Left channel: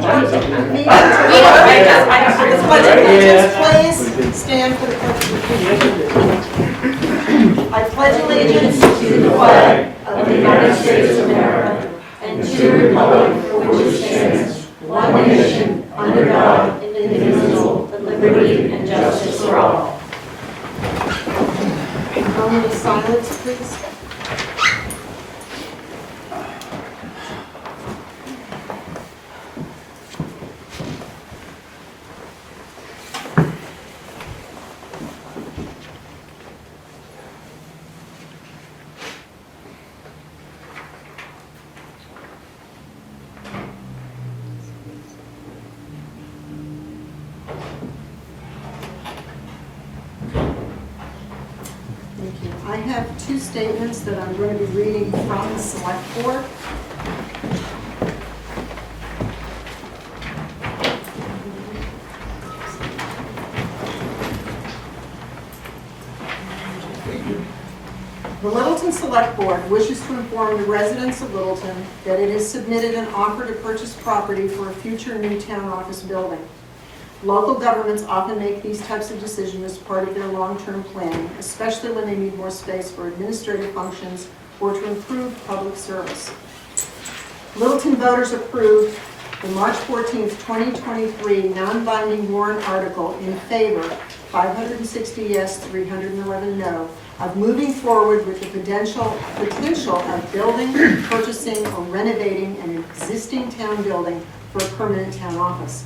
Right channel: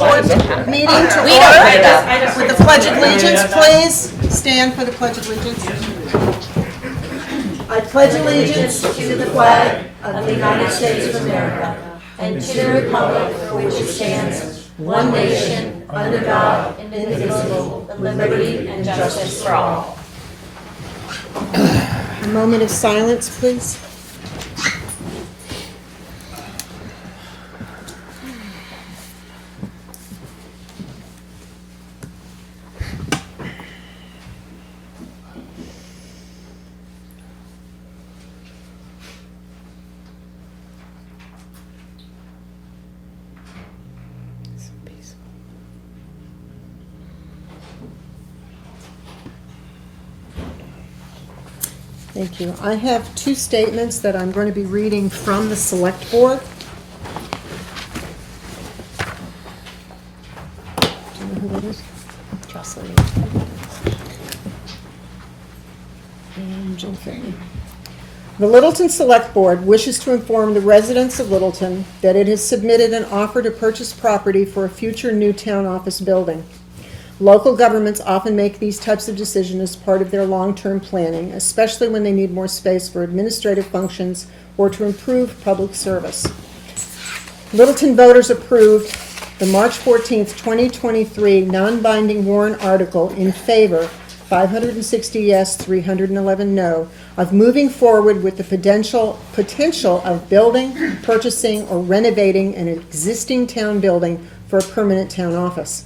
board meeting to order. For the Pledge of Allegiance, please stand for the Pledge of Allegiance. I pledge allegiance to the flag of the United States of America and to the republic for which it stands, one nation, under God, indivisible, with liberty and justice for all. A moment of silence, please. Thank you. I have two statements that I'm going to be reading from the Select Board. The Littleton Select Board wishes to inform the residents of Littleton that it has submitted an offer to purchase property for a future new town office building. Local governments often make these types of decisions as part of their long-term planning, especially when they need more space for administrative functions or to improve public service. Littleton voters approved the March 14th, 2023 non-binding warrant article in favor, 560 yes, 311 no, of moving forward with the potential of building, purchasing, or renovating an existing town building for a permanent town office.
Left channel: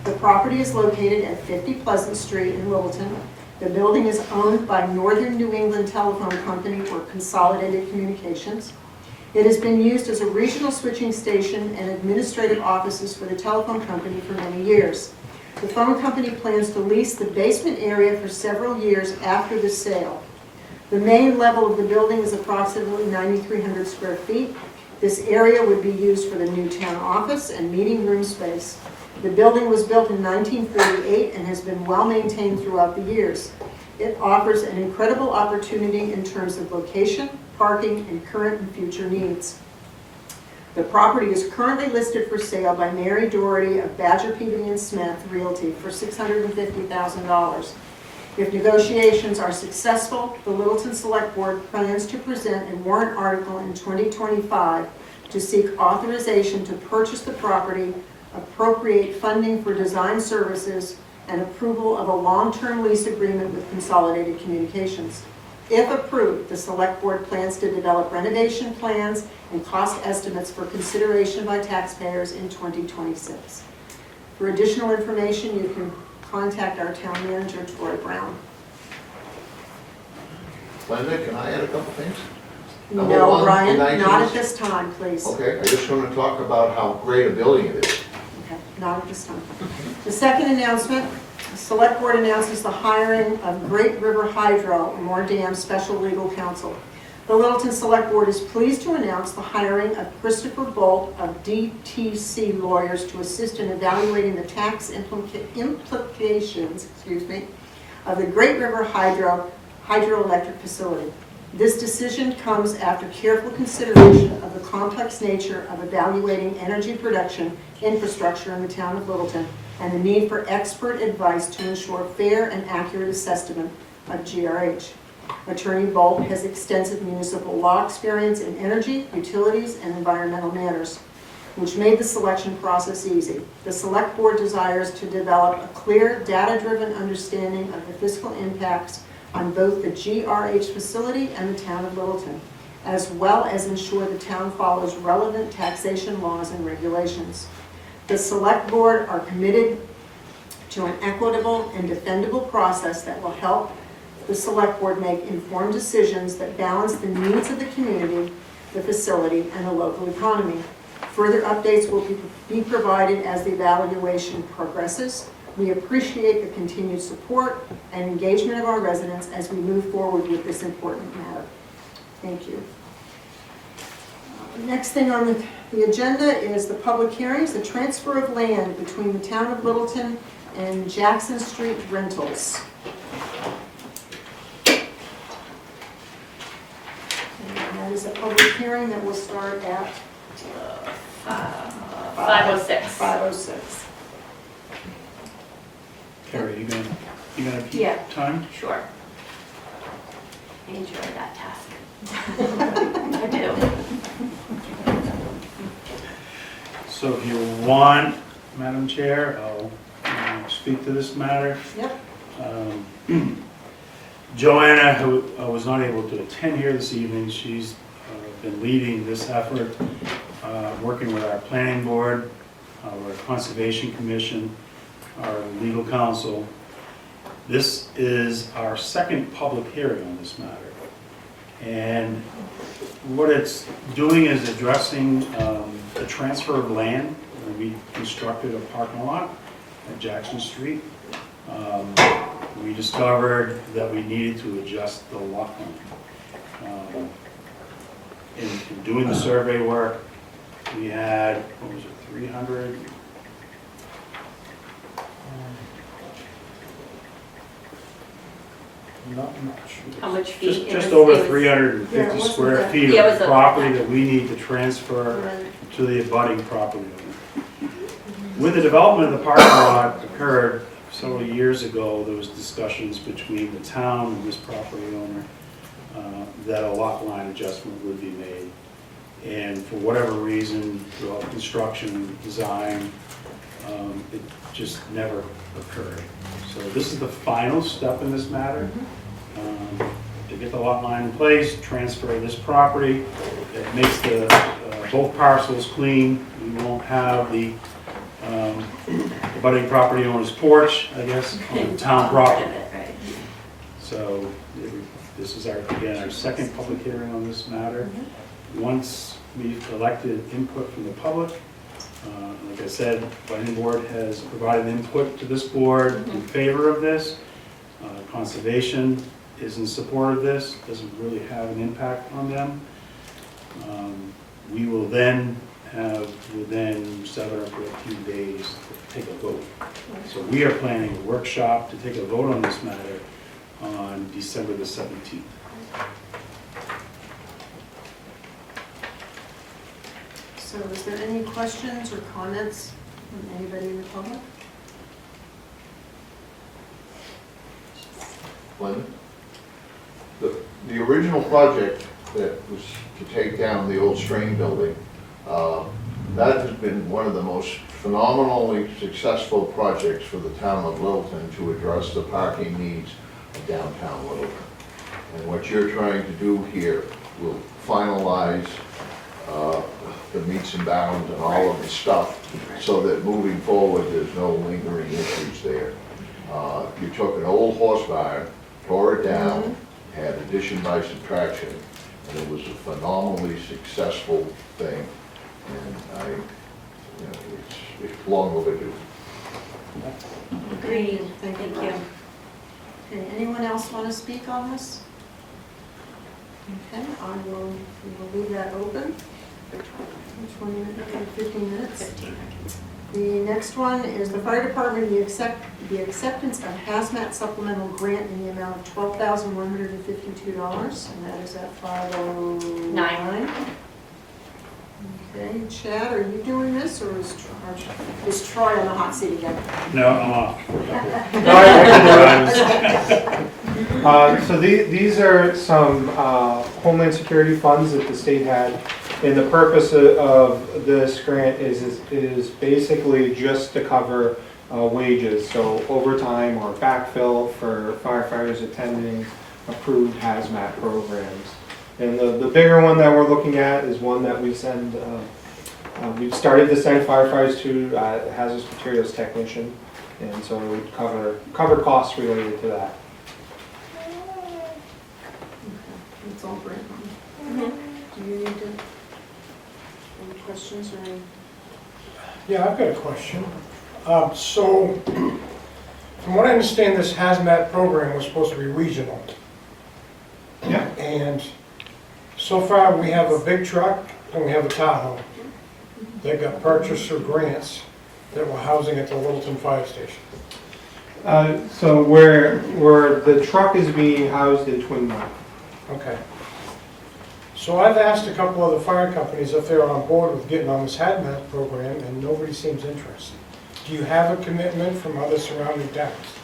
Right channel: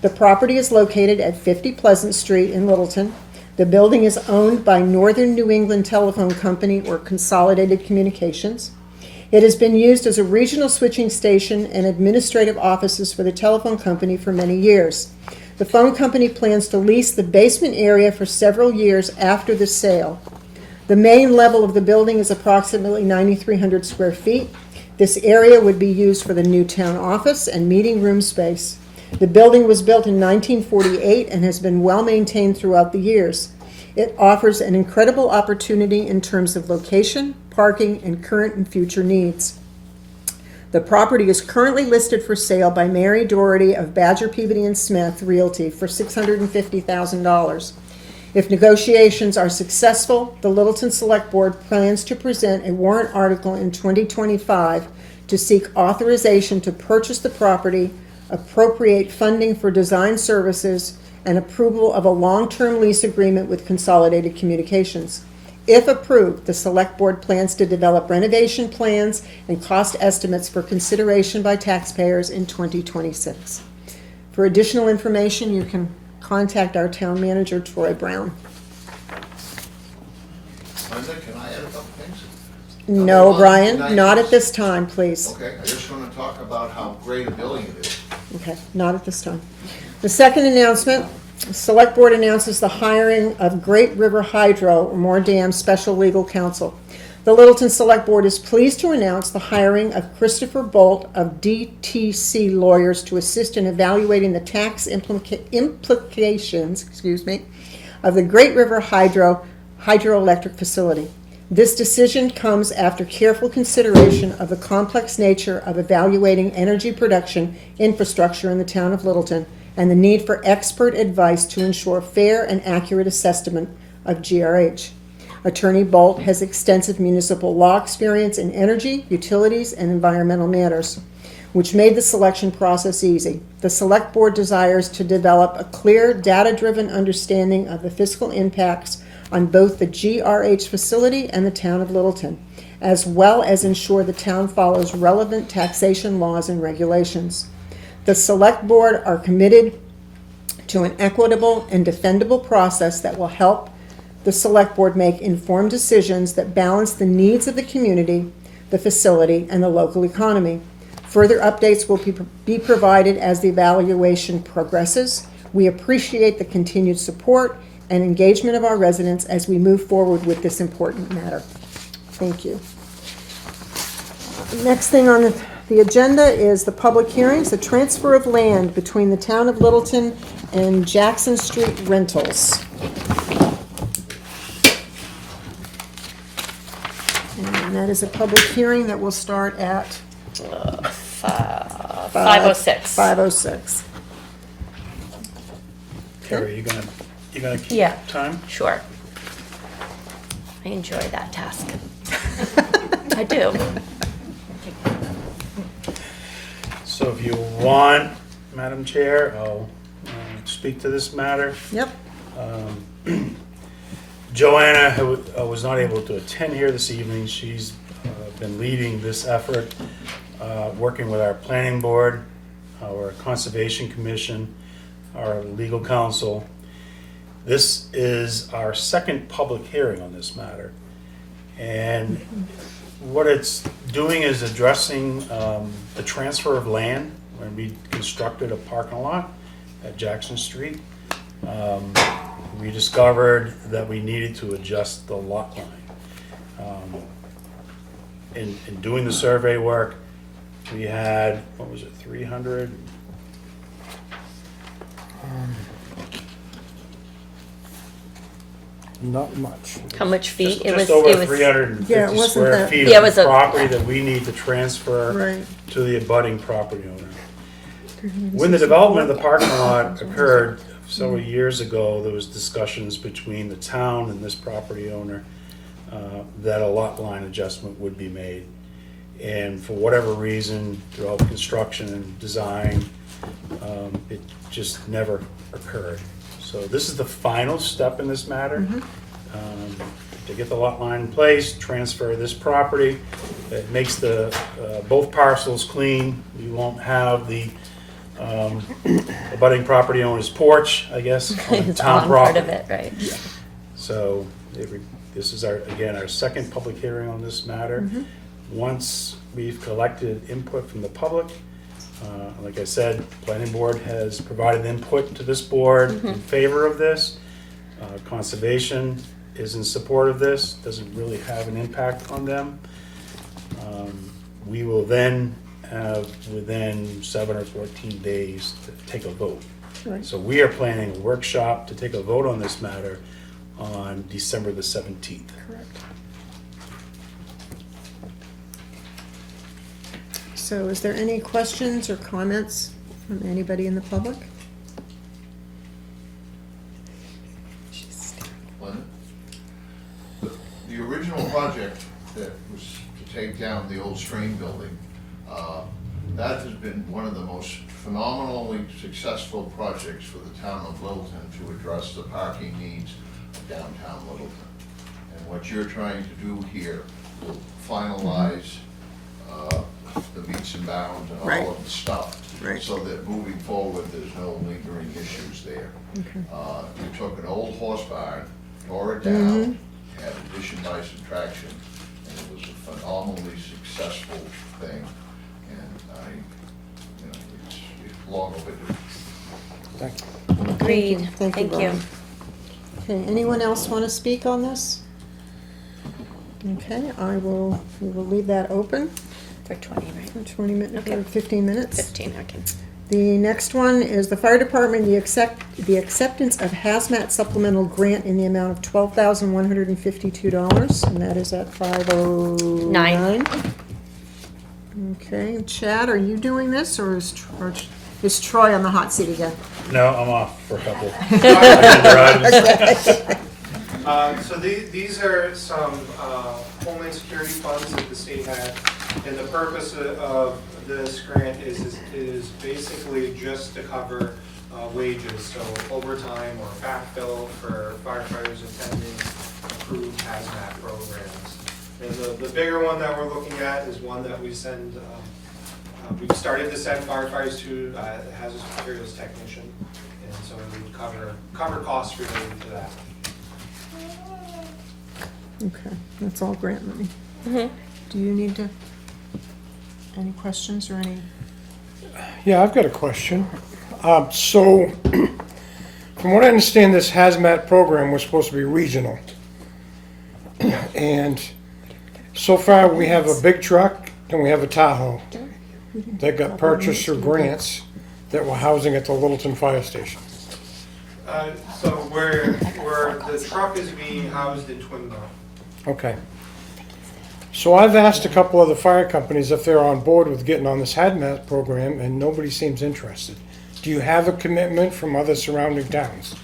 The property is located at 50 Pleasant Street in Littleton. The building is owned by Northern New England Telephone Company or Consolidated Communications. It has been used as a regional switching station and administrative offices for the telephone company for many years. The phone company plans to lease the basement area for several years after the sale. The main level of the building is approximately 9,300 square feet. This area would be used for the new town office and meeting room space. The building was built in 1948 and has been well maintained throughout the years. It offers an incredible opportunity in terms of location, parking, and current and future needs. The property is currently listed for sale by Mary Doherty of Badger, Peabody & Smith Realty for $650,000. If negotiations are successful, the Littleton Select Board plans to present a warrant article in 2025 to seek authorization to purchase the property, appropriate funding for design services, and approval of a long-term lease agreement with Consolidated Communications. If approved, the Select Board plans to develop renovation plans and cost estimates for consideration by taxpayers in 2026. For additional information, you can contact our town manager, Troy Brown. Linda, can I add a couple things? No, Brian, not at this time, please. Okay, I just want to talk about how great a building it is. Okay, not at this time. The second announcement, the Select Board announces the hiring of Great River Hydro, Moore Special Legal Counsel. The Littleton Select Board is pleased to announce the hiring of Christopher Bolt of DTC Lawyers to assist in evaluating the tax implications of the Great River hydroelectric facility. This decision comes after careful consideration of the complex nature of evaluating energy production infrastructure in the town of Littleton and the need for expert advice to ensure fair and accurate assessment of GRH. Attorney Bolt has extensive municipal law experience in energy, utilities, and environmental matters, which made the selection process easy. The Select Board desires to develop a clear, data-driven understanding of the fiscal impacts on both the GRH facility and the town of Littleton, as well as ensure the town follows relevant taxation laws and regulations. The Select Board are committed to an equitable and defendable process that will help the Select Board make informed decisions that balance the needs of the community, the facility, and the local economy. Further updates will be provided as the evaluation progresses. We appreciate the continued support and engagement of our residents as we move forward with this important matter. Thank you. The next thing on the agenda is the public hearings, the transfer of land between the town of Littleton and Jackson Street Rentals. And that is a public hearing that will start at 5. 5:06. 5:06. Carrie, you gonna keep Yeah. time? Sure. I enjoy that task. I do. So if you want, Madam Chair, I'll speak to this matter. Yep. Joanna, who was not able to attend here this evening, she's been leading this effort, working with our planning board, our conservation commission, our legal counsel. This is our second public hearing on this matter. And what it's doing is addressing the transfer of land. And we constructed a parking lot at Jackson Street. We discovered that we needed to adjust the lot line. In doing the survey work, we had, what was it, 300? Not much. How much feet? Just over Yeah, it 350 wasn't square that- feet Yeah, it of was a- property that we need to transfer Right. to the abutting property owner. When the development of the parking lot occurred several years ago, there was discussions between the town and this property owner that a lot line adjustment would be made. And for whatever reason, throughout construction and design, it just never occurred. So this is the final step in this matter. To get the lot line in place, transfer this property. It makes the both parcels clean. We won't have the abutting property owner's porch, I guess, on the town Part property. of it, right? So this is again, our second public hearing on this matter. Once we've collected input from the public, like I said, planning board has provided input to this board in favor of this. Conservation is in support of this, doesn't really have an impact on them. We will then have, within 7 or 14 days, to take a vote. So we are planning a workshop to take a vote on this matter on December the 17th. So is there any questions or comments from anybody in the public? Lynn? The original project that was to take down the old Strain building, that has been one of the most phenomenally successful projects for the town of Littleton to address the parking needs of downtown Littleton. And what you're trying to do here will finalize the meets and bounds and all of the stuff, Right. so that moving forward, there's no lingering issues there. You took an old horse barn, tore it down, had addition by subtraction, and it was a phenomenally successful thing. And it's long overdue. Agreed. Thank you, Brian. Okay, anyone else want to speak on this? Okay, we will leave that open For 20, right? for 20 minutes, Okay. 15 minutes. 15, okay. The next one is the fire department, the acceptance of hazmat supplemental grant in the amount of $12,152, and that is at 5:09. Okay, Chad, are you doing this, or is Troy on the hot seat again? No, I'm off for a couple. So these are some Homeland Security funds that the state had. And the purpose of this grant is basically just to cover wages, so overtime or backfill for firefighters attending approved hazmat programs. And the bigger one that we're looking at is one that we send, we've started to send firefighters to hazardous materials technician. And so it would cover costs related to that. Okay, that's all grant money. Do you need to, any questions or any? Yeah, I've got a question. So, from what I understand, this hazmat program was supposed to be regional. Yeah. And so far, we have a big truck and we have a Tahoe that got purchased through grants that were housing at the Littleton Fire Station. So where the truck is being housed in Twin Mill. Okay. So I've asked a couple of the fire companies if they're on board with getting on this hazmat program, and nobody seems interested. Do you have a commitment from other surrounding towns?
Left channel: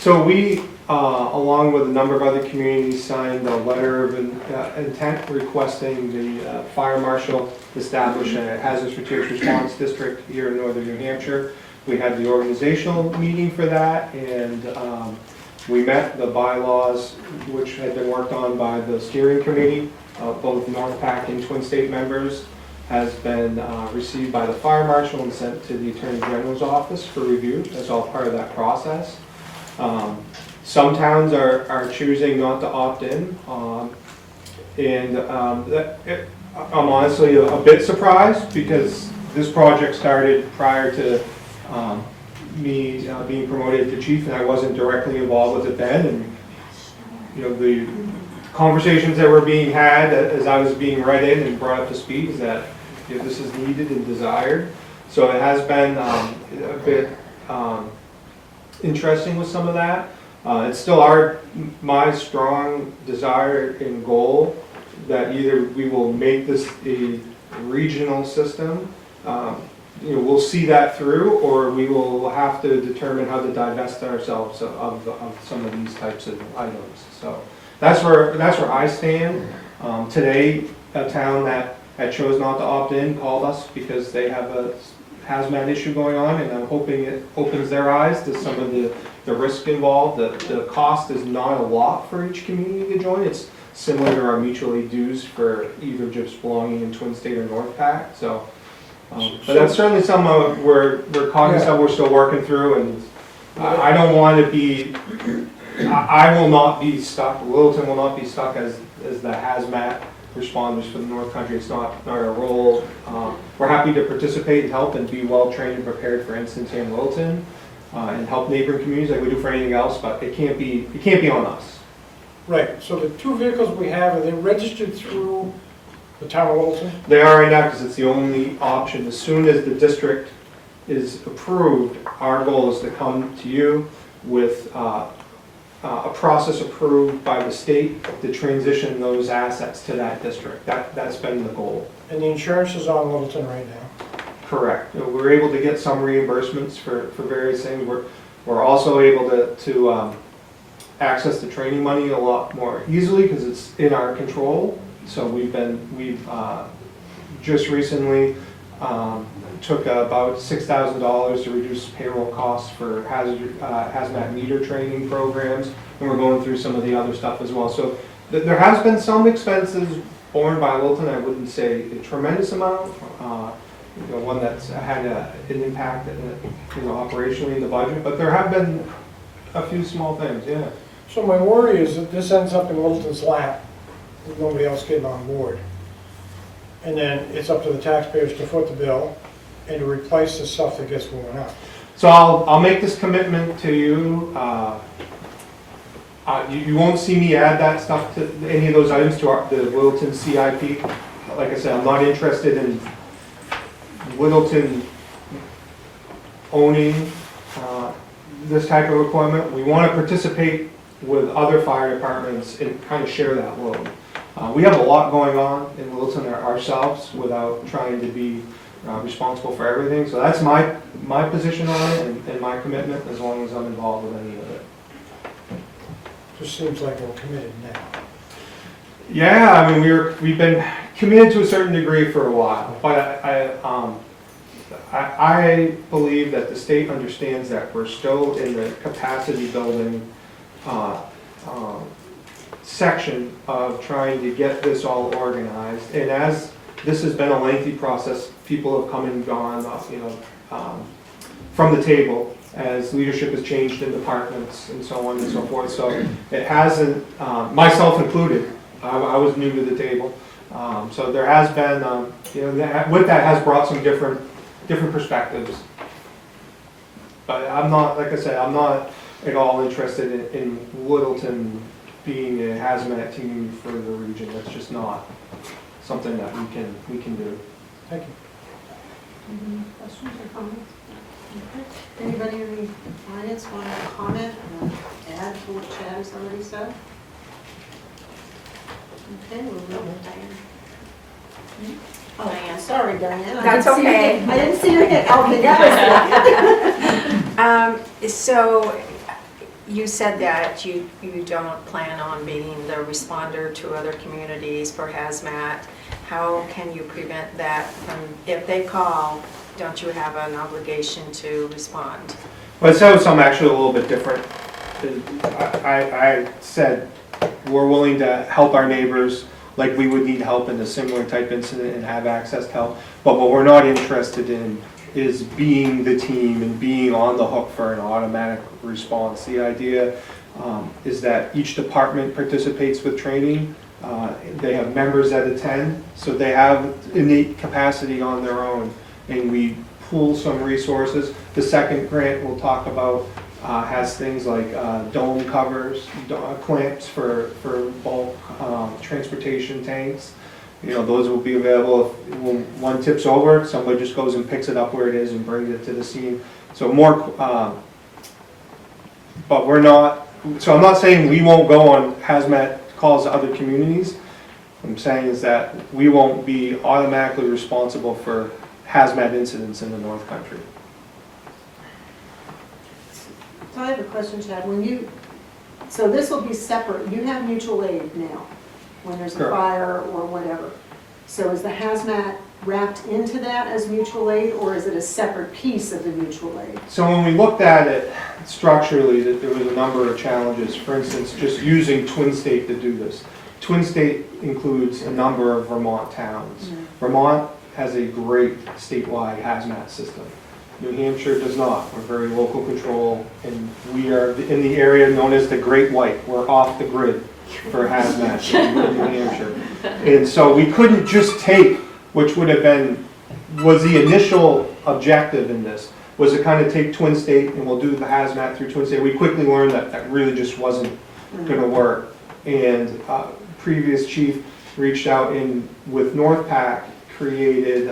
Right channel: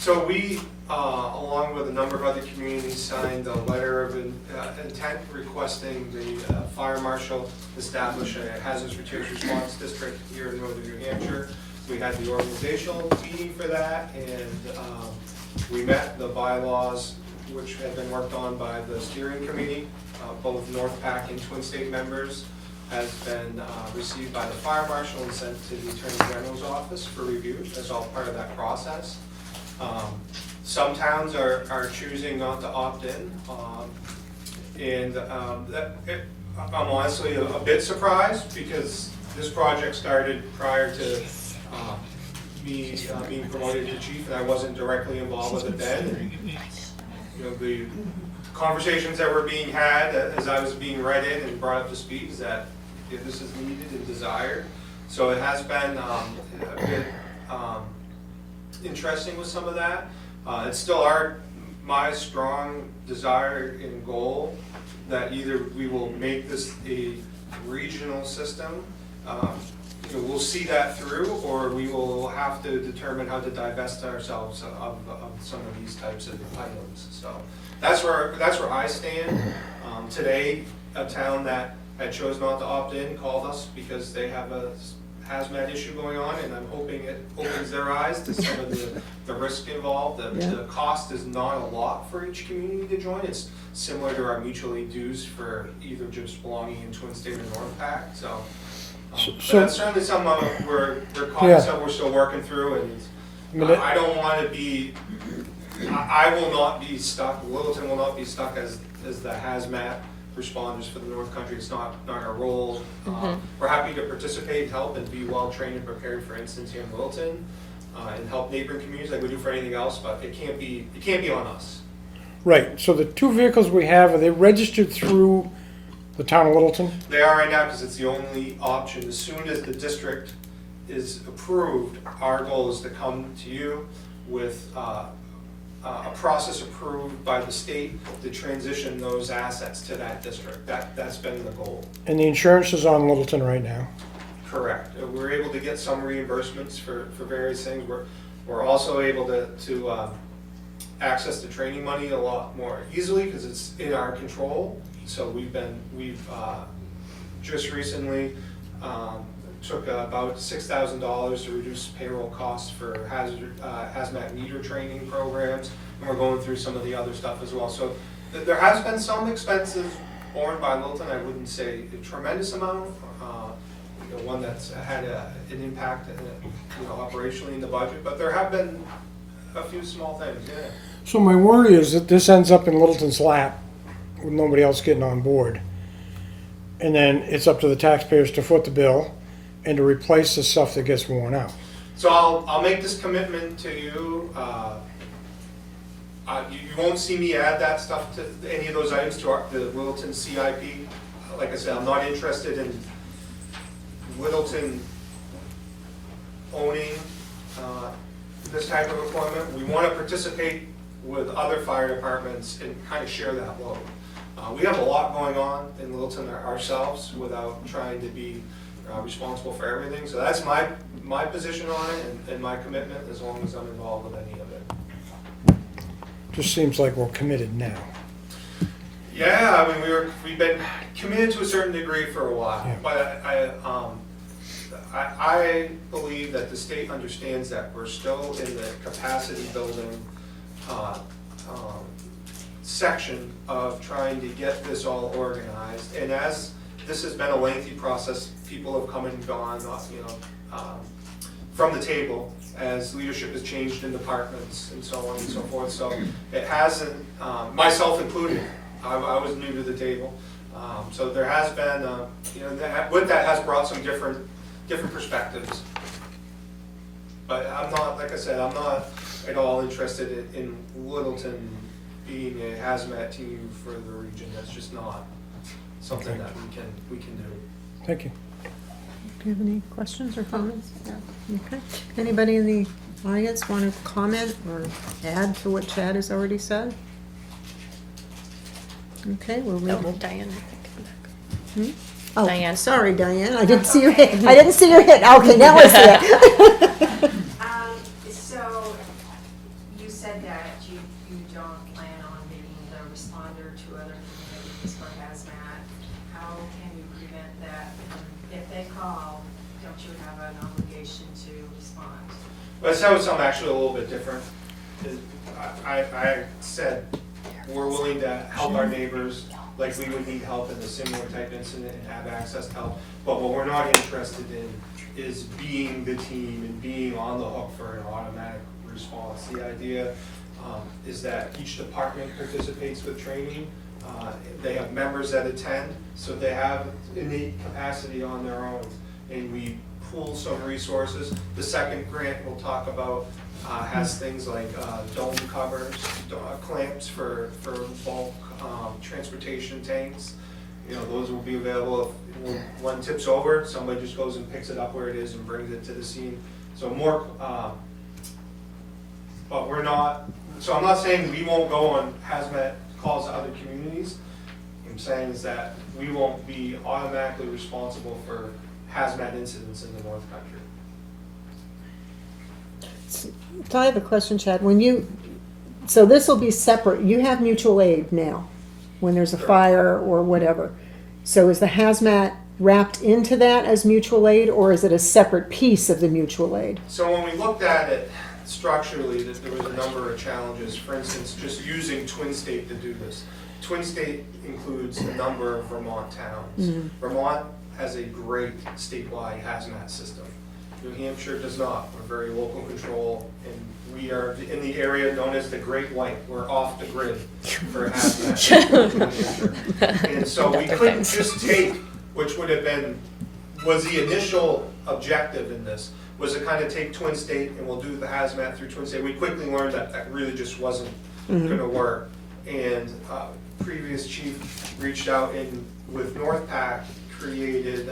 So we, along with a number of other communities, signed a letter of intent requesting the fire marshal establish a hazardous materials response district here in northern New Hampshire. We had the organizational meeting for that, and we met the bylaws, which had been worked on by the steering committee, both NorthPac and Twin State members, has been received by the fire marshal and sent to the Attorney General's office for review. That's all part of that process. Some towns are choosing not to opt in, and I'm honestly a bit surprised because this project started prior to me being promoted to chief, and I wasn't directly involved with it then. And you know, the conversations that were being had as I was being read in and brought up to speed is that this is needed and desired. So it has been a bit interesting with some of that. It's still my strong desire and goal that either we will make this a regional system, you know, we'll see that through, or we will have to determine how to divest ourselves of some of these types of items. So that's where I stand. Today, a town that chose not to opt in called us because they have a hazmat issue going on, and I'm hoping it opens their eyes to some of the risk involved. The cost is not a lot for each community to join. It's similar to our mutual aid dues for either just belonging in Twin State or NorthPac. So, but that's certainly something we're cognizant of, we're still working through, and I don't want to be, I will not be stuck, Littleton will not be stuck as the hazmat responders for the North Country. It's not our role. We're happy to participate and help and be well trained and prepared for instance here in Littleton, and help neighboring communities like we do for anything else, but it can't be on us. Right, so the two vehicles we have, are they registered through the town of Littleton? They are right now because it's the only option. As soon as the district is approved, our goal is to come to you with a process approved by the state to transition those assets to that district. That's been the goal. And the insurance is on Littleton right now? Correct. You know, we're able to get some reimbursements for various things. We're also able to access the training money a lot more easily because it's in our control. So we've just recently took about $6,000 to reduce payroll costs for hazmat meter training programs, and we're going through some of the other stuff as well. So there has been some expenses borne by Littleton. I wouldn't say a tremendous amount. You know, one that's had an impact, operationally in the budget, but there have been a few small things. Yeah. So my worry is that this ends up in Littleton's lap, with nobody else getting on board. And then it's up to the taxpayers to foot the bill and to replace the stuff that gets worn out. So I'll make this commitment to you. You won't see me add that stuff to any of those items to the Littleton CIP. Like I said, I'm not interested in Littleton owning this type of equipment. We want to participate with other fire departments and kind of share that load. We have a lot going on in Littleton ourselves without trying to be responsible for everything. So that's my position on it and my commitment as long as I'm involved with any of it. Just seems like we're committed now. Yeah, I mean we've been committed to a certain degree for a while, but I believe that the state understands that we're still in the capacity building section of trying to get this all organized. And as this has been a lengthy process, people have come and gone, from the table as leadership has changed in departments and so on and so forth. So it hasn't, myself included, I was new to the table. So there has been, with that has brought some different perspectives. But I'm not, like I said, I'm not at all interested in Littleton being a hazmat team for the region. That's just not something that we can do. Thank you. Do you have any questions or comments? Okay. Anybody in the audience want to comment or add to what Chad has already said? Okay, well, No, Diane. Oh, Diane. sorry, Diane. I That's didn't see your okay. hit. I didn't see your hit. Okay, that was it. So you said that you don't plan on being the responder to other communities for hazmat. How can you prevent that from, if they call, don't you have an obligation to respond? Well, so something actually a little bit different. I said, we're willing to help our neighbors like we would need help in a similar type incident and have access to help. But what we're not interested in is being the team and being on the hook for an automatic response. The idea is that each department participates with training. They have members that attend, so they have innate capacity on their own, and we pool some resources. The second grant we'll talk about has things like dome covers, clamps for bulk transportation tanks. You know, those will be available if when one tips over, somebody just goes and picks it up where it is and brings it to the scene. So more, but we're not, so I'm not saying we won't go on hazmat calls to other communities. What I'm saying is that we won't be automatically responsible for hazmat incidents in the North Country. So I have a question, Chad. So this will be separate. You have mutual aid now when there's a Sure. fire or whatever. So is the hazmat wrapped into that as mutual aid, or is it a separate piece of the mutual aid? So when we looked at it structurally, there was a number of challenges. For instance, just using Twin State to do this. Twin State includes a number of Vermont towns. Vermont has a great statewide hazmat system. New Hampshire does not. We're very local control, and we are in the area known as the Great White. We're off the grid for hazmat in New Hampshire. And so we couldn't just take, which would have been, was the initial objective in this, was to kind of take Twin State and we'll do the hazmat through Twin State. We quickly learned that that really just wasn't gonna work. And previous chief reached out and with NorthPac created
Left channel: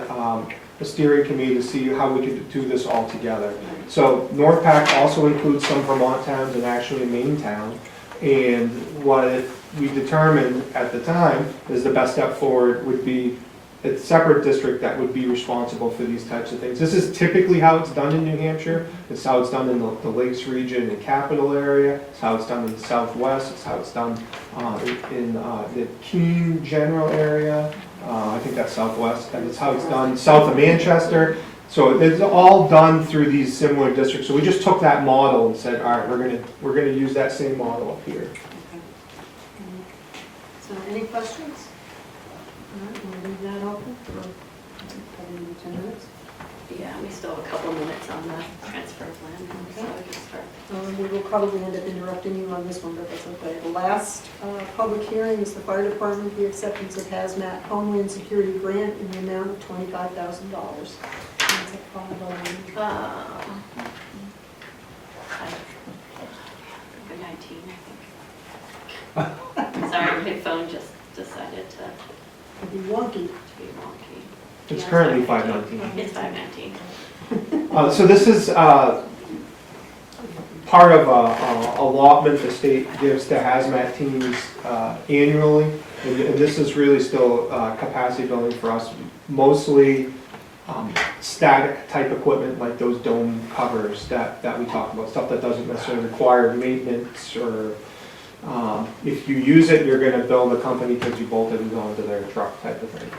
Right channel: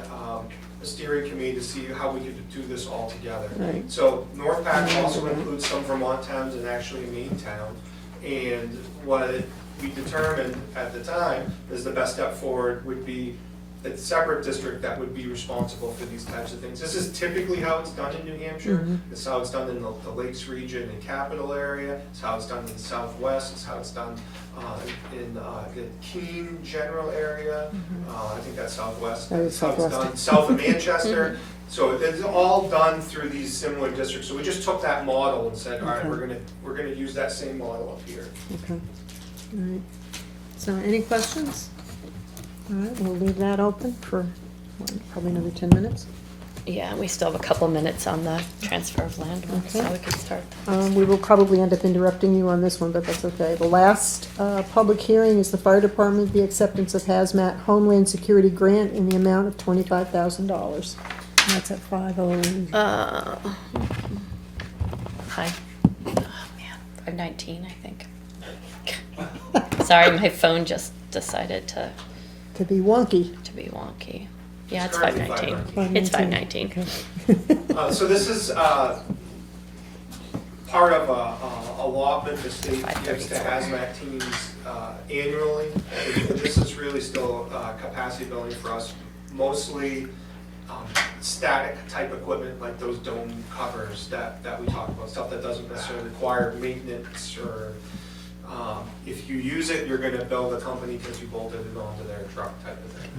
a steering committee to see how we could do this all together. Right. So NorthPac also includes some Vermont towns and actually Maine town. And what we determined at the time is the best step forward would be a separate district that would be responsible for these types of things. This is typically how it's done in New Hampshire. It's how it's done in the Lakes region and capital area. It's how it's done in the Southwest. It's how it's done in the Keene general area. I think that's Southwest. And it's how it's done south of Manchester. So it's all done through these similar districts. So we just took that model and said, all right, we're gonna use that same model up here. Okay. All right. So any questions? All right, we'll leave that open for probably another 10 minutes. Yeah, we still have a couple minutes on the transfer of land, so Okay. we can start. We will probably end up interrupting you on this one, but that's okay. The last public hearing is the fire department, the acceptance of hazmat Homeland Security grant in the amount of $25,000. And that's at 5:01. 519, I think. Sorry, my phone just decided to Could be wonky. be wonky. It's Yeah, currently 519. It's 519. So this is part of a allotment the state gives to hazmat teams annually. And this is really still capacity building for us, mostly static type equipment like those dome covers that we talk about, stuff that doesn't necessarily require maintenance or if you use it, you're gonna bill the company because you bolted it onto their truck type of thing.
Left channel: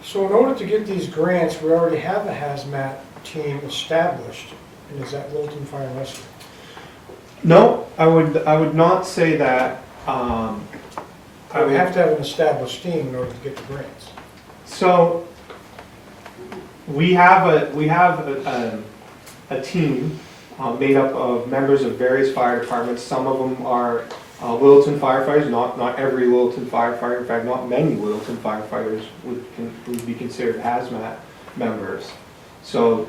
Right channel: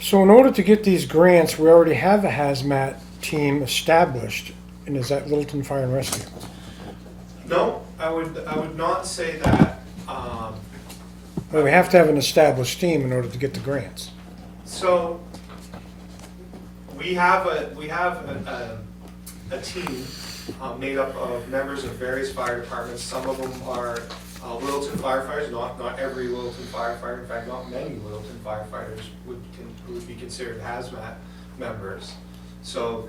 So in order to get these grants, we already have a hazmat team established, and is that Littleton Fire and Rescue? No, I would not say that. But we have to have an established team in order to get the grants. So we have a team made up of members of various fire departments. Some of them are Littleton firefighters. Not every Littleton firefighter. In fact, not many Littleton firefighters would be considered hazmat members. So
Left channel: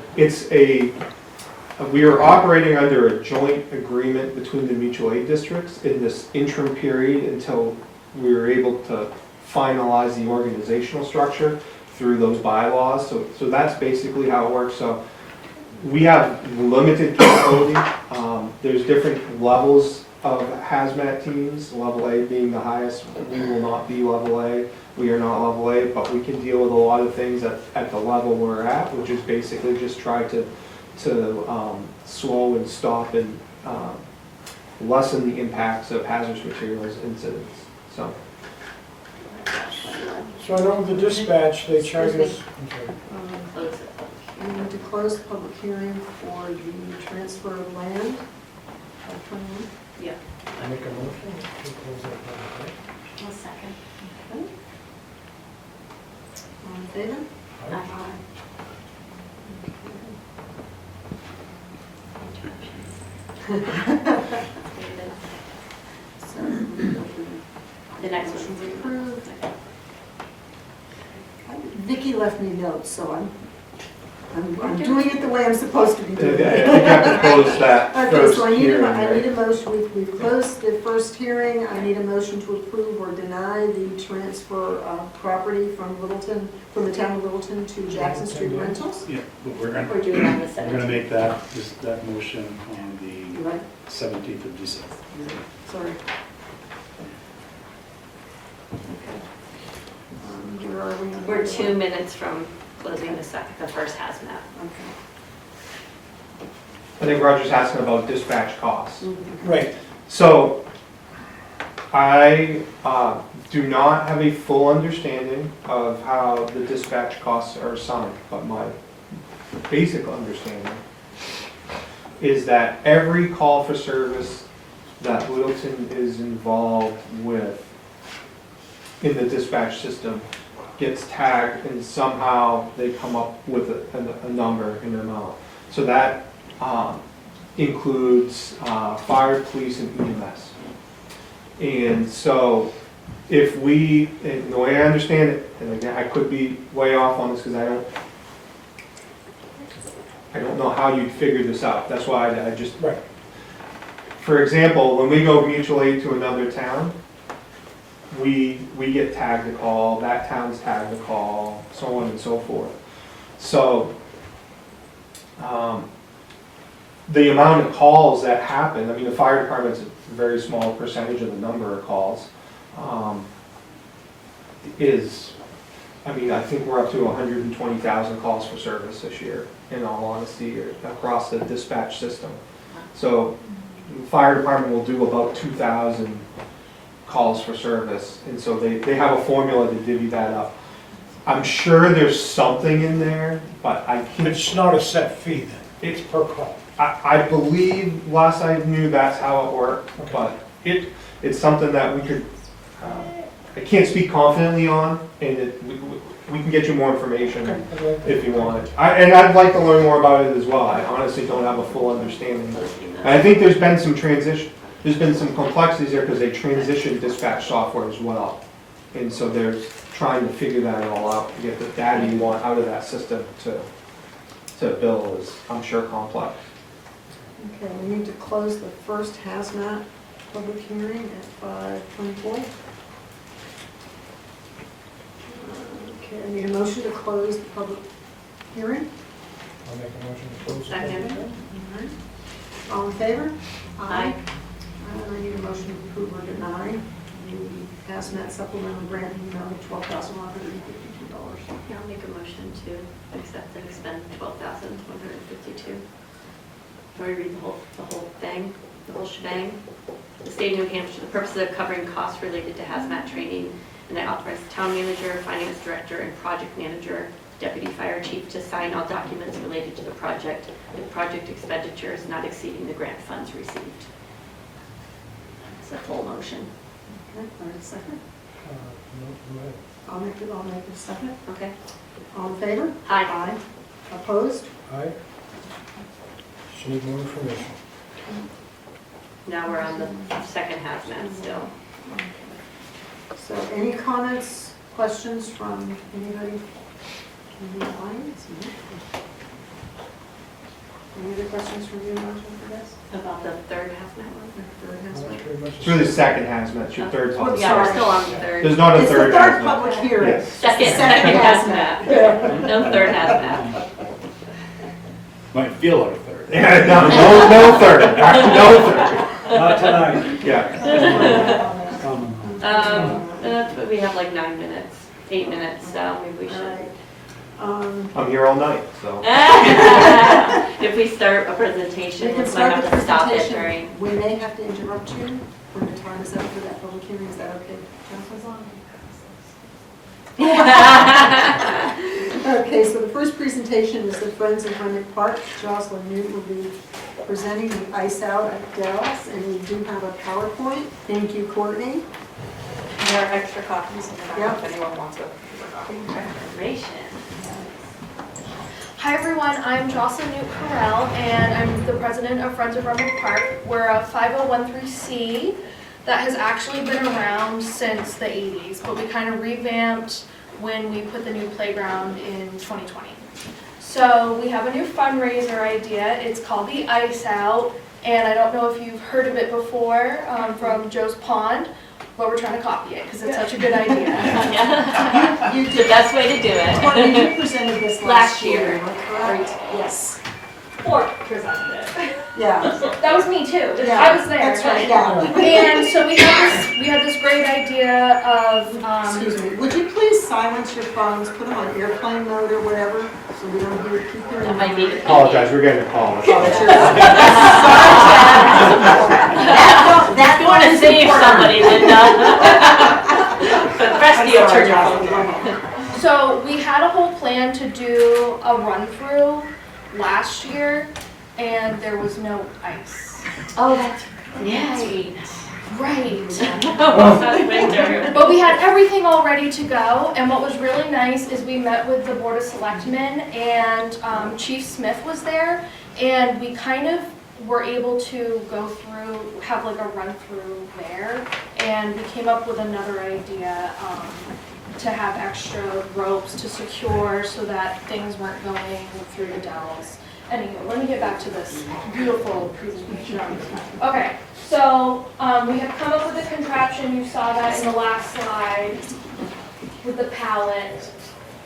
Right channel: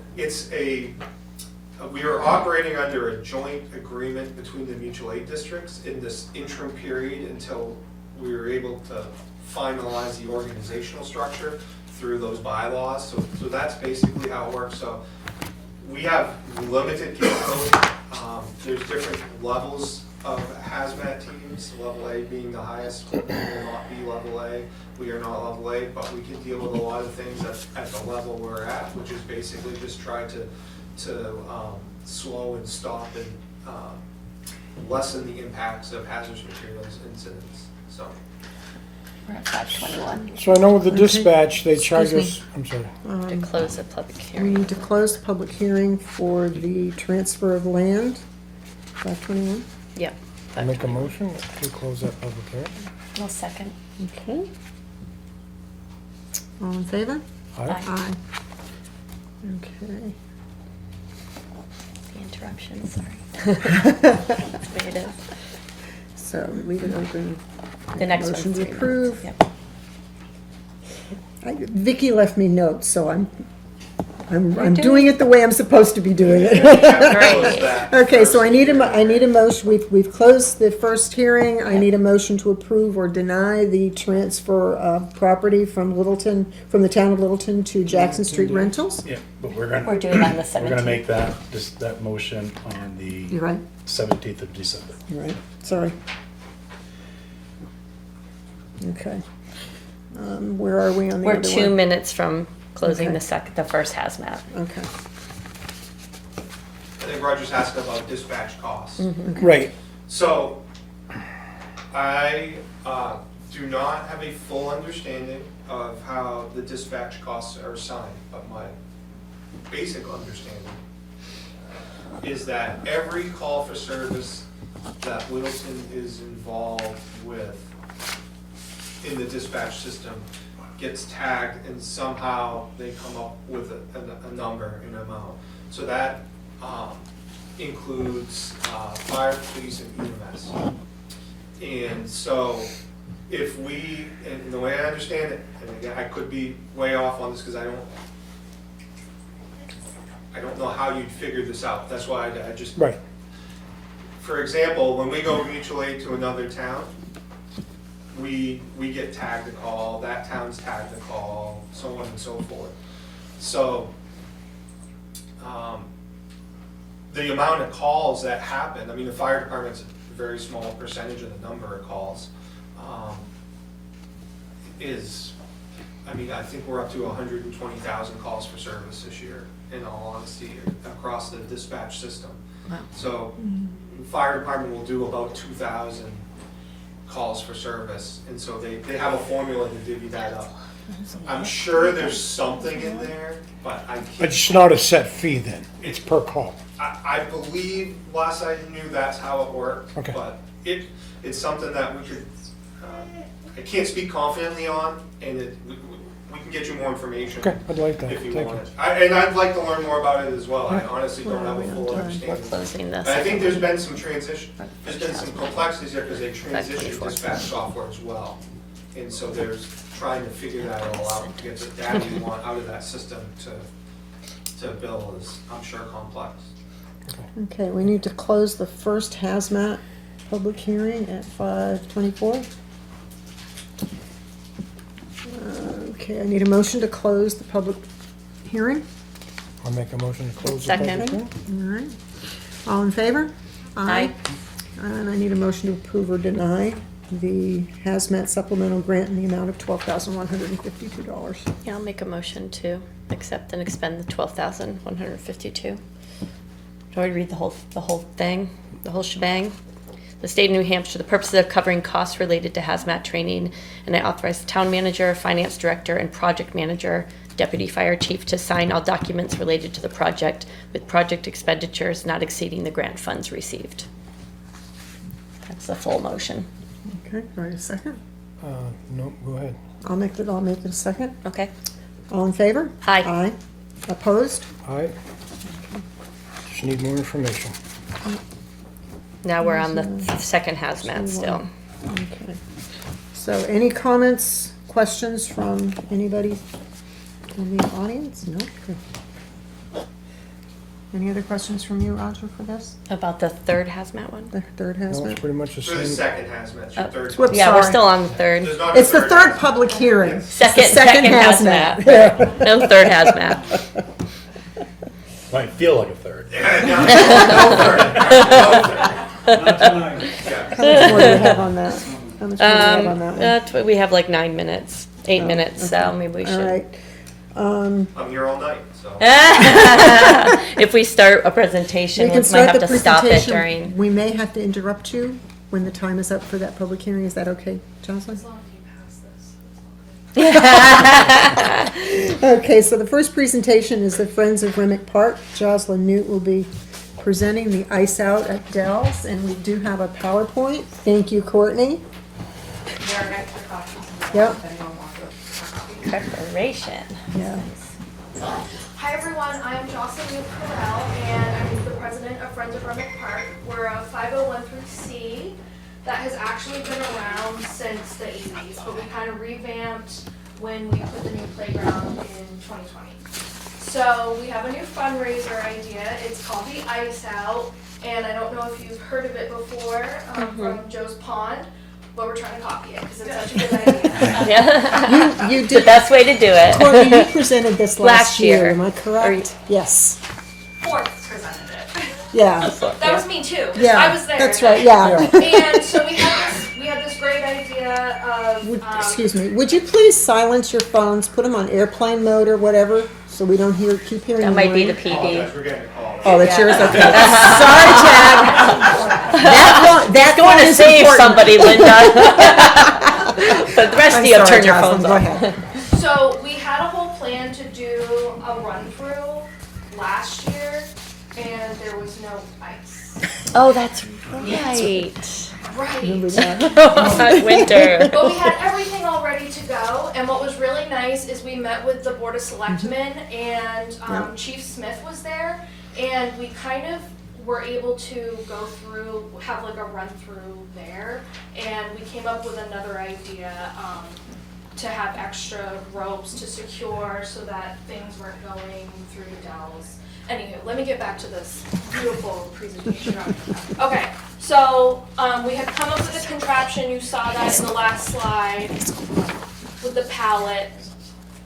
we are operating under a joint agreement between the mutual aid districts in this interim period until we were able to finalize the organizational structure through those bylaws. So that's basically how it works. So we have limited capability. There's different levels of hazmat teams, level A being the highest. We will not be level A. We are not level A, but we can deal with a lot of things at the level we're at, which is basically just try to slow and stop and lessen the impacts of hazardous materials incidents. So. We're at 5:21. So I know with the dispatch, they charge Excuse us, I'm sorry. To close the public We hearing. need to close the public hearing for the transfer of land, 521. Yep. I make a motion to close that public hearing. One second. Okay. All in favor? Aye. Aye. Okay. Interruptions, sorry. There it is. So we can open. The next one. Motion to approve. Yep. Vicky left me notes, so I'm doing it the way I'm supposed to be doing You it. have to close that Okay, so I first need a, hearing, I need a right? motion, we've closed the first hearing, I need a motion to approve or deny the transfer of property from Littleton, from the town of Littleton to Jackson Street Rentals. Yeah, but Or do it on the we're gonna 17th. make that motion on You the right? 17th of December. You right? Sorry. Okay. Where are we on the We're other 2 one? minutes from closing Okay. the first hazmat. Okay. I think Roger's asking about dispatch costs. Right, So, I do not have a full understanding of how the dispatch costs are assigned, but my basic understanding is that every call for service that Littleton is involved with in the dispatch system gets tagged and somehow they come up with a number, an amount. So that includes fire, police, and EMS. And so if we, and the way I understand it, and again, I could be way off on this because I don't know how you'd figure this out. That's why I just, right. for example, when we go mutual aid to another town, we get tagged a call, that town's tagged a call, so on and so forth. So, the amount of calls that happen, I mean, the fire department's a very small percentage of the number of calls, is, I mean, I think we're up to 120,000 calls for service this year, in all honesty, across the dispatch system. So, the fire department will do about 2,000 calls for service, and so they have a formula to divvy that up. I'm sure there's something in there, but I can't. It's not a set fee then, it's per call. I believe, last I knew, that's how it worked, Okay. but it's something that we could, I can't speak confidently on, and we can get you more information Okay, I'd like that. if you want it. And I'd like to learn more about it as well. I honestly don't have a full We're understanding. closing And I this. think there's been some transition, there's been some complexities there because they transitioned dispatch software as well. And so they're trying to figure that all out, to get the data you want out of that system to bill is, I'm sure, complex. Okay, we need to close the first hazmat public hearing at 5:24. Okay, I need a motion to close the public hearing. I'll make a motion to close the Second. public hearing. All right. All in favor? Aye. And I need a motion to approve or deny the hazmat supplemental grant in the amount of $12,152. Yeah, I'll make a motion to accept and expend the 12,152. Do I read the whole thing, the whole shebang? The state of New Hampshire, the purposes of covering costs related to hazmat training, and I authorize the town manager, finance director, and project manager, deputy fire chief to sign all documents related to the project with project expenditures not exceeding the grant funds received. That's the full motion. Okay, right, a second. No, go ahead. I'll make it a second. Okay? All in favor? Aye. Aye. Opposed? Aye. Just need more information. Now we're on the second hazmat still. Okay. So any comments, questions from anybody in the audience? No? Any other questions from you, Roger, for this? About the third hazmat one? The third No, it's hazmat? pretty much the It's really same. second hazmat, your third Whoops. one. Yeah, we're Sorry. still on third. There's not a It's the third hazmat. public hearing. Yes. It's the Second hazmat. No third hazmat. Might feel like a third. Yeah, no third, no third. Not tonight. Yeah. How much more do you have on that? Some- How much more do you have on that one? We have like 9 minutes, 8 Oh, minutes, so maybe we All should. right. I'm here all night, so. If we start a presentation, We we can might start have the to stop it presentation. during. We may have to interrupt you when the time is up for that public hearing. Is that okay, Jocelyn? Okay, so the first presentation is the Friends of Granite Park. Jocelyn Newt will be presenting the ice out at Dell's, and we do have a PowerPoint. Thank you, Courtney. There are extra copies and stuff Yeah. if anyone wants it. Preparation. Yeah. Hi everyone, I'm Jocelyn Newt Carell and I'm the president of Friends of Granite Park. We're a 501c that has actually been around since the 80s, but we kind of revamped when we put the new playground in 2020. So we have a new fundraiser idea. It's called the Ice Out, and I don't know if you've heard of it before from Joe's Pond, but we're trying to copy it because it's such a good idea. Yeah. You The did, best way to do it. Courtney, you presented this last Last year, year. am I correct? Yes. Fourth presented it. Yeah, That was me too. yeah. I was there. That's right, yeah. And so we had this great idea of, Excuse me, would you please silence your phones, put them on airplane mode or whatever, so we don't keep hearing. That might be the noise? Apologize, PD. we're getting a call. Oh, that's yours, okay. Sorry, Chad. That Don't want to is save important. somebody, Linda. But the rest of you, I'm sorry, turn your Jocelyn, phones go off. ahead. so we had a whole plan to do a run through last year and there was no ice. Oh, that's right. Right. Winter. But we had everything all ready to go, and what was really nice is we met with the Board of Selectmen, and Chief Smith was there, and we kind of were able to go through, have like a run-through there, and we came up with another idea to have extra ropes to secure so that things weren't going through the dowels. Anywho, let me get back to this beautiful presentation. Okay, so we have come up with a contraption, you saw that in the last slide, with the pallet.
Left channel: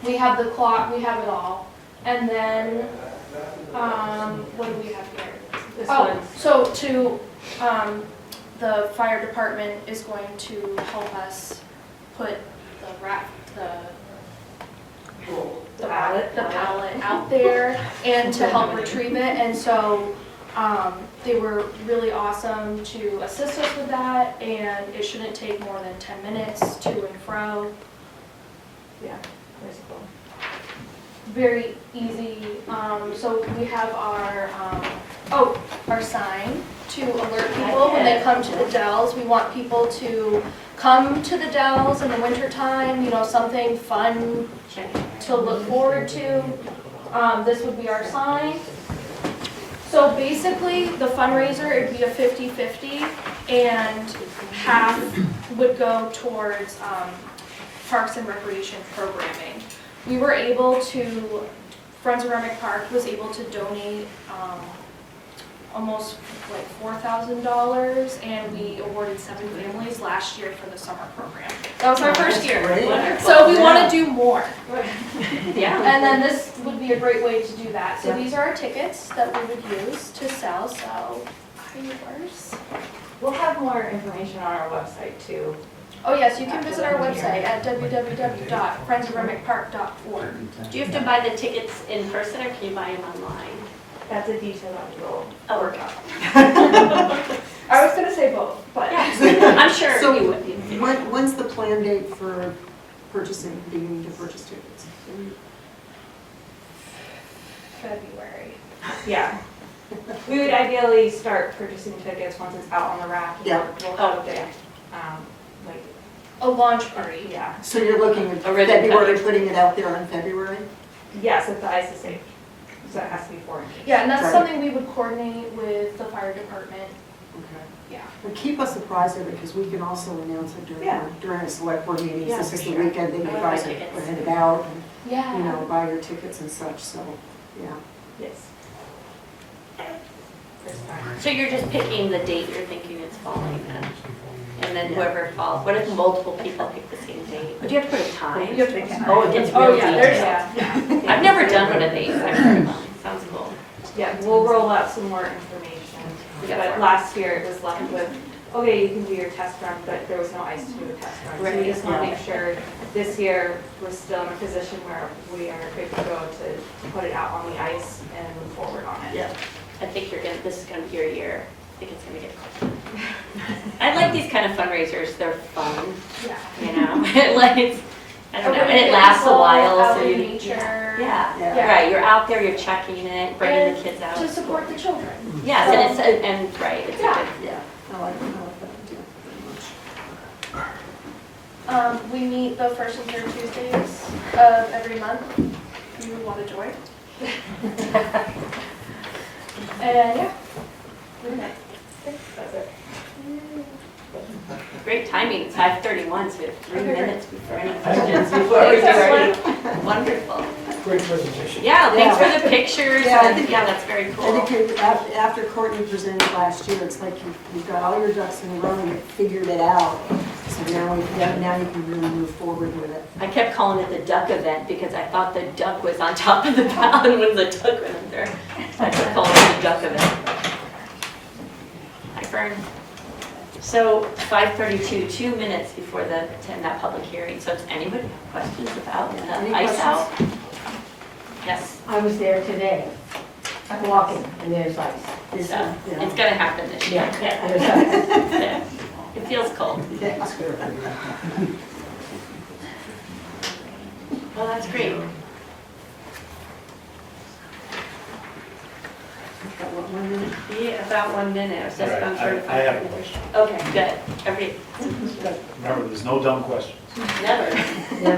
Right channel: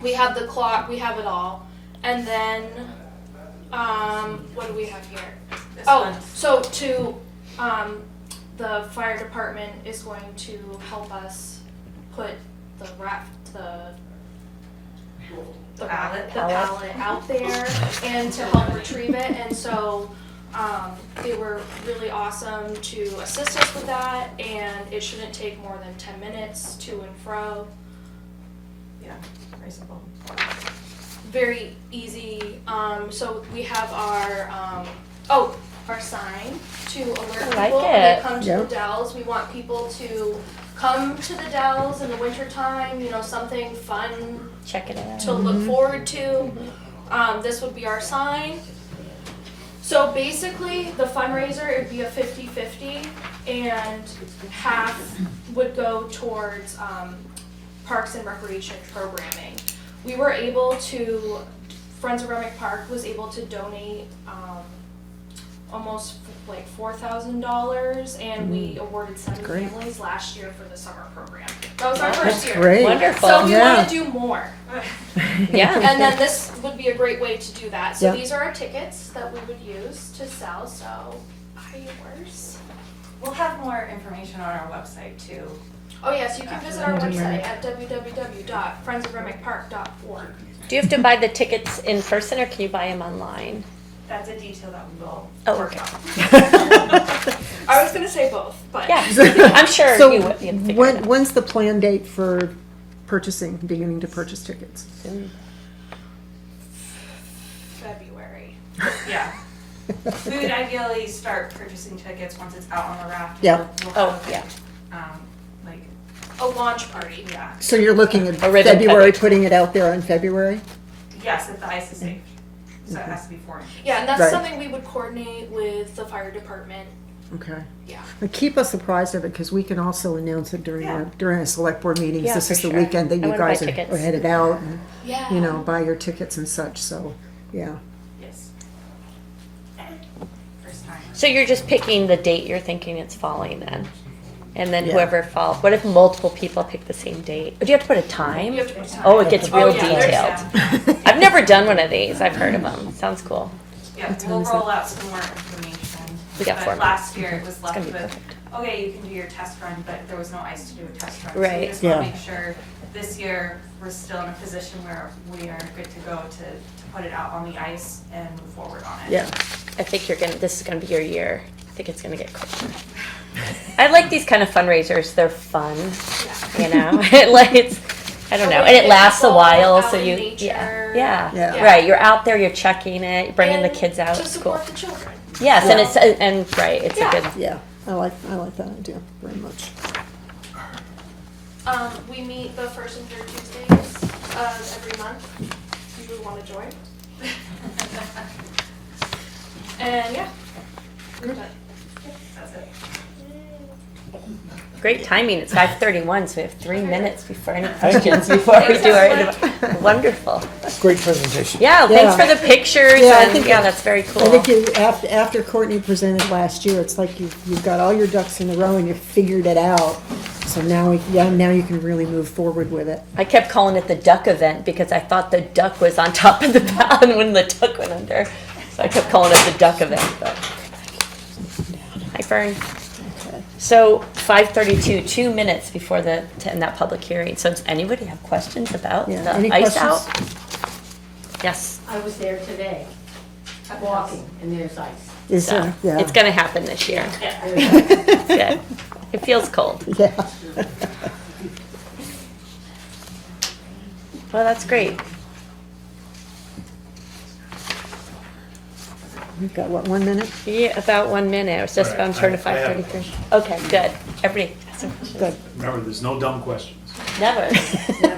We have the clock, we have it all. And then, what do we have here? This Oh, one. so the fire department is going to help us put the pallet out there and to help retrieve it. And so they were really awesome to assist us with that, and it shouldn't take more than 10 minutes to and fro. Yeah, very simple. Very easy. So we have our sign to alert I like people when they it. come to the Dells. We want people to come to the Dells in the wintertime, something fun Check it out. to look forward to. This would be our sign. So basically, the fundraiser, it'd be a 50-50, and half would go towards parks and recreation programming. We were able to, Friends of Granite Park was able to donate almost like $4,000, and we awarded 7 families last year for the summer program. That was our first year. Great. Wonderful. So we Yeah. want to do more. Yeah. And then this would be a great way to do that. So Yeah. these are our tickets that we would use to sell, so yours. We'll have more information on our website too. Oh yes, you can visit our website at www.friendsofgranitepark.org. Do you have to buy the tickets in person or can you buy them online? That's a detail that we will Oh, work okay. out. I was gonna say both, but. Yeah, I'm sure So you would. you'd figure it out. when's the planned date for beginning to purchase tickets? February. Yeah. We would ideally start purchasing tickets once it's out on the raft. Yeah. We'll Oh, have yeah. like, A launch party. yeah. So you're looking at Or ribbon February, cutting. putting it out there on February? Yes, if the ice is safe. So it has to be 4 inches. Yeah, and that's Right. something we would coordinate with the fire department. Okay. Yeah. But keep us apprised of it, because we can also announce it Yeah. during a select board meeting. Yeah, This for is the sure. weekend that I you wanna buy guys tickets. are headed out, and, Yeah. buy your tickets and such, so, yeah. Yes. First time. So you're just picking the date you're thinking it's falling then? And then Yeah. whoever falls, what if multiple people pick the same date? Do you have to put a time? You have to- Oh, it gets real Oh, yeah, there's- detailed. I've never done one of these, I've heard of them, sounds cool. Yeah, That's we'll amazing. roll out some more information. Yeah, But fine. last year it was left with, okay, you can do your test run, but there was no ice to do a test run. So Right. we just want Yeah. to make sure this year we're still in a position where we are good to go to put it out on the ice and move forward on it. Yeah, I think this is gonna be your year. I think it's gonna get cool. I like these kind of fundraisers, they're fun, you know? I don't know, and it lasts a while, so Out in you, nature. yeah, Yeah. right, you're out there, you're checking it, bringing the kids out, To it's cool. support the children. Yes, and it's, right, it's a Yeah. good, Yeah, I like that idea very much. We meet the first and third Tuesdays of every month. You want to join? And yeah. That's it. great timing, it's 5:31, so we have 3 minutes before any questions, before we do it. Wonderful. Great presentation. Yeah, thanks Yeah. for the pictures, Yeah, I and think- yeah, that's very I cool. think after Courtney presented last year, it's like you've got all your ducks in a row and you've figured it out. So now now you can really move forward with it. I kept calling it the duck event because I thought the duck was on top of the mountain when the duck went under. So I kept calling it the duck event. But. Hi, Fern. So 5:32, 2 minutes before to end that public hearing. So does anybody have questions about Yeah, the any ice questions? out? Yes. I was there today, walking, and there's ice. Is, So yeah. it's gonna happen this year. There's ice. Yeah. It feels cold. Yeah. Well, that's great. We've got, what, 1 minute? Yeah, about 1 minute. I was just, All right, I'm sure I to have a 5:33. question. Okay, good. Everybody, Good. Remember, there's no dumb questions. never.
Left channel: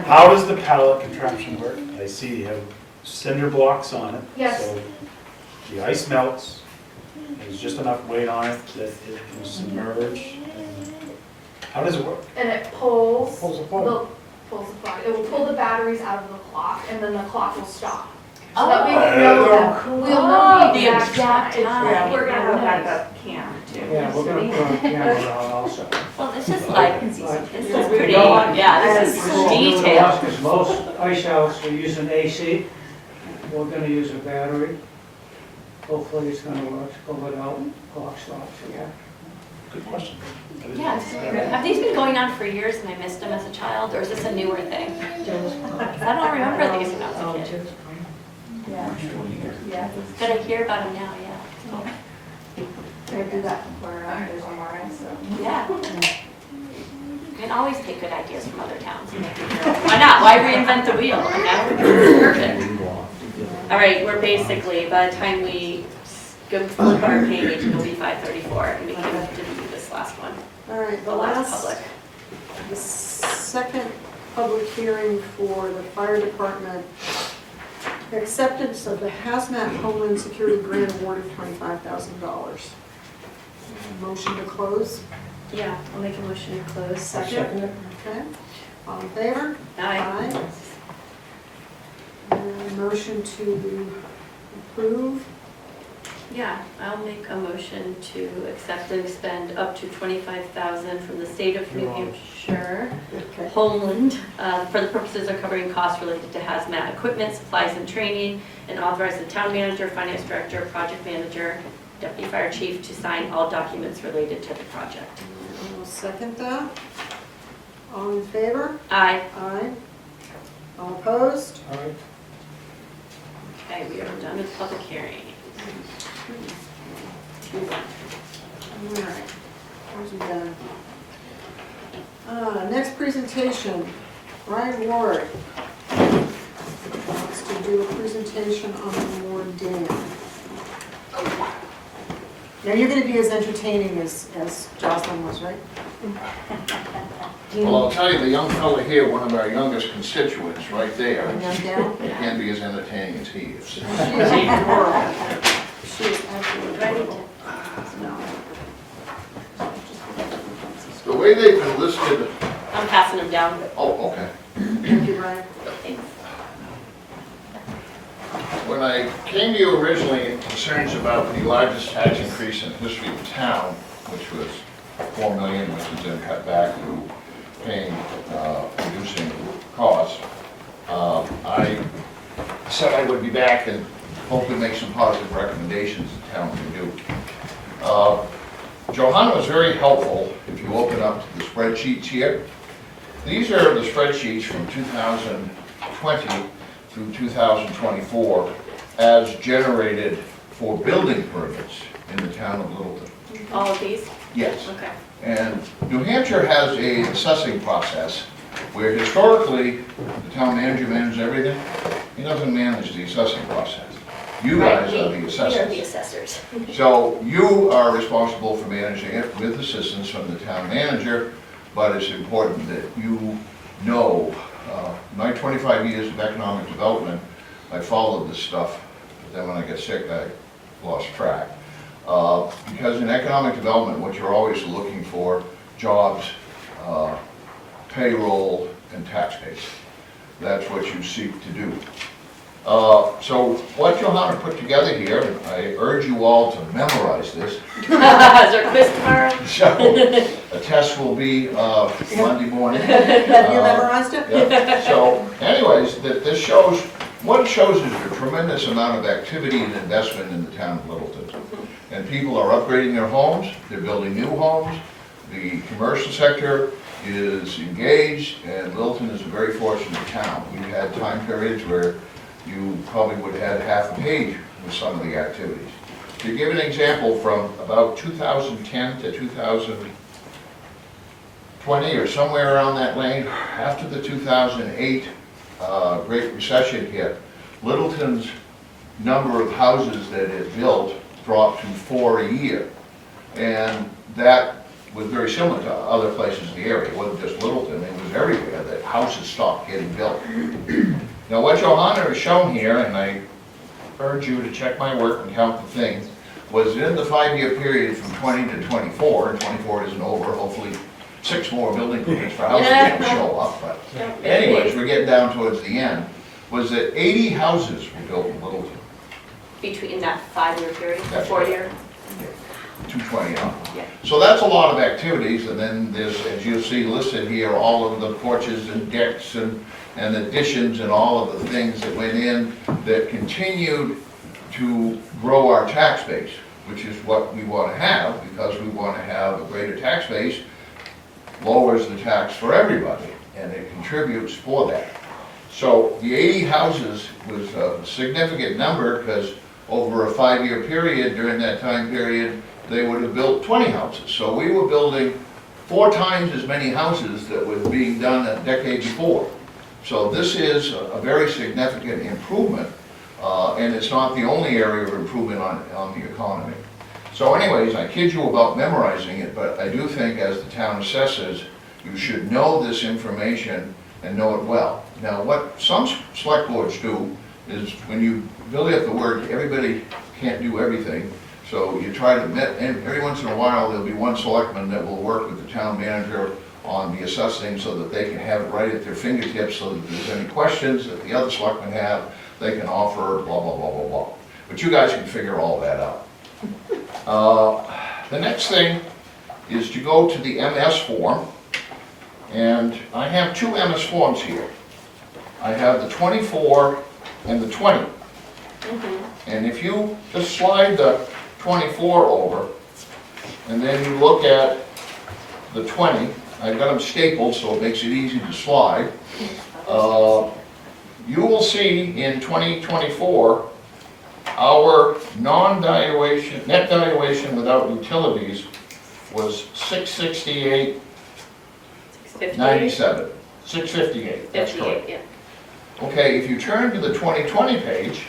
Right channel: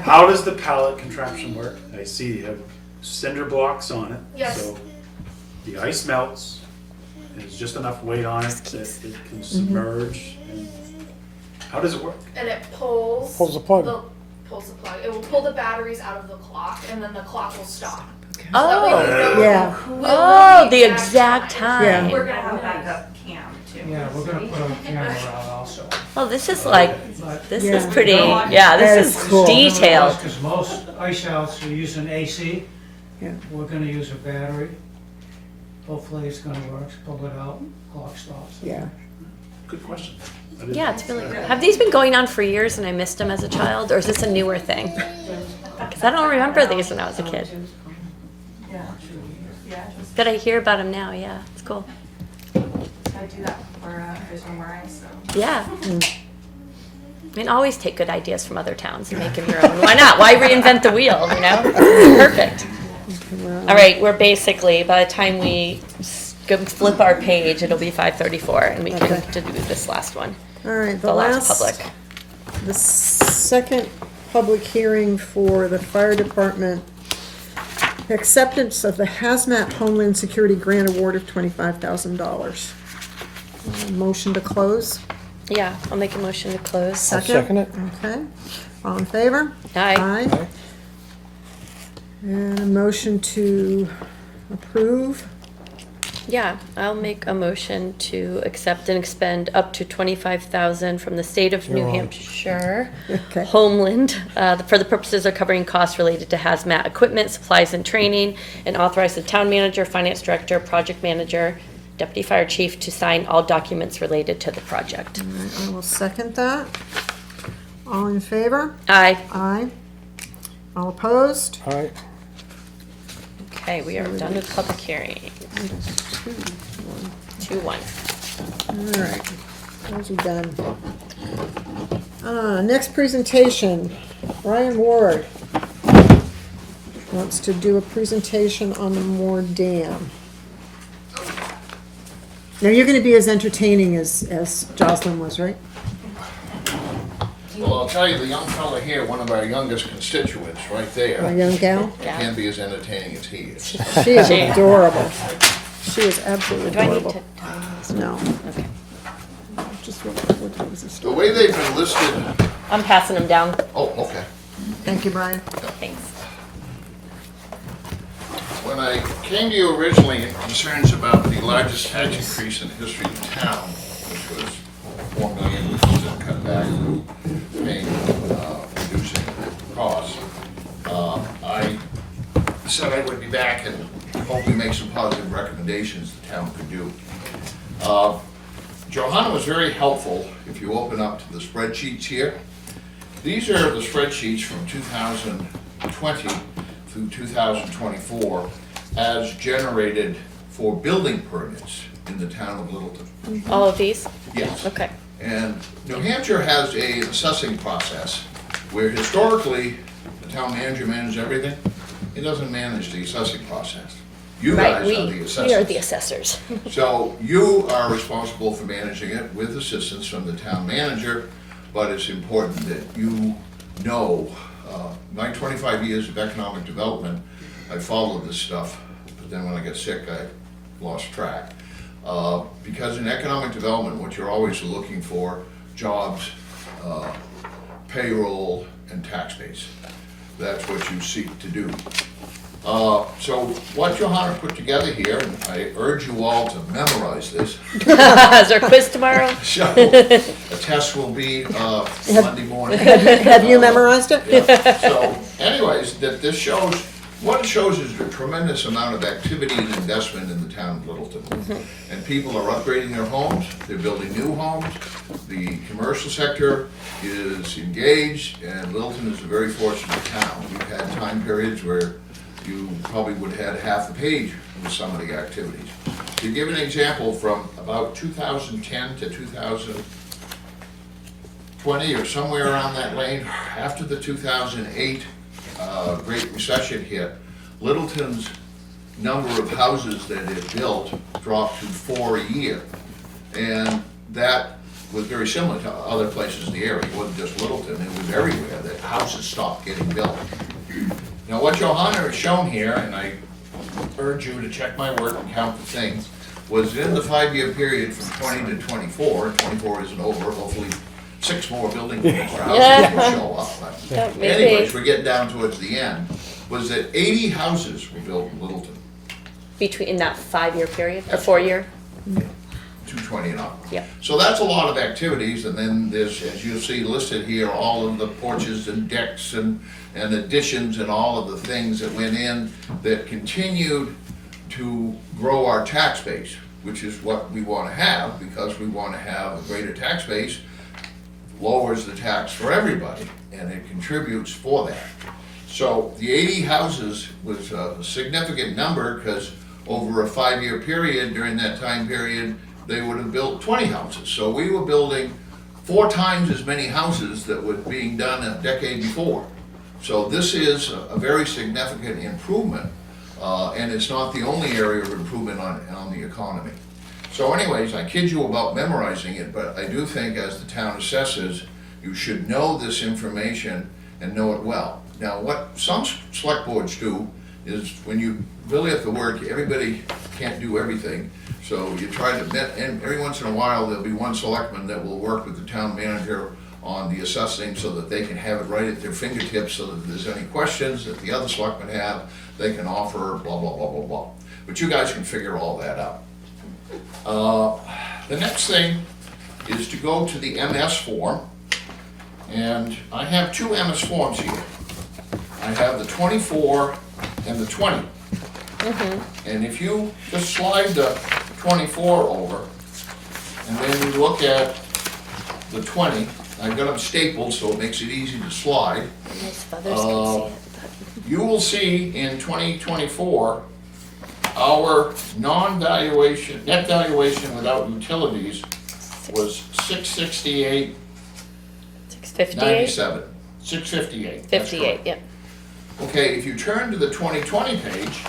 How does the pallet contraption work? I see you have cinder blocks on it. Yes. So the ice melts, there's just enough weight on it that it can submerge. How does it work? And it pulls. Pulls the plug. Pulls the plug. It will pull the batteries out of the clock, and then the clock will stop. Oh, So that way we know. Yeah. we'll Oh, know the exact time. time. We're gonna have a backup cam too. Yeah, we're gonna put a camera out also. Well, this is like, this Yeah. is pretty, yeah, That this is is cool. detailed. Because most ice outs are using AC. Yeah. We're gonna use a battery. Hopefully it's gonna work, pull it out, clock stops. Yeah. Good question. I didn't- Yeah, it's really good. Have these been going on for years and I missed them as a child, or is this a newer thing? Because I don't remember these when I was a kid. Yeah, But I hear about them now, yeah, it's cool. I do that for there's MRI, so. Yeah. I mean, always take good ideas from other towns and make them your own. Why not? Why reinvent the wheel, you know? Perfect. All right, we're basically, by the time we go flip our page, it'll be 5:34, and we can do this last one, All right, the last public. The second public hearing for the fire department, acceptance of the Hazmat Homeland Security Grant Award of $25,000. Motion to close? Yeah, I'll make a motion to close. I'll second it. Okay, all in favor? Aye. And a motion to approve? Yeah, I'll make a motion to accept and expend up to $25,000 from the state of New You're on. Hampshire, Okay. Homeland, for the purposes of covering costs related to hazmat equipment, supplies, and training, and authorize the town manager, finance director, project manager, deputy fire chief to sign all documents related to the project. All right, I will second that. All in favor? Aye. Aye. All opposed? All right. Okay, we are done with public hearing. 2-1. All right, those are done. Next presentation, Ryan Ward wants to do a presentation on the Ward Dam. Now, you're gonna be as entertaining as Jocelyn was, right? Well, I'll tell you, the young fella here, one of our youngest constituents, right A there, young gal? Yeah. can't be as entertaining as he is. She is adorable. She is absolutely Do I need adorable. to? No. Just what The way they've been listed, I'm passing them down. oh, okay. Thank you, Brian. Thanks. When I came to you originally in concerns about the largest tax increase in the history of the town, which was $4 million, which was then cut back through paying, reducing costs, I said I would be back in hopefully make some positive recommendations the town can do. Johanna was very helpful if you open up to the spreadsheets here. These are the spreadsheets from 2020 through 2024 as generated for building permits in the town of Littleton. All of these? Yes. Okay. And New Hampshire has a assessing process where historically the town manager manages everything. He doesn't manage the assessing process. You Right, guys are the assessors. we are the assessors. So you are responsible for managing it with assistance from the town manager, but it's important that you know, my 25 years of economic development, I followed this stuff. Then when I got sick, I lost track. Because in economic development, what you're always looking for, jobs, payroll, and tax base. That's what you seek to do. So what Johanna put together here, and I urge you all to memorize this. Is there a quiz tomorrow? So the test will be Monday morning. Have you memorized it? Yeah. So anyways, this shows, what it shows is a tremendous amount of activity and investment in the town of Littleton. And people are upgrading their homes, they're building new homes, the commercial sector is engaged, and Littleton is a very fortunate town. We've had time periods where you probably would have had half a page in some of the activities. To give an example, from about 2010 to 2020, or somewhere around that lane, after the 2008 Great Recession hit, Littleton's number of houses that it built dropped to 4 a year. And that was very similar to other places in the area. It wasn't just Littleton, it was everywhere that houses stopped getting built. Now what Johanna has shown here, and I urge you to check my work and count the things, was in the 5-year period from 20 to 24, and 24 isn't over, hopefully 6 more building permits for houses will show up. But Yeah, maybe. anyways, we're getting down towards the end, was that 80 houses were built in Littleton, Between, in that 5-year period, or That's 4-year? 220 on. Yeah. So that's a lot of activities, and then there's, as you see listed here, all of the porches and decks and additions and all of the things that went in that continued to grow our tax base, which is what we want to have, because we want to have a greater tax base, lowers the tax for everybody, and it contributes for that. So the 80 houses was a significant number, because over a 5-year period, during that time period, they would have built 20 houses. So we were building 4 times as many houses that were being done a decade before. So this is a very significant improvement, and it's not the only area of improvement on the economy. So anyways, I kid you about memorizing it, but I do think as the town assesses, you should know this information and know it well. Now, what some select boards do is when you really have to work, everybody can't do everything. So you try to, and every once in a while, there'll be one selectman that will work with the town manager on the assessing so that they can have it right at their fingertips, so that if there's any questions that the other selectmen have, they can offer blah, blah, blah, blah, blah. But you guys can figure all that out. The next thing is to go to the MS form, and I have 2 MS forms here. I have the 24 and the 20. And if you just slide the 24 over, and then you look at the 20, I've got them stapled so it makes it easy to slide. You will see in 2024, our non-valuation, net valuation without utilities was 668.97. 658? 658. that's 58, correct. yeah. Okay, if you turn to the 2020 page,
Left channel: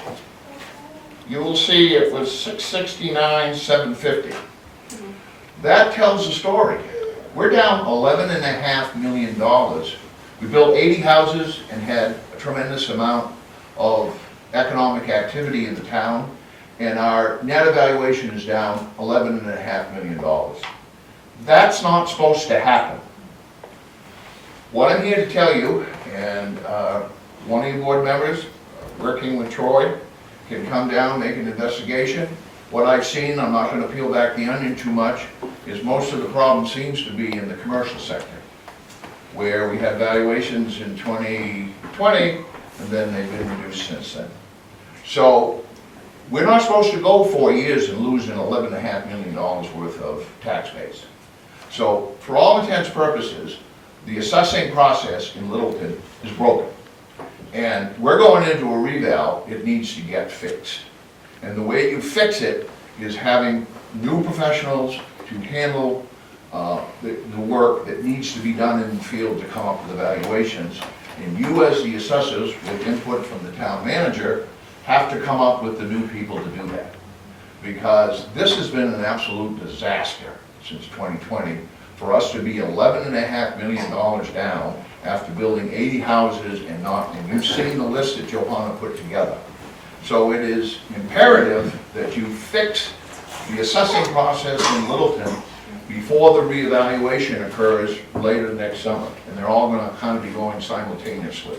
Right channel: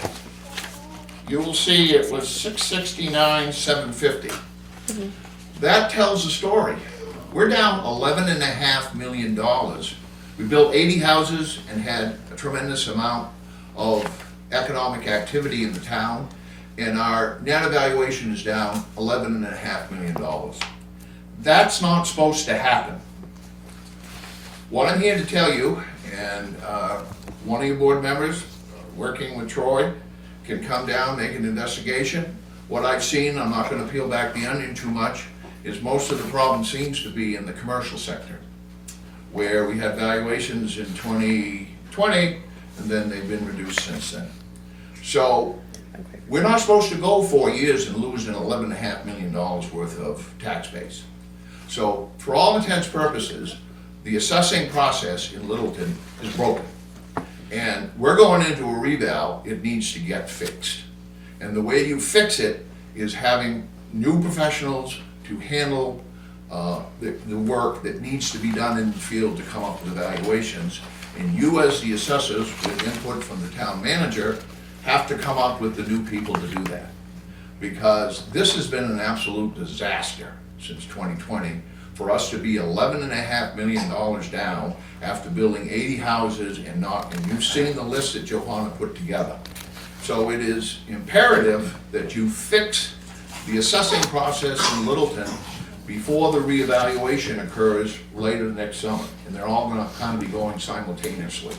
you will see it was 669,750. That tells the story. We're down $11.5 million. We built 80 houses and had a tremendous amount of economic activity in the town, and our net evaluation is down $11.5 million. That's not supposed to happen. What I'm here to tell you, and one of you board members, working with Troy, can come down, make an investigation. What I've seen, I'm not going to peel back the onion too much, is most of the problem seems to be in the commercial sector, where we had valuations in 2020, and then they've been reduced since then. So We're not supposed to go 4 years and lose an $11.5 million worth of tax base. So for all intents and purposes, the assessing process in Littleton is broken. And we're going into a reval, it needs to get fixed. And the way you fix it is having new professionals to handle the work that needs to be done in the field to come up with evaluations. And you as the assessors, with input from the town manager, have to come up with the new people to do that. Because this has been an absolute disaster since 2020, for us to be $11.5 million down after building 80 houses and not, and you've seen the list that Johanna put together. So it is imperative that you fix the assessing process in Littleton before the reevaluation occurs later next summer. And they're all gonna kind of be going simultaneously.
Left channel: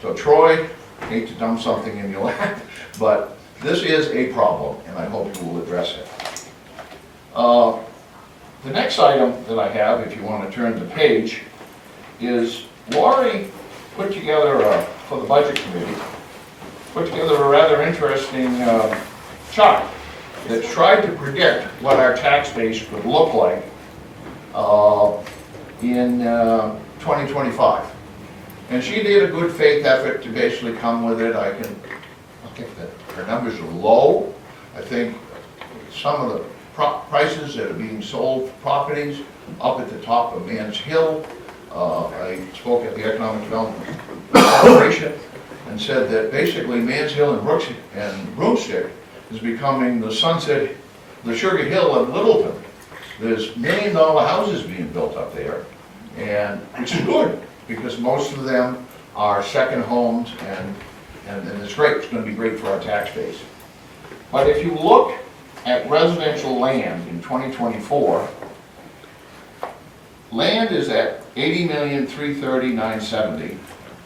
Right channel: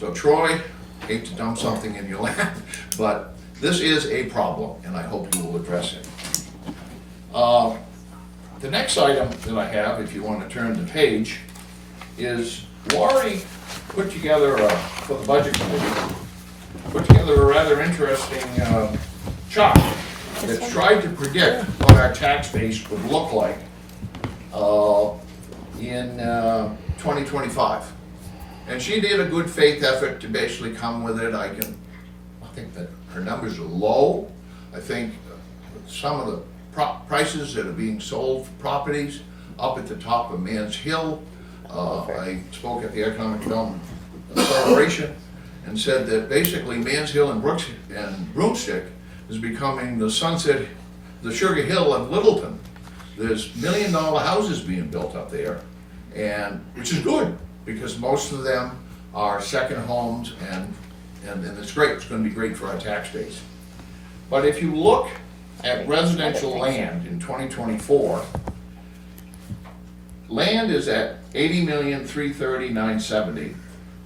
So Troy, hate to dump something in your lap, but this is a problem, and I hope you will address it. The next item that I have, if you want to turn the page, is Laurie put together, for the budget committee, put together a rather interesting chart that tried to predict what our tax base would look like in 2025. And she did a good faith effort to basically come with it. I think that her numbers are low. I think some of the prices that are being sold for properties up at the top of Mans Hill. I spoke at the Economic Development Corporation and said that basically Mans Hill and Broomstick is becoming the Sunset, the Sugar Hill of Littleton. There's $1 million houses being built up there, and which is good, because most of them are second homes, and it's great. It's going to be great for our tax base. But if you look at residential land in 2024, land is at $80,330,970,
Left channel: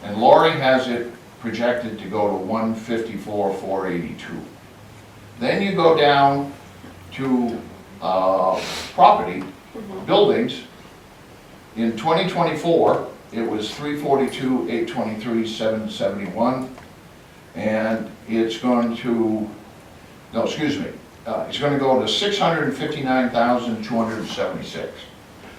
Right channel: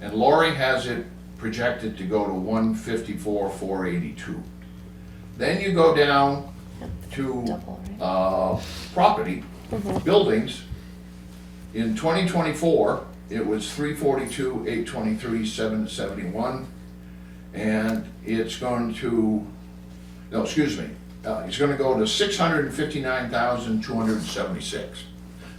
and Laurie has it projected to go to $154,482. Then you go down to property, buildings. In 2024, it was $342,823,771, and it's going to, no, excuse me, it's going to go to $659,276.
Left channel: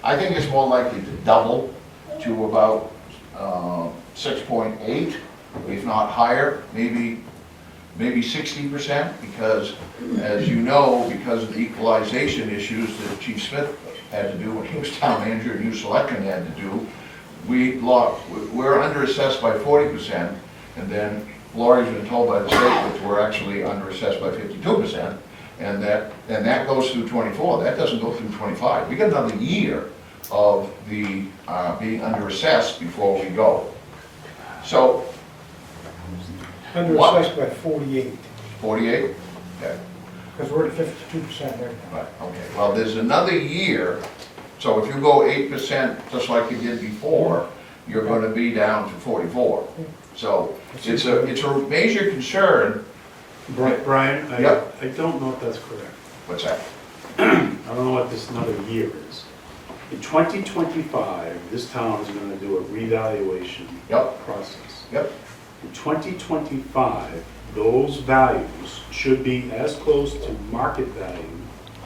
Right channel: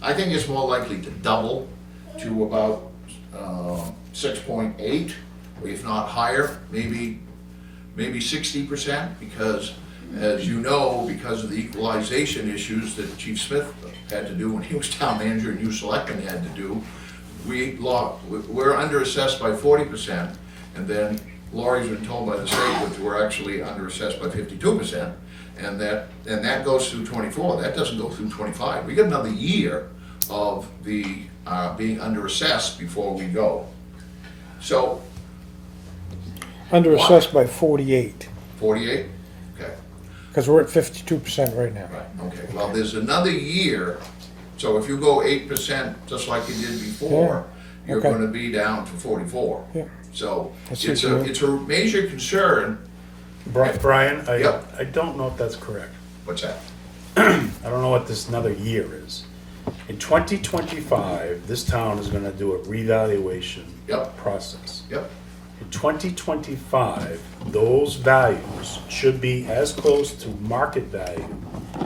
I think it's more likely to double to about 6.8, if not higher, maybe 60%, because as you know, because of the equalization issues that Chief Smith had to do when he was town manager and you selectmen had to do, we're underassessed by 40%, and then Laurie's been told by the state that we're actually underassessed by 52%, and that goes through 24. That doesn't go through 25. We got another year of the being underassessed before we go. So Underassessed by 48, 48. Okay. because we're at 52% right now. Right. Okay. Well, there's another year. So if you go 8%, just like you did before, you're Okay. going to be down to 44. Yeah. So That's it's a major concern. Brian, Yep. I don't know if that's correct. What's that? I don't know what this another year is. In 2025, this town is gonna do a revaluation Yep. process. Yep. In 2025, those values should be as close to market value.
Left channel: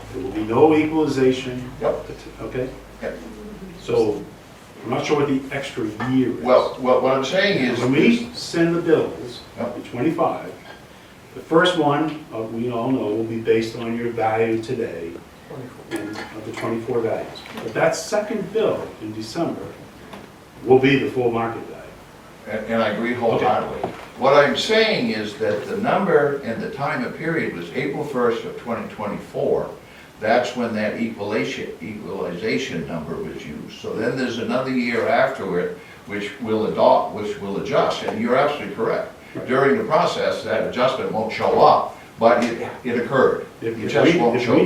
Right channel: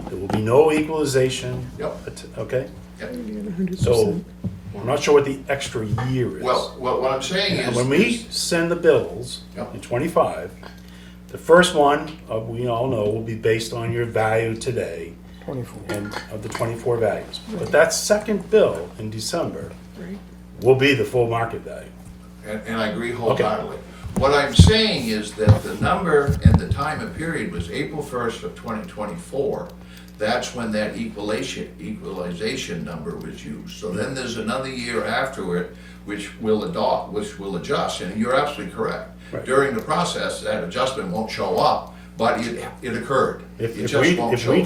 There will be no equalization. Yep. Okay? Yep. So, I'm not sure what the extra year is. Well, what I'm saying is, When we send the bills Yep. in '25, the first one, we all know, will be based on your value today 24. and of the 24 values. But that second bill in December will be the full market value. and I agree wholeheartedly. What I'm saying is that the number and the time of period was April 1st of 2024. That's when that equalization number was used. So then there's another year after it, which will adjust, and you're absolutely correct. Right. During the process, that adjustment won't show up, but it occurred. It just won't show If up. we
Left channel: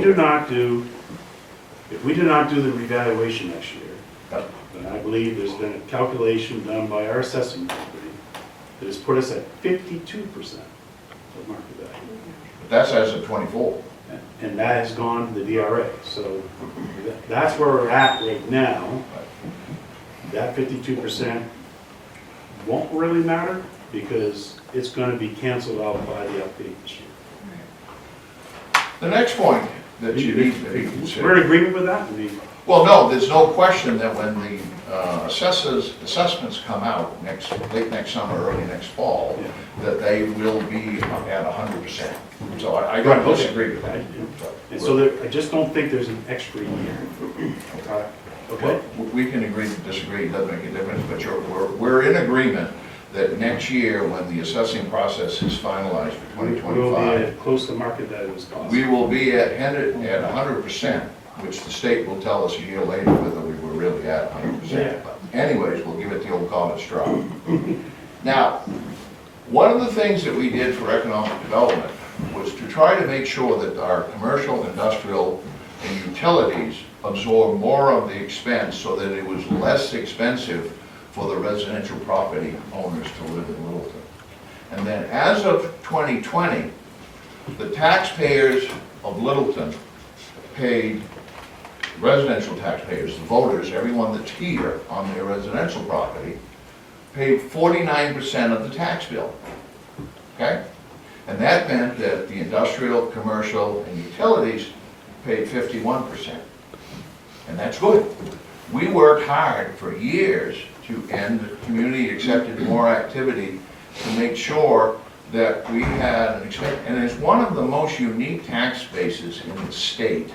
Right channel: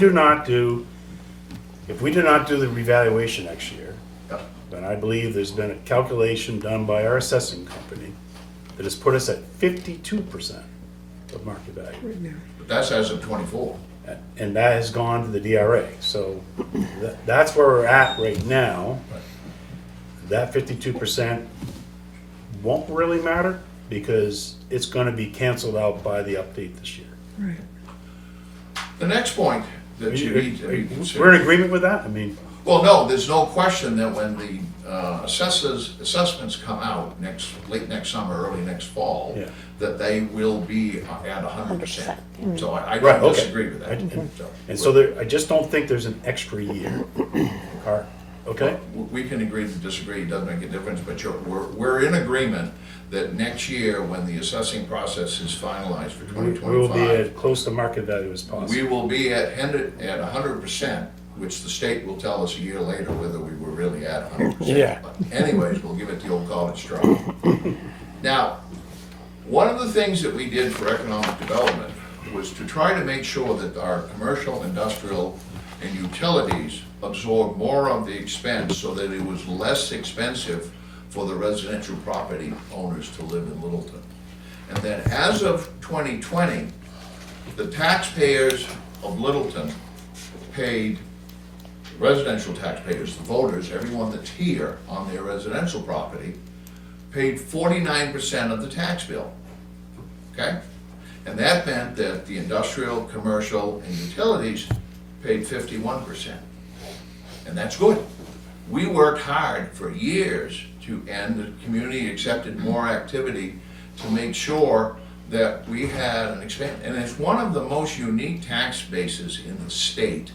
do not do the revaluation next year, Yep. then I believe there's been a calculation done by our assessing company that has put us at 52% of market value. But that's as of 24. And that has gone to the DRA. So that's where we're at right now. That 52% won't really matter because it's going to be canceled out by the update this year. The next point that you need to be We're in considering. agreement with that? I mean, Well, no, there's no question that when the assessments come out late next summer, early next fall, Yeah. that they will be at 100%. So I Right, don't okay. disagree with that. Right. And so there, I just don't think there's an extra year. Okay? We can agree to disagree, it doesn't make a difference, but we're in agreement that next year, when the assessing process is finalized for We will be 2025, as close to market value as possible. we will be at 100%, which the state will tell us a year later whether we were really at 100%. Yeah. But anyways, we'll give it the old college try. Now, one of the things that we did for economic development was to try to make sure that our commercial, industrial, and utilities absorb more of the expense so that it was less expensive for the residential property owners to live in Littleton. And then as of 2020, the taxpayers of Littleton paid, residential taxpayers, the voters, everyone that's here on their residential property, paid 49% of the tax bill, okay? And that meant that the industrial, commercial, and utilities paid 51%. And that's good. We worked hard for years to end community-accepted more activity to make sure that we had an expense. And it's one of the most unique tax bases in the state.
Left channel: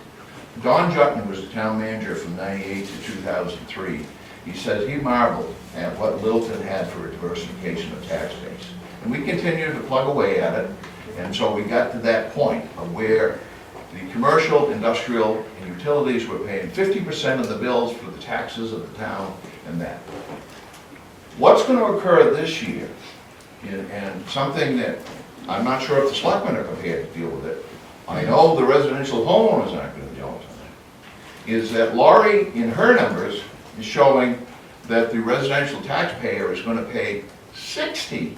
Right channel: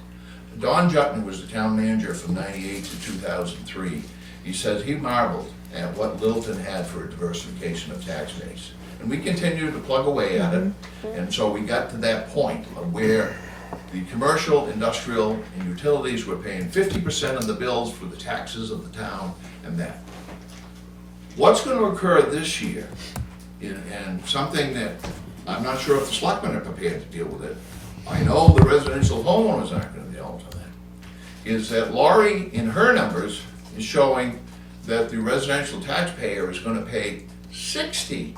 Don Jutton was the town manager from 98 to 2003. He says he marveled at what Littleton had for a diversification of tax base. And we continued to plug away at it, and so we got to that point of where the commercial, industrial, and utilities were paying 50% of the bills for the taxes of the town and that. What's going to occur this year, and something that I'm not sure if the selectmen are prepared to deal with it, I know the residential homeowners aren't going to deal with it, is that Laurie, in her numbers, is showing that the residential taxpayer is going to pay 61%.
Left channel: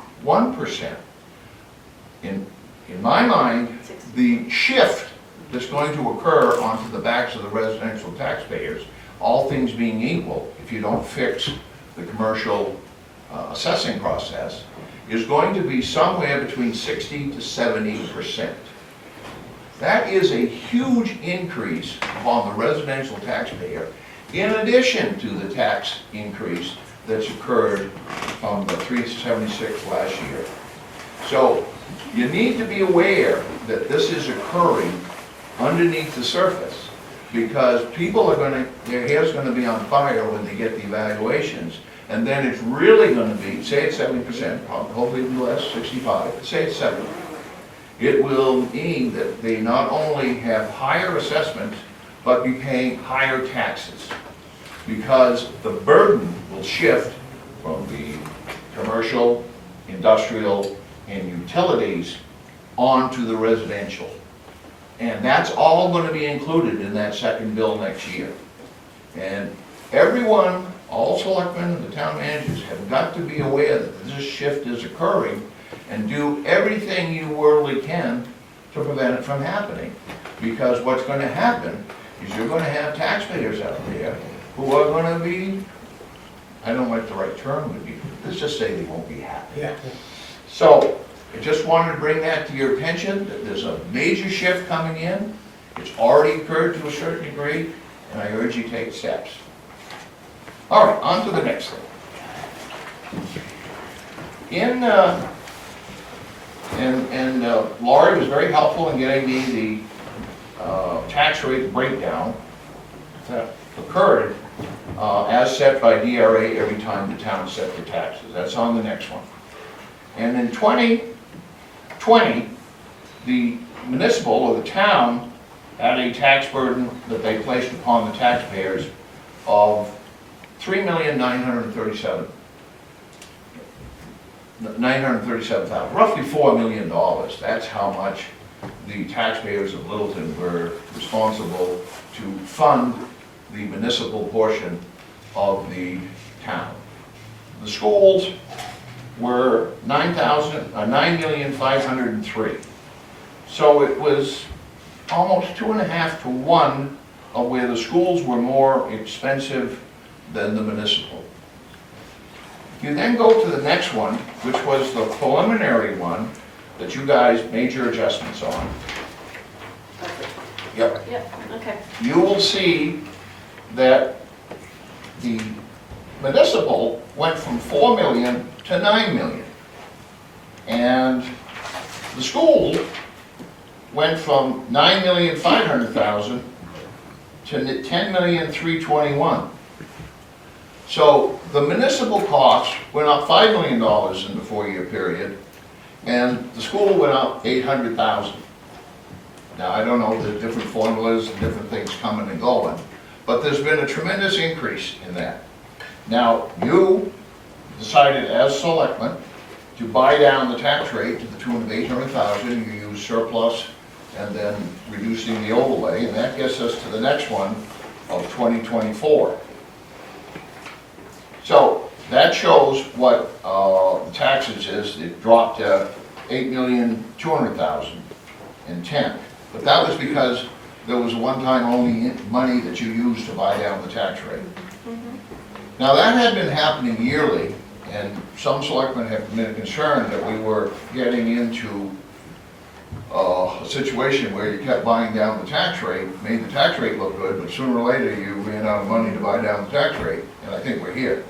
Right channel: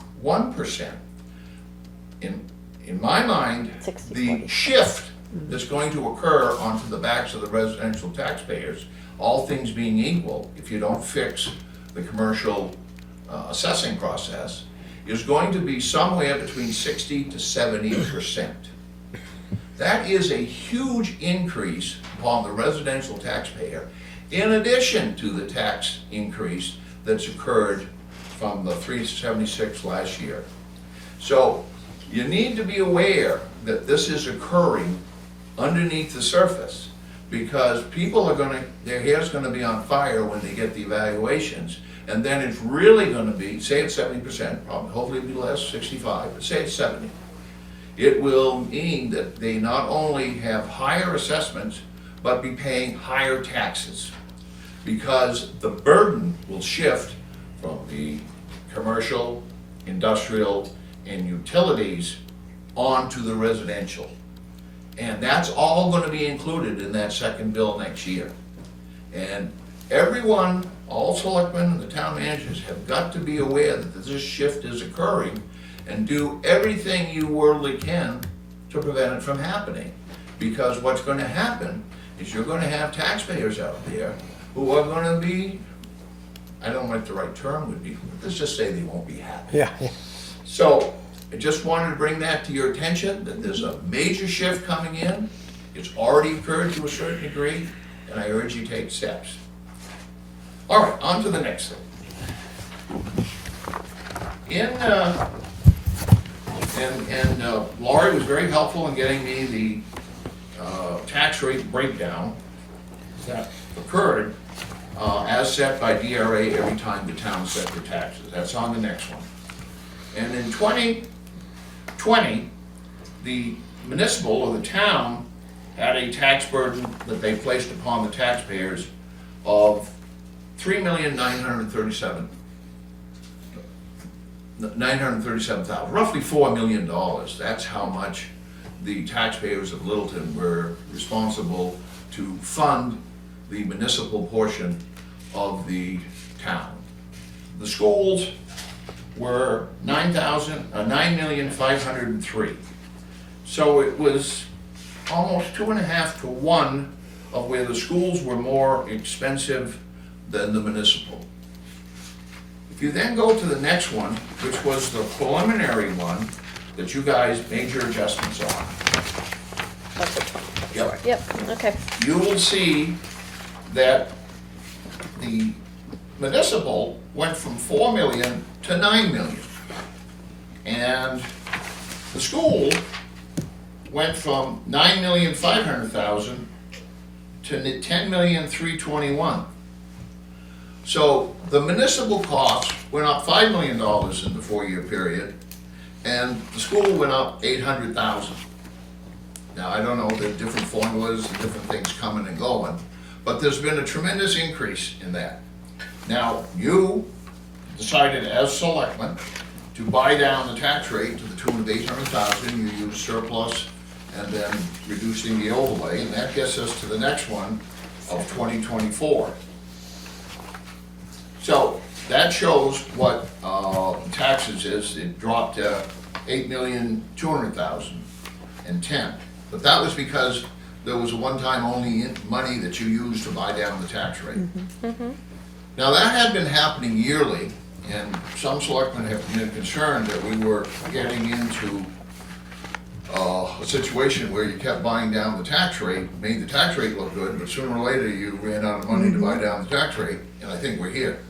In my mind, the shift that's going to occur onto the backs of the residential taxpayers, all things being equal, if you don't fix the commercial assessing process, is going to be somewhere between 60 to 70%. That is a huge increase upon the residential taxpayer, in addition to the tax increase that's occurred from the 376 last year. So you need to be aware that this is occurring underneath the surface, because people are going to, their hair's going to be on fire when they get the evaluations, and then it's really going to be, say it's 70%, probably, hopefully it'll be less, 65, but say it's 70. It will mean that they not only have higher assessments, but be paying higher taxes, because the burden will shift from the commercial, industrial, and utilities onto the residential. And that's all going to be included in that second bill next year. And everyone, all selectmen and the town managers have got to be aware that this shift is occurring, and do everything you worldly can to prevent it from happening. Because what's going to happen is you're going to have taxpayers out there who are going to be, I don't know what the right term would be, let's just say they won't be happy. Yeah. So I just wanted to bring that to your attention, that there's a major shift coming in. It's already occurred to a certain degree, and I urge you to take steps. All right, on to the next thing. Laurie was very helpful in getting me the tax rate breakdown that occurred as set by DRA every time the town set their taxes. That's on the next one. And in 2020, the municipal or the town had a tax burden that they placed upon the taxpayers of $3,937,000, roughly $4 million. That's how much the taxpayers of Littleton were responsible to fund the municipal portion of the town. The schools were $9,503,000. So it was almost 2.5 to 1 of where the schools were more expensive than the municipal. If you then go to the next one, which was the preliminary one that you guys made your adjustments on. Yep. Yep, okay. You will see that the municipal went from 4 million to 9 million. And the school went from 9,500,000 to 10,321,000. So the municipal cost went up $5 million in the 4-year period, and the school went up 800,000. Now, I don't know the different formulas and different things coming and going, but there's been a tremendous increase in that. Now, you decided as selectmen to buy down the tax rate to the tune of 800,000. You used surplus and then reducing the overlay, and that gets us to the next one of 2024. So that shows what taxes is. It dropped to 8,200,000 and 10. But that was because there was a one-time only money that you used to buy down the tax rate. Now that had been happening yearly, and some selectmen have been concerned that we were getting into a situation where you kept buying down the tax rate, made the tax rate look good, but sooner or later you ran out of money to buy down the tax rate, and I think we're here.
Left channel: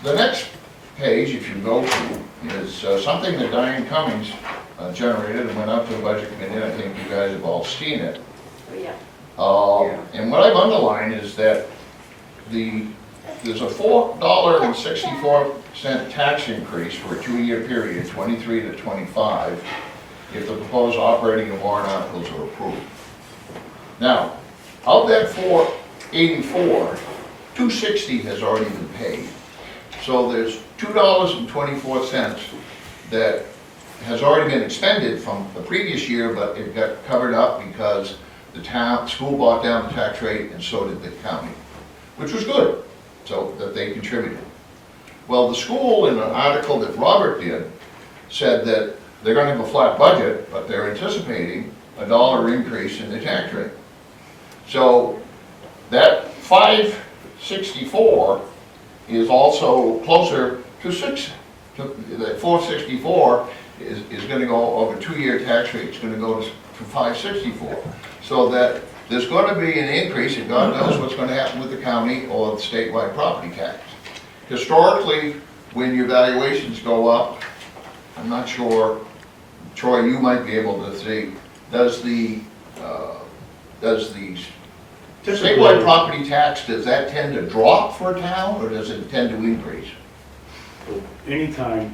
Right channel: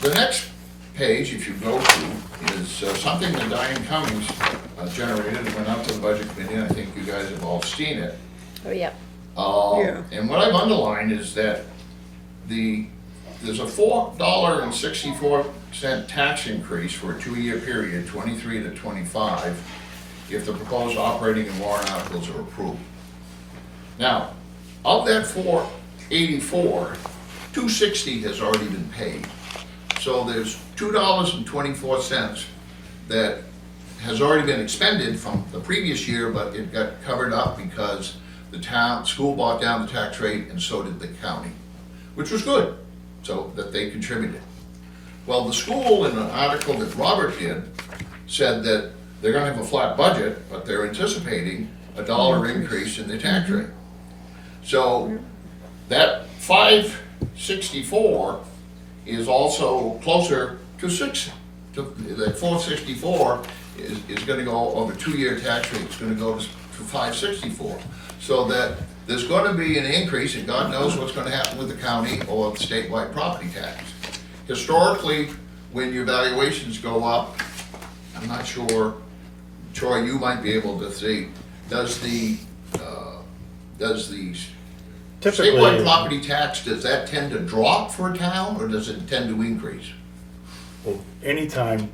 The next page, if you go to, is something that Diane Cummings generated and went out to the budget committee, and I think you guys have all seen it. Oh, yeah. And what I've underlined is that there's a $4.64 tax increase for a 2-year period, 23 to 25, if the proposed operating and warrant articles are approved. Now, of that 484, 260 has already been paid. So there's $2.24 that has already been expended from the previous year, but it got covered up because the school bought down the tax rate and so did the county, which was good, so that they contributed. Well, the school, in an article that Robert did, said that they're gonna have a flat budget, but they're anticipating a $1 increase in the tax rate. So that 564 is also closer to 6. That 464 is gonna go, over 2-year tax rate, it's gonna go to 564. So that there's gonna be an increase, and God knows what's gonna happen with the county or the statewide property tax. Historically, when your valuations go up, I'm not sure, Troy, you might be able to see, does the statewide property tax, does that tend to drop for a town, or does it tend to increase? Well, anytime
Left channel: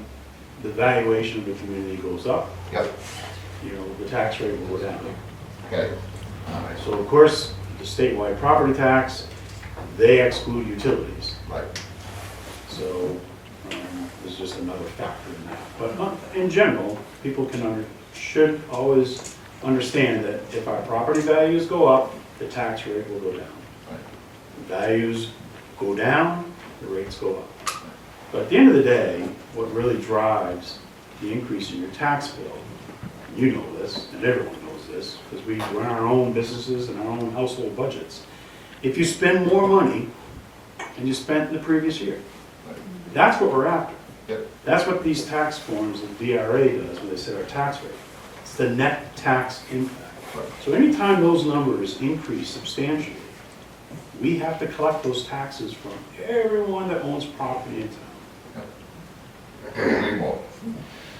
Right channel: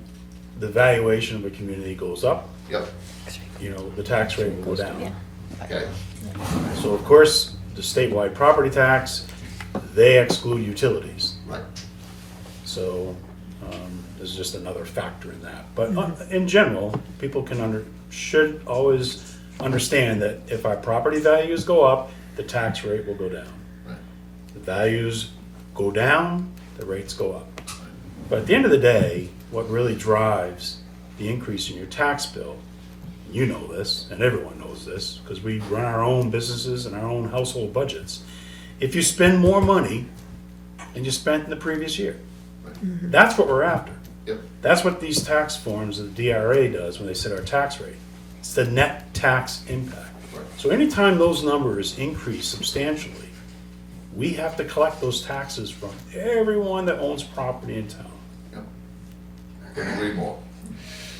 the valuation of a community goes up, Yep, the tax rate will go down. okay, So of course, the statewide property tax, they exclude utilities. right. So there's just another factor in that. But in general, people should always understand that if our property values go up, the tax rate will go down. Right. If values go down, the rates go up. But at the end of the day, what really drives the increase in your tax bill, you know this, and everyone knows this, because we run our own businesses and our own household budgets. If you spend more money than you spent the previous year, that's what we're after. Yep. That's what these tax forms, the DRA does when they set our tax rate. It's the net tax impact. Right. So anytime those numbers increase substantially, we have to collect those taxes from everyone that owns property in town. I couldn't agree more.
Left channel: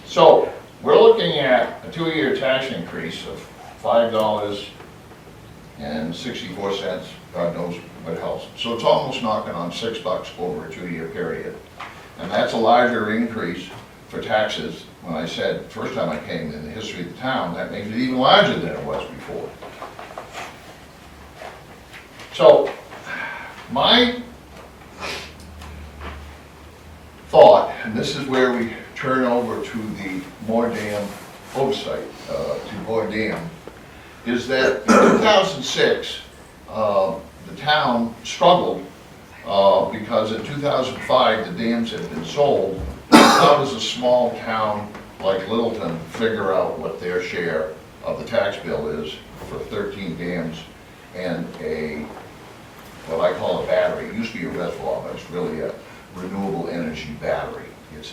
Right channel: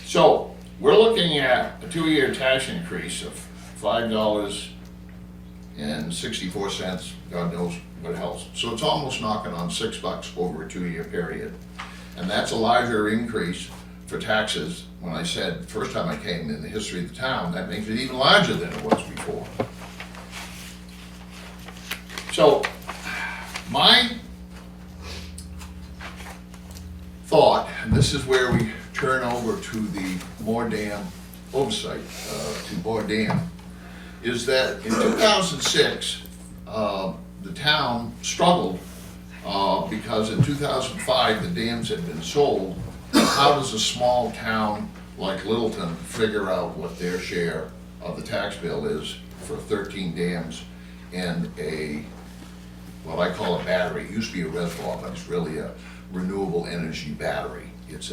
So, we're looking at a 2-year tax increase of $5.64, God knows what else. So it's almost knocking on $6 over a 2-year period. And that's a larger increase for taxes. When I said, first time I came in the history of the town, that makes it even larger than it was before. So, my thought, and this is where we turn over to the Moore Dam oversight, to Moore Dam, is that in 2006, the town struggled because in 2005, the dams had been sold. How does a small town like Littleton figure out what their share of the tax bill is for 13 dams and what I call a battery? It used to be a reservoir, but it's really a renewable energy battery. It's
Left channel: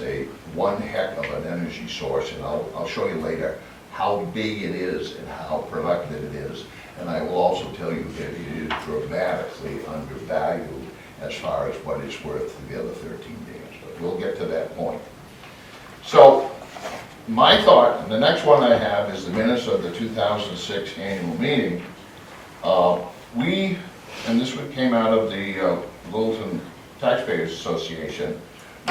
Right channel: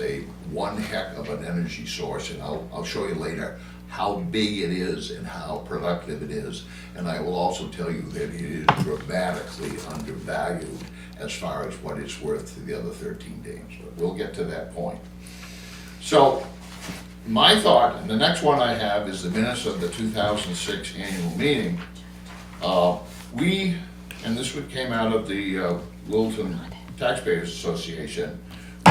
one heck of an energy source, and I'll show you later how big it is and how productive it is. And I will also tell you that it is dramatically undervalued as far as what it's worth for the other 13 dams, but we'll get to that point. So, my thought, and the next one I have is the minutes of the 2006 annual meeting. And this one came out of the Littleton Taxpayers Association,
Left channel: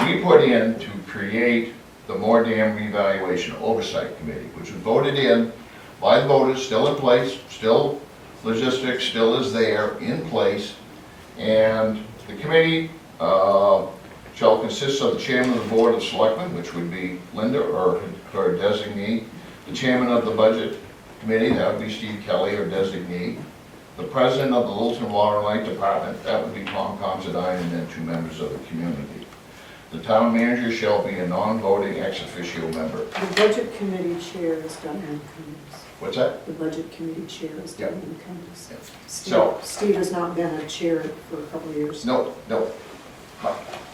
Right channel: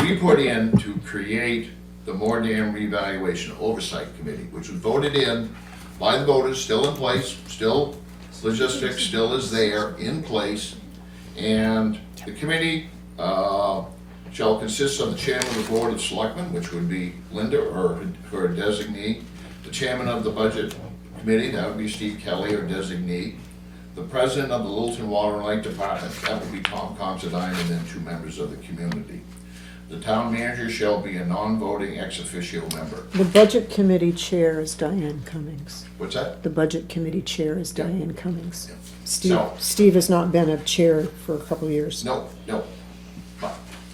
we put in to create the Moore Dam Revaluation Oversight Committee, which was voted in by the voters, still in place, still logistics, still is there, in place. And the committee shall consist of the chairman of the Board of Selectmen, which would be Linda or her designee, the chairman of the Budget Committee, that would be Steve Kelly, or designee, the president of the Littleton Water and Light Department, that would be Tom Considine, and then 2 members of the community. The town manager shall be a non-voting ex officio member. The budget committee chair is Diane Cummings. What's that? The budget committee chair is Yeah. Diane Cummings. Yeah. Steve has not been a chair for a couple of years. No.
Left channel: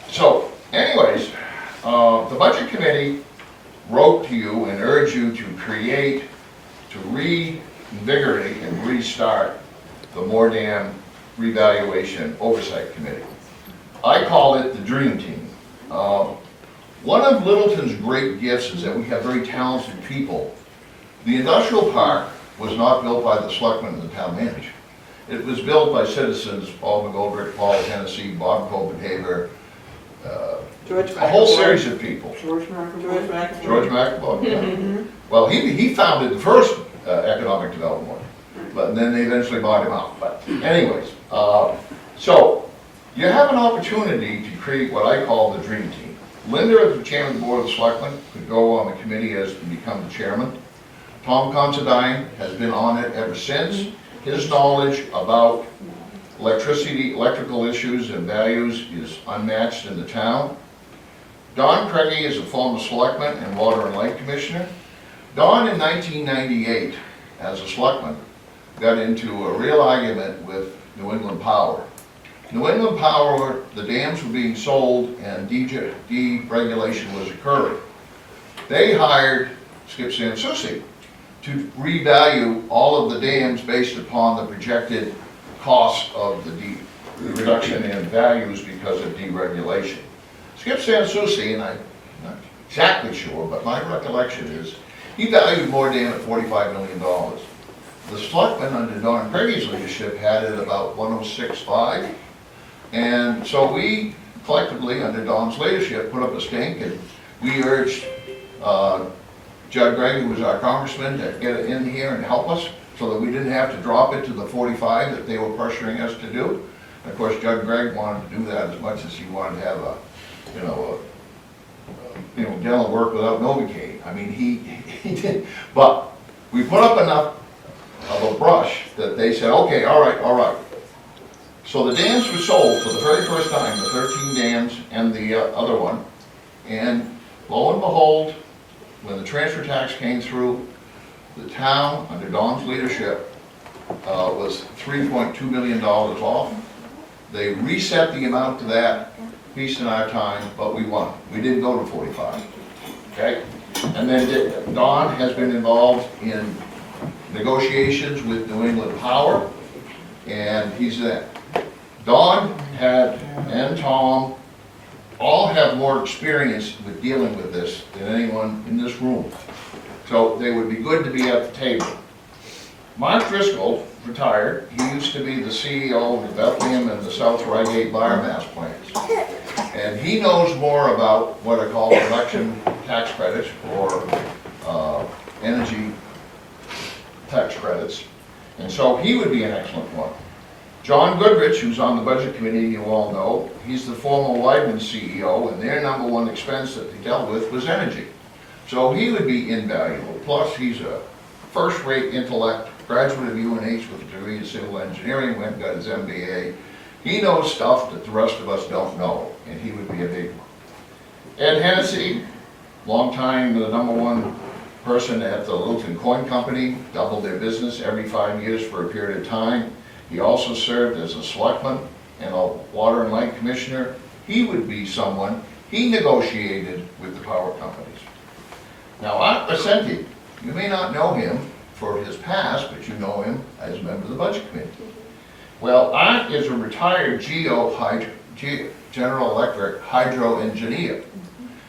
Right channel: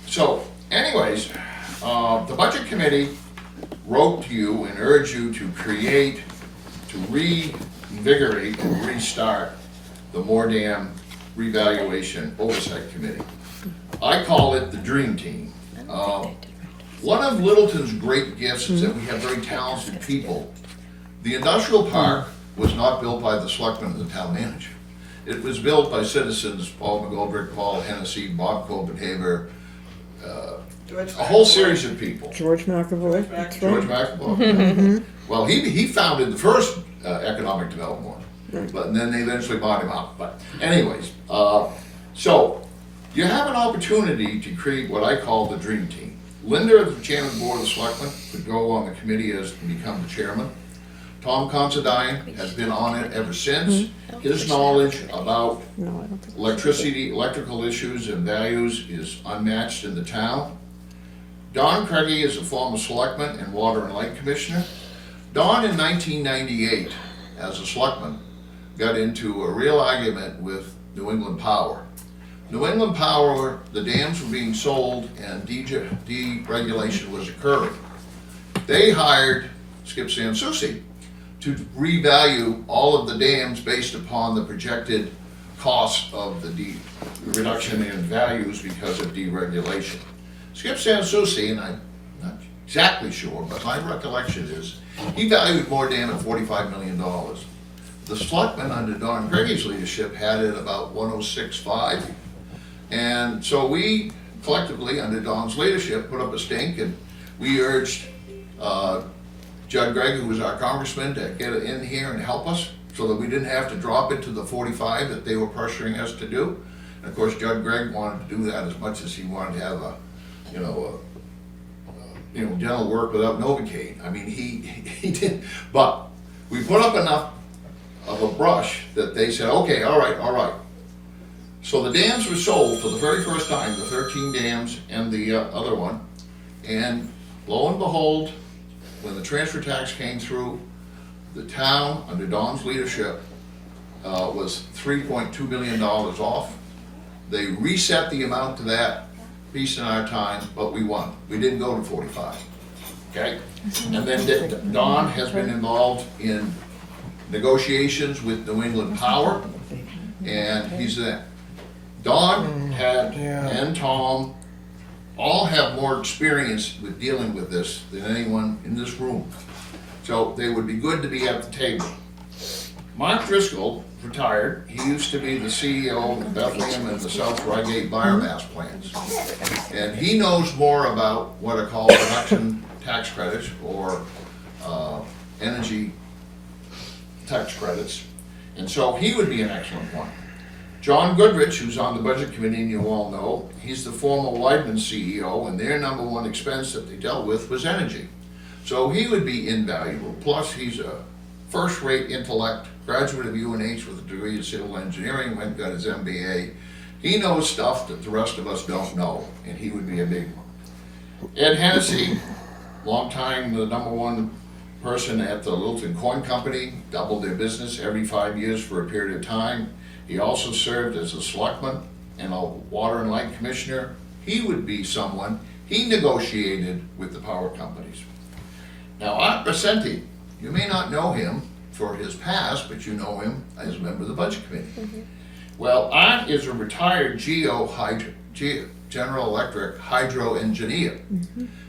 So, anyways, the budget committee wrote to you and urged you to create, to reinvigorate and restart the Moore Dam Revaluation Oversight Committee. I call it the Dream Team. One of Littleton's great gifts is that we have very talented people. The industrial park was not built by the selectmen and the town manager. It was built by citizens, Paul McGoldrick, Paul Hennessy, Bob Copenhaver, a whole series of people. George McAvoy. George McAvoy. Well, he founded the first economic development one, but then they eventually bought him out. But anyways, so you have an opportunity to create what I call the dream team. Linda, as the chairman of the Board of Selectmen, could go on the committee as to become the chairman. Tom Considine has been on it ever since. His knowledge about electrical issues and values is unmatched in the town. Don Craigie is a former selectman and water and light commissioner. Don, in 1998, as a selectman, got into a real argument with New England Power. New England Power, the dams were being sold and deregulation was occurring. They hired Skip Sansucci to revalue all of the dams based upon the projected cost of the reduction in values because of deregulation. Skip Sansucci, and I'm not exactly sure, but my recollection is, he valued Moore Dam at $45 million. The selectmen under Don Craigie's leadership had it about 106.5. And so we collectively, under Don's leadership, put up a stink, and we urged Judd Gregg, who was our congressman, to get it in here and help us so that we didn't have to drop it to the 45 that they were pressuring us to do. And of course, Judd Gregg wanted to do that as much as he wanted to have a dental work without Novocaine. I mean, he did, but we put up enough of a brush that they said, okay, all right. So the dams were sold for the very first time, the 13 dams and the other one, and lo and behold, when the transfer tax came through, the town, under Don's leadership, was $3.2 million off. They reset the amount to that piece in our time, but we won. We didn't go to 45, okay? And then Don has been involved in negotiations with New England Power, and he's there. Don and Tom all have more experience with dealing with this than anyone in this room. So they would be good to be at the table. Mark Driscoll retired. He used to be the CEO of the Bethlehem and the South Reigate biomass plants. And he knows more about what are called production tax credits or energy tax credits. And so he would be an excellent one. John Goodrich, who's on the budget committee, you all know, he's the former Weidman CEO, and their number one expense that they dealt with was energy. So he would be invaluable. Plus, he's a first-rate intellect, graduate of UNH with a degree in civil engineering, went and got his MBA. He knows stuff that the rest of us don't know, and he would be a big one. Ed Hennessy, long time the number one person at the Littleton Coin Company, doubled their business every 5 years for a period of time. He also served as a selectman and a water and light commissioner. He would be someone, he negotiated with the power companies. Now, Art Resenti You may not know him for his past, but you know him as a member of the Budget Committee. Well, Art is a retired General Electric hydro engineer.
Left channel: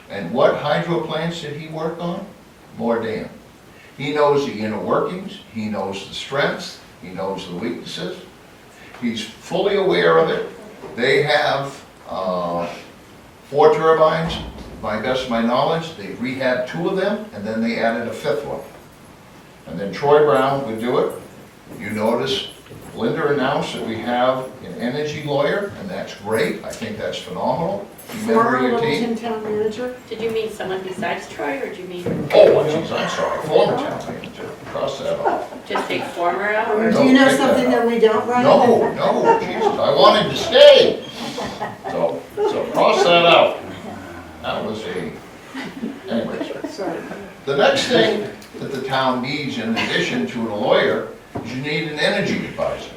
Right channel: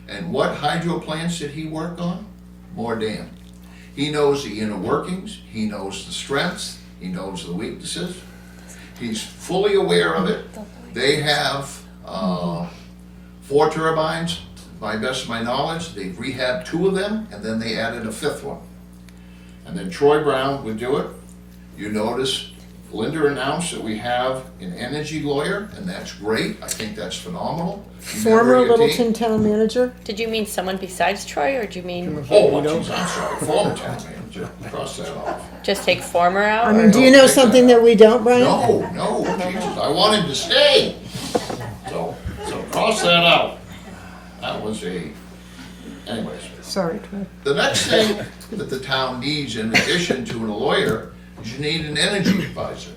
And what hydro plants did he work on? More dam. He knows the inner workings, he knows the strengths, he knows the weaknesses. He's fully aware of it. They have 4 turbines, by best of my knowledge. They rehabbed 2 of them, and then they added a 5th one. And then Troy Brown would do it. You notice Linda announced that we have an energy lawyer, and that's great. I think that's phenomenal. Former Member of your team. Littleton town manager. Did you mean someone besides Troy, or do you mean Oh, geez, I'm sorry, former town manager. Cross that off. just take former I out? mean, do you know something that we don't, Brian? No, Jesus, I wanted to stay. So cross that out. That was anyways. Sorry. The next thing that the town needs, in addition to a lawyer, is you need an energy advisor.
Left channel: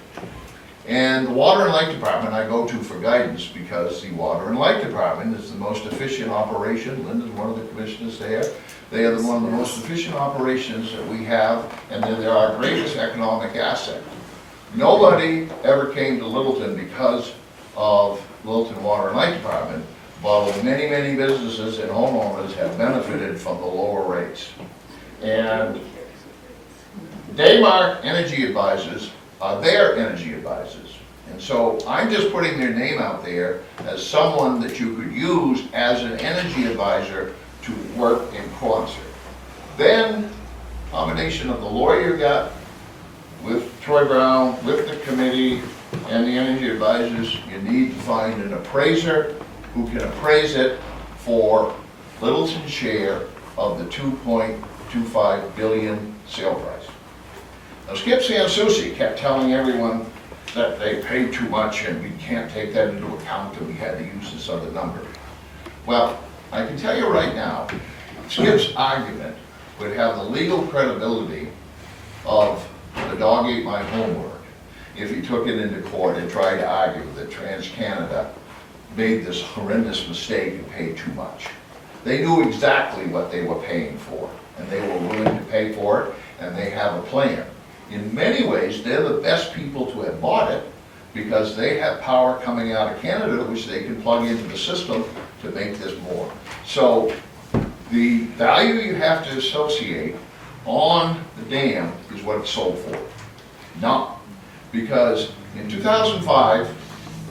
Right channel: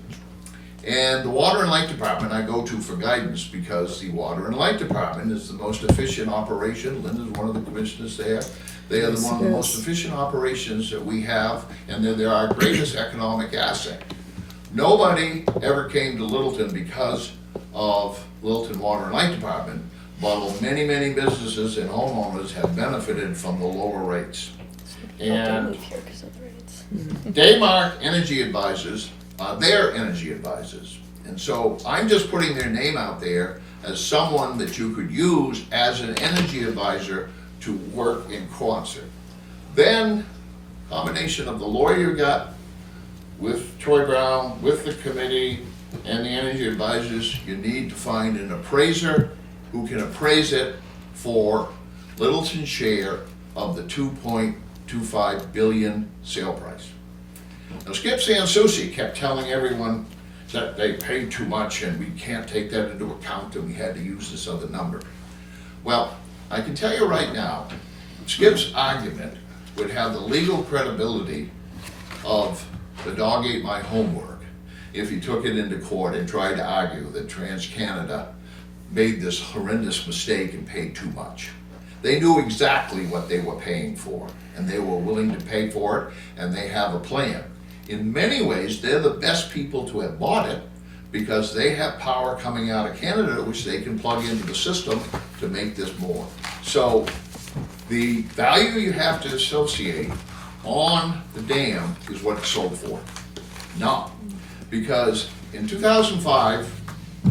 And the Water and Light Department I go to for guidance, because the Water and Light Department is the most efficient operation. Linda's one of the commissioners there. They are one of the most efficient operations that we have, and they're our greatest economic asset. Nobody ever came to Littleton because of Littleton Water and Light Department, while many, many businesses and homeowners have benefited from the lower rates. And Daymark Energy Advisors are their energy advisors. And so I'm just putting their name out there as someone that you could use as an energy advisor to work in concert. Then, combination of the lawyer got with Troy Brown, with the committee, and the energy advisors, you need to find an appraiser who can appraise it for Littleton's share of the 2.25 billion sale price. Now, Skip Sansucci kept telling everyone that they paid too much and we can't take that into account and we had to use this other number. Well, I can tell you right now, Skip's argument would have the legal credibility of the dog ate my homework if he took it into court and tried to argue that TransCanada made this horrendous mistake and paid too much. They knew exactly what they were paying for, and they were willing to pay for it, and they have a plan. In many ways, they're the best people to have bought it, because they have power coming out of Canada, which they can plug into the system to make this more. So the value you have to associate on the dam is what it's sold for. Not, because in 2005,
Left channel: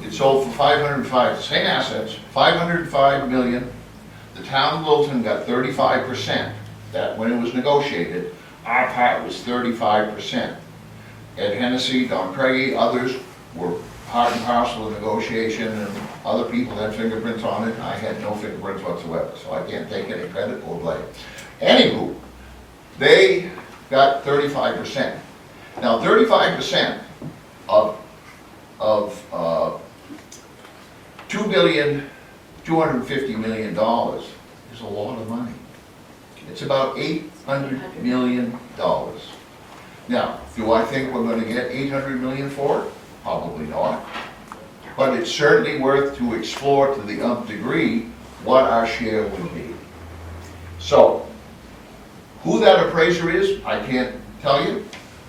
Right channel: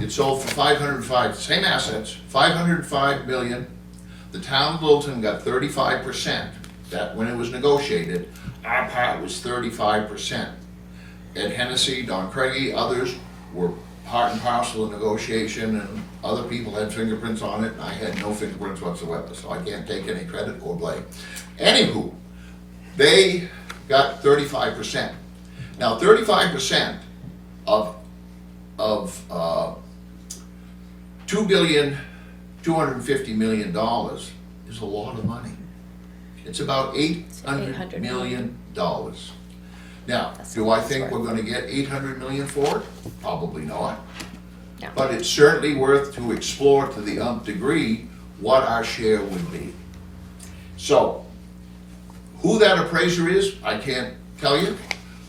it sold for 505, same assets, 505 million. The town of Littleton got 35%. That, when it was negotiated, our part was 35%. Ed Hennessy, Don Craigie, others were part and parcel of negotiation, and other people had fingerprints on it. I had no fingerprints whatsoever, so I can't take any credit or blame. Anywho, they got 35%. Now, 35% of $2.25 billion is a lot of money. It's about $800 million. Now, do I think we're gonna get $800 million for it? Probably not. No. But it's certainly worth to explore to the nth degree what our share would be. So, who that appraiser is, I can't tell you.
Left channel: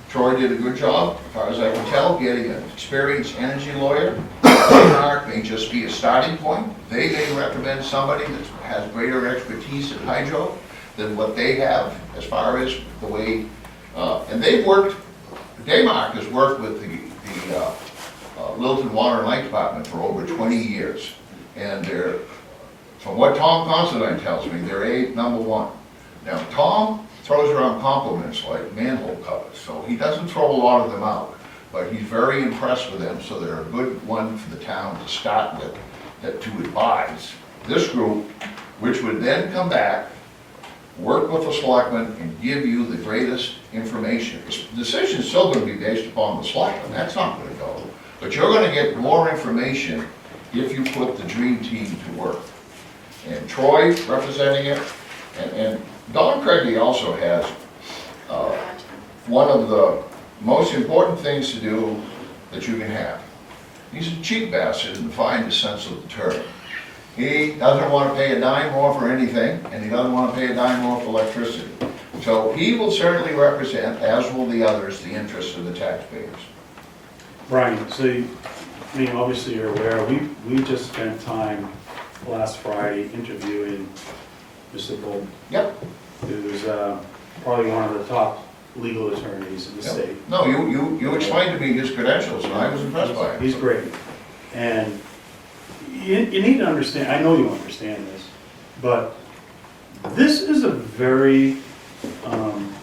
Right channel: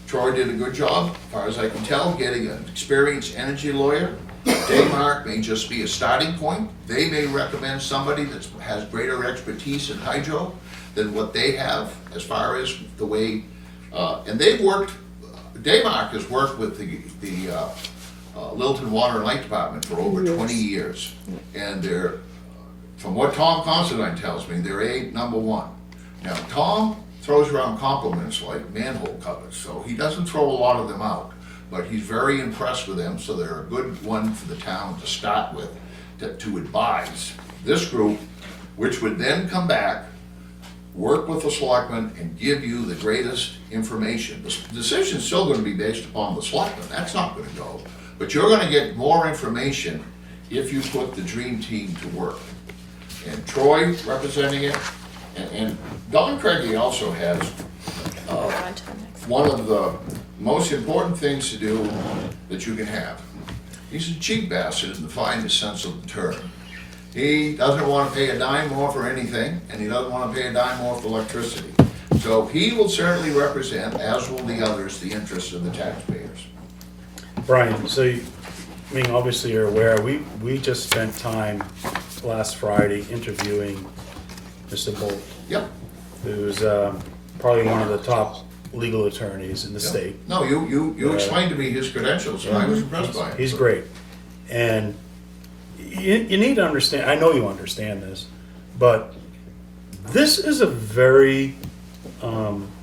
Troy did a good job, as far as I can tell, getting an experienced energy lawyer. Denmark may just be a starting point. They may recommend somebody that has greater expertise in hydro than what they have, as far as the way, and they've worked, Denmark has worked with the Littleton Water and Light Department for over 20 years. And they're, from what Tom Considine tells me, they're #1. Now, Tom throws around compliments like manhole covers, so he doesn't throw a lot of them out, but he's very impressed with them, so they're a good one for the town to start with, to advise this group, which would then come back, work with the selectmen, and give you the greatest information. The decision's still gonna be based upon the selectmen, that's not gonna go, but you're gonna get more information if you put the dream team to work. And Troy representing it, and Don Craigie also has one of the most important things to do that you can have. He's a cheap bastard in the finest sense of the term. He doesn't want to pay a dime more for anything, and he doesn't want to pay a dime more for electricity. So he will certainly represent, as will the others, the interests of the taxpayers. Brian, so you, I mean, obviously you're aware, we just spent time last Friday interviewing Mr. Bolt, Yep. who's probably one of the top legal attorneys in the Yep. state. No, you explained to me his credentials, and I was impressed by him. He's great. And you need to understand, I know you understand this, but this is a very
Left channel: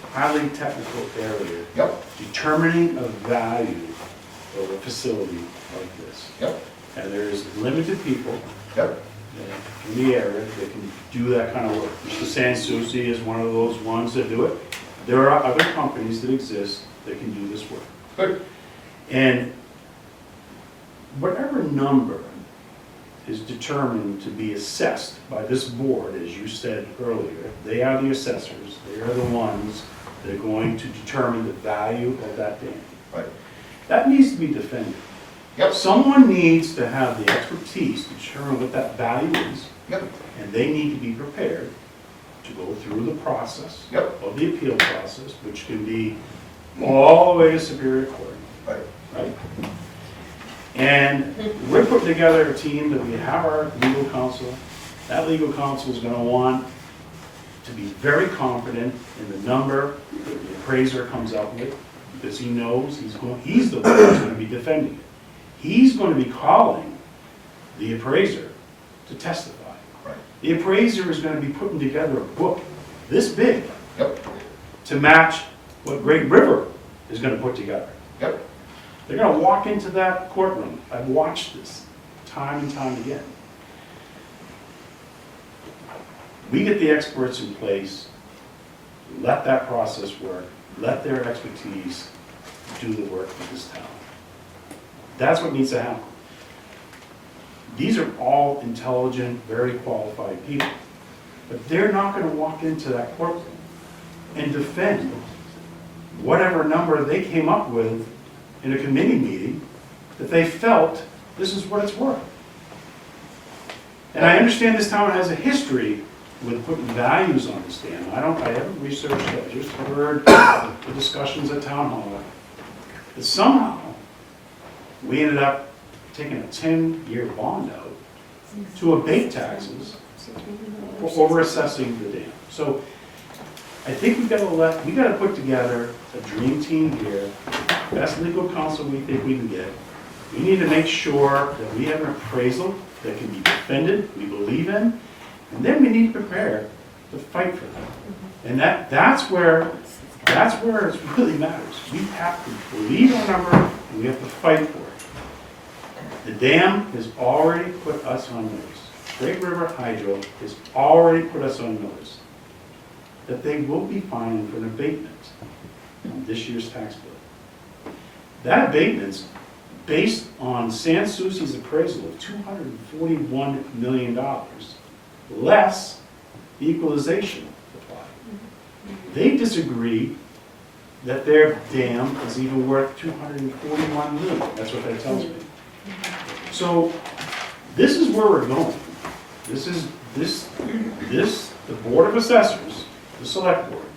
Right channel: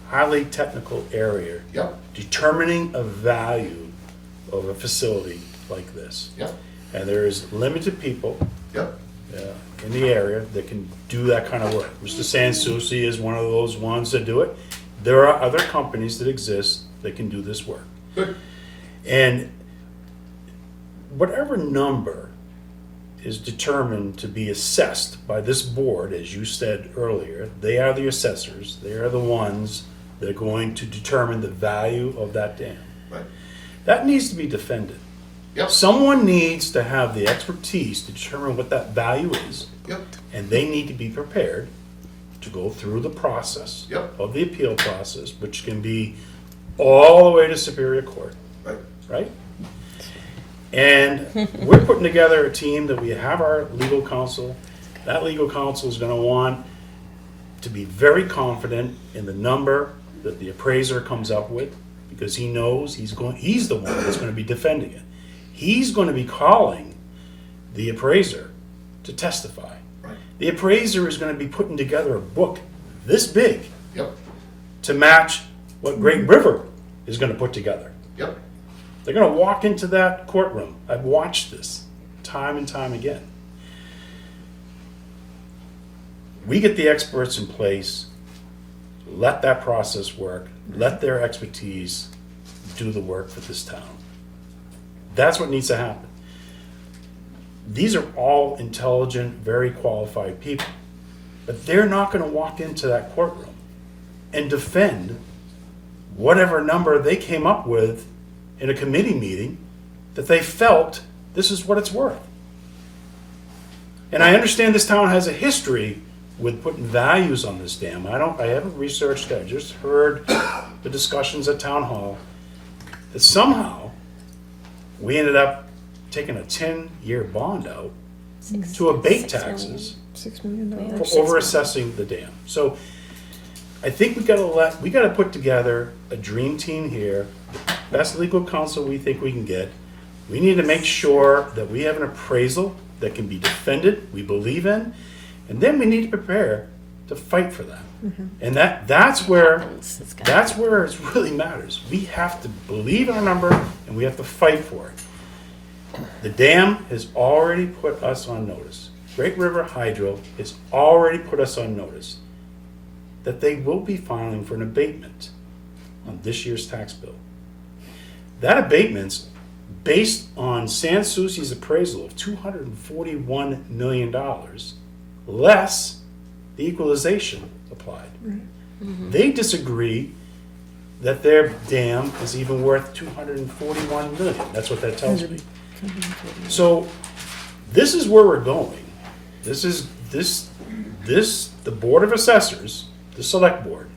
highly technical area. Yep, Determining a value of a facility like this. yep, And there's limited people yep, in the area that can do that kind of work. Mr. Sansucci is one of those ones that do it. There are other companies that exist that can do this work. good, And whatever number is determined to be assessed by this board, as you said earlier, they are the assessors, they are the ones that are going to determine the value of that dam. right, That needs to be defended. yep, Someone needs to have the expertise to determine what that value is, yep, and they need to be prepared to go through the process yep, of the appeal process, which can be all the way to Superior Court, right, right? And we're putting together a team that we have our legal counsel. That legal counsel is gonna want to be very confident in the number that the appraiser comes up with, because he knows he's the one that's gonna be defending it. He's gonna be calling the appraiser to testify. right, The appraiser is gonna be putting together a book this big yep, to match what Great River is gonna put together. yep, They're gonna walk into that courtroom. I've watched this time and time again. We get the experts in place, let that process work, let their expertise do the work for this town. That's what needs to happen. These are all intelligent, very qualified people, but they're not gonna walk into that courtroom and defend whatever number they came up with in a committee meeting that they felt this is what it's worth. And I understand this town has a history with putting values on this dam. I haven't researched it, I just heard the discussions at town hall. That somehow, we ended up taking a 10-year bond out to abate taxes $6 million. for over-assessing the dam. So I think we gotta put together a dream team here, best legal counsel we think we can get. We need to make sure that we have an appraisal that can be defended, we believe in, and then we need to prepare to fight for that. And that's where it really matters. We have to believe in a number and we have to fight for it. The dam has already put us on notice. Great River Hydro has already put us on notice that they will be filing for an abatement on this year's tax bill. That abatement's based on Sansucci's appraisal of $241 million, less the equalization applied. They disagree that their dam is even worth $241 million. That's what that tells me. So this is where we're going. The Board of Assessors, the Select Board,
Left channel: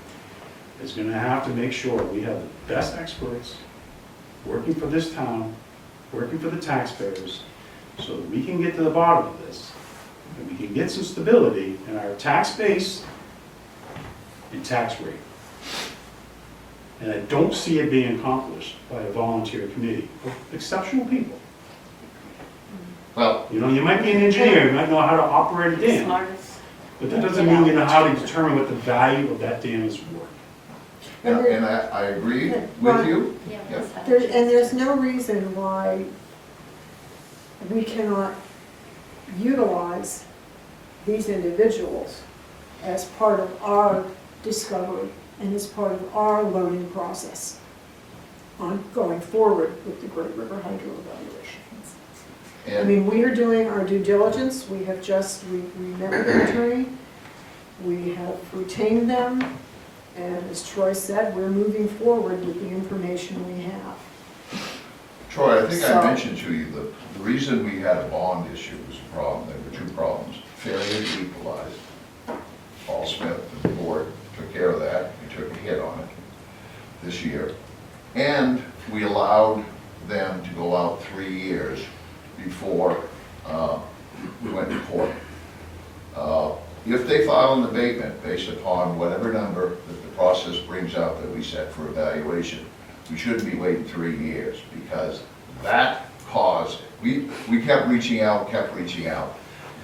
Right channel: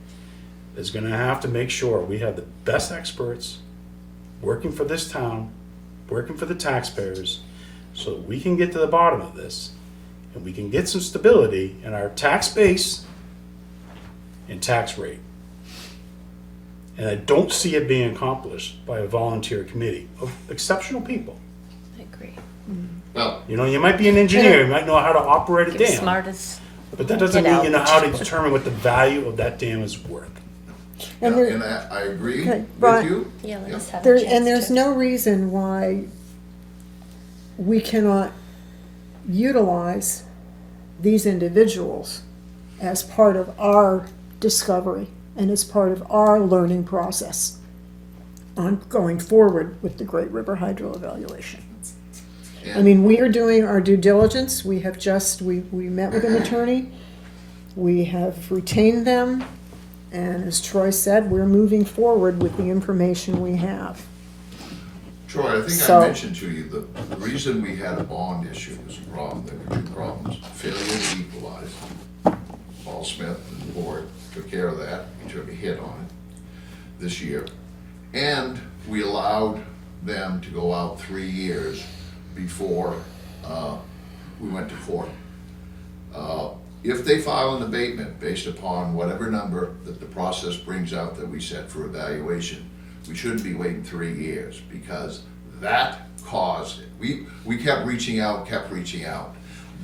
is gonna have to make sure we have the best experts working for this town, working for the taxpayers, so that we can get to the bottom of this, and we can get some stability in our tax base and tax rate. And I don't see it being accomplished by a volunteer committee of exceptional people. now, You know, you might be an engineer, you might know how to operate a dam, Smart as, but that doesn't mean you know how to determine what the value of that dam is worth. And yeah, there- and I agree But, with Brian, you. yeah, Yeah. let's have a There, chance and there's to- no reason why we cannot utilize these individuals as part of our discovery and as part of our learning process on going forward with the Great River Hydro evaluation. I And- mean, we are doing our due diligence, we have just, we met with their attorney, we have retained them, and as Troy said, we're moving forward with the information we have. Troy, I think So- I mentioned to you, the reason we had a bond issue was a problem, there were two problems. Failure to equalize. Paul Smith and the board took care of that, we took a hit on it this year. And we allowed them to go out 3 years before we went to court. If they file an abatement based upon whatever number that the process brings out that we set for evaluation, we shouldn't be waiting 3 years, because that caused, we kept reaching out.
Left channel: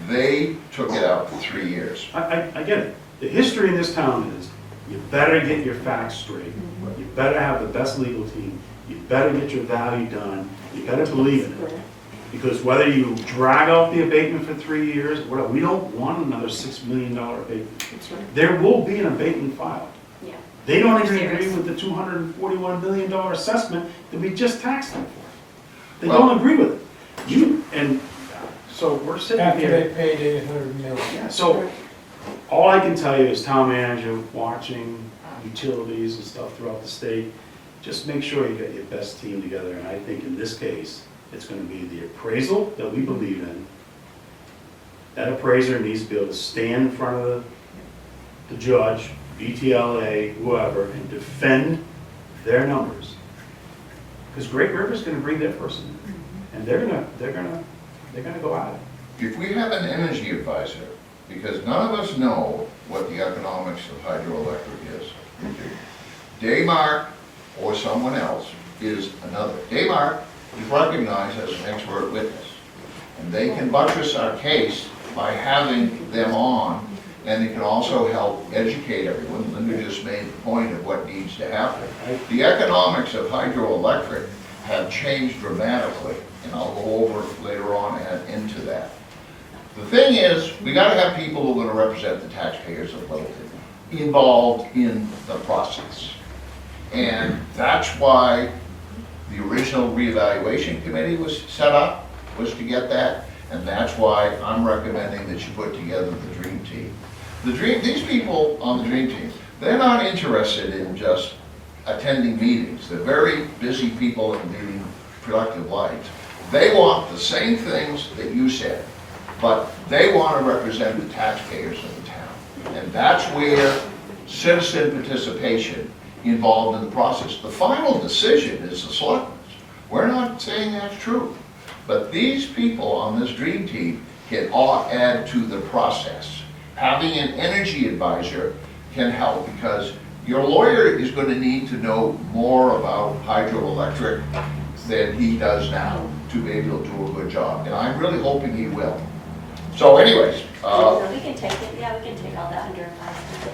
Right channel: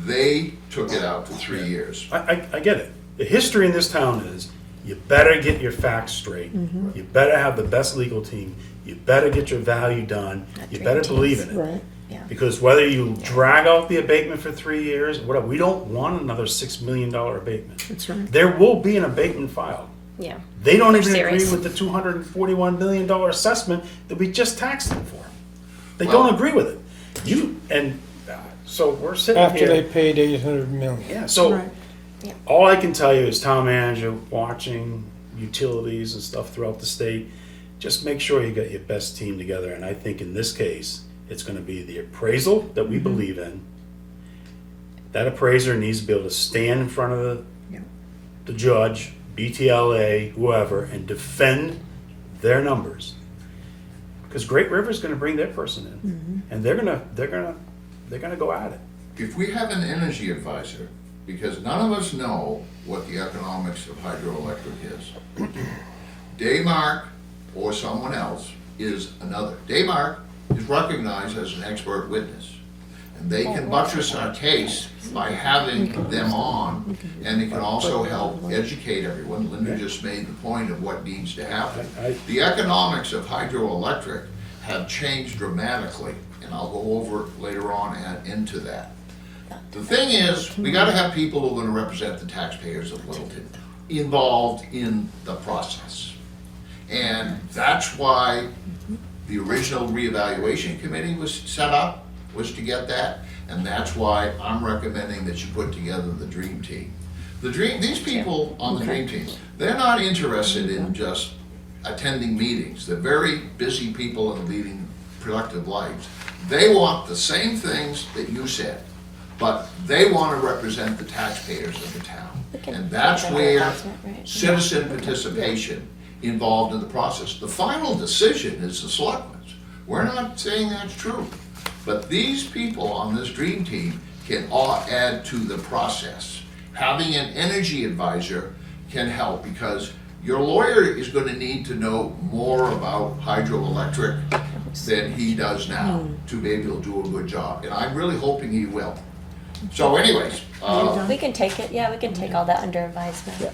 They took it out for 3 years. I get it. The history in this town is, you better get your facts straight. You better have the best legal team. You better get your value done. You better believe in it. Right. Because whether you drag out the abatement for 3 years, or whatever, we don't want another $6 million abatement. That's right. There will be an abatement filed. Yeah. They don't They're even agree serious. with the $241 million assessment that we just taxed them for. They don't agree with it. So we're sitting After they here. paid 800 million. Yeah, so Right. all I can tell you as town manager, watching utilities and stuff throughout the state, just make sure you get your best team together. And I think in this case, it's gonna be the appraisal that we believe in. That appraiser needs to be able to stand in front of the judge, BTLA, whoever, and defend their numbers. Because Great River's gonna bring their person in, and they're gonna go at it. If we have an energy advisor, because none of us know what the economics of hydroelectric is. Daymark or someone else is another. Daymark is recognized as an expert witness, and they can buttress our case by having them on, and it can also help educate everyone. Linda just made the point of what needs to happen. The economics of hydroelectric have changed dramatically, and I'll go over later on and into that. The thing is, we gotta have people who are gonna represent the taxpayers of Littleton involved in the process. And that's why the original reevaluation committee was set up, was to get that. And that's why I'm recommending that you put together the dream team. These people on the dream team, they're not interested in just attending meetings. They're very busy people and leading productive lives. They want the same things that you said, but they want to represent the taxpayers of the town. And that's where citizen participation involved in the process. The final decision is the selectmen's. We're not saying that's true. But these people on this dream team can all add to the process. Having an energy advisor can help, because your lawyer is going to need to know more about hydroelectric than he does now to be able to do a good job. And I'm really hoping he will. So anyways, We can take it, yeah, we can take all that under advisement,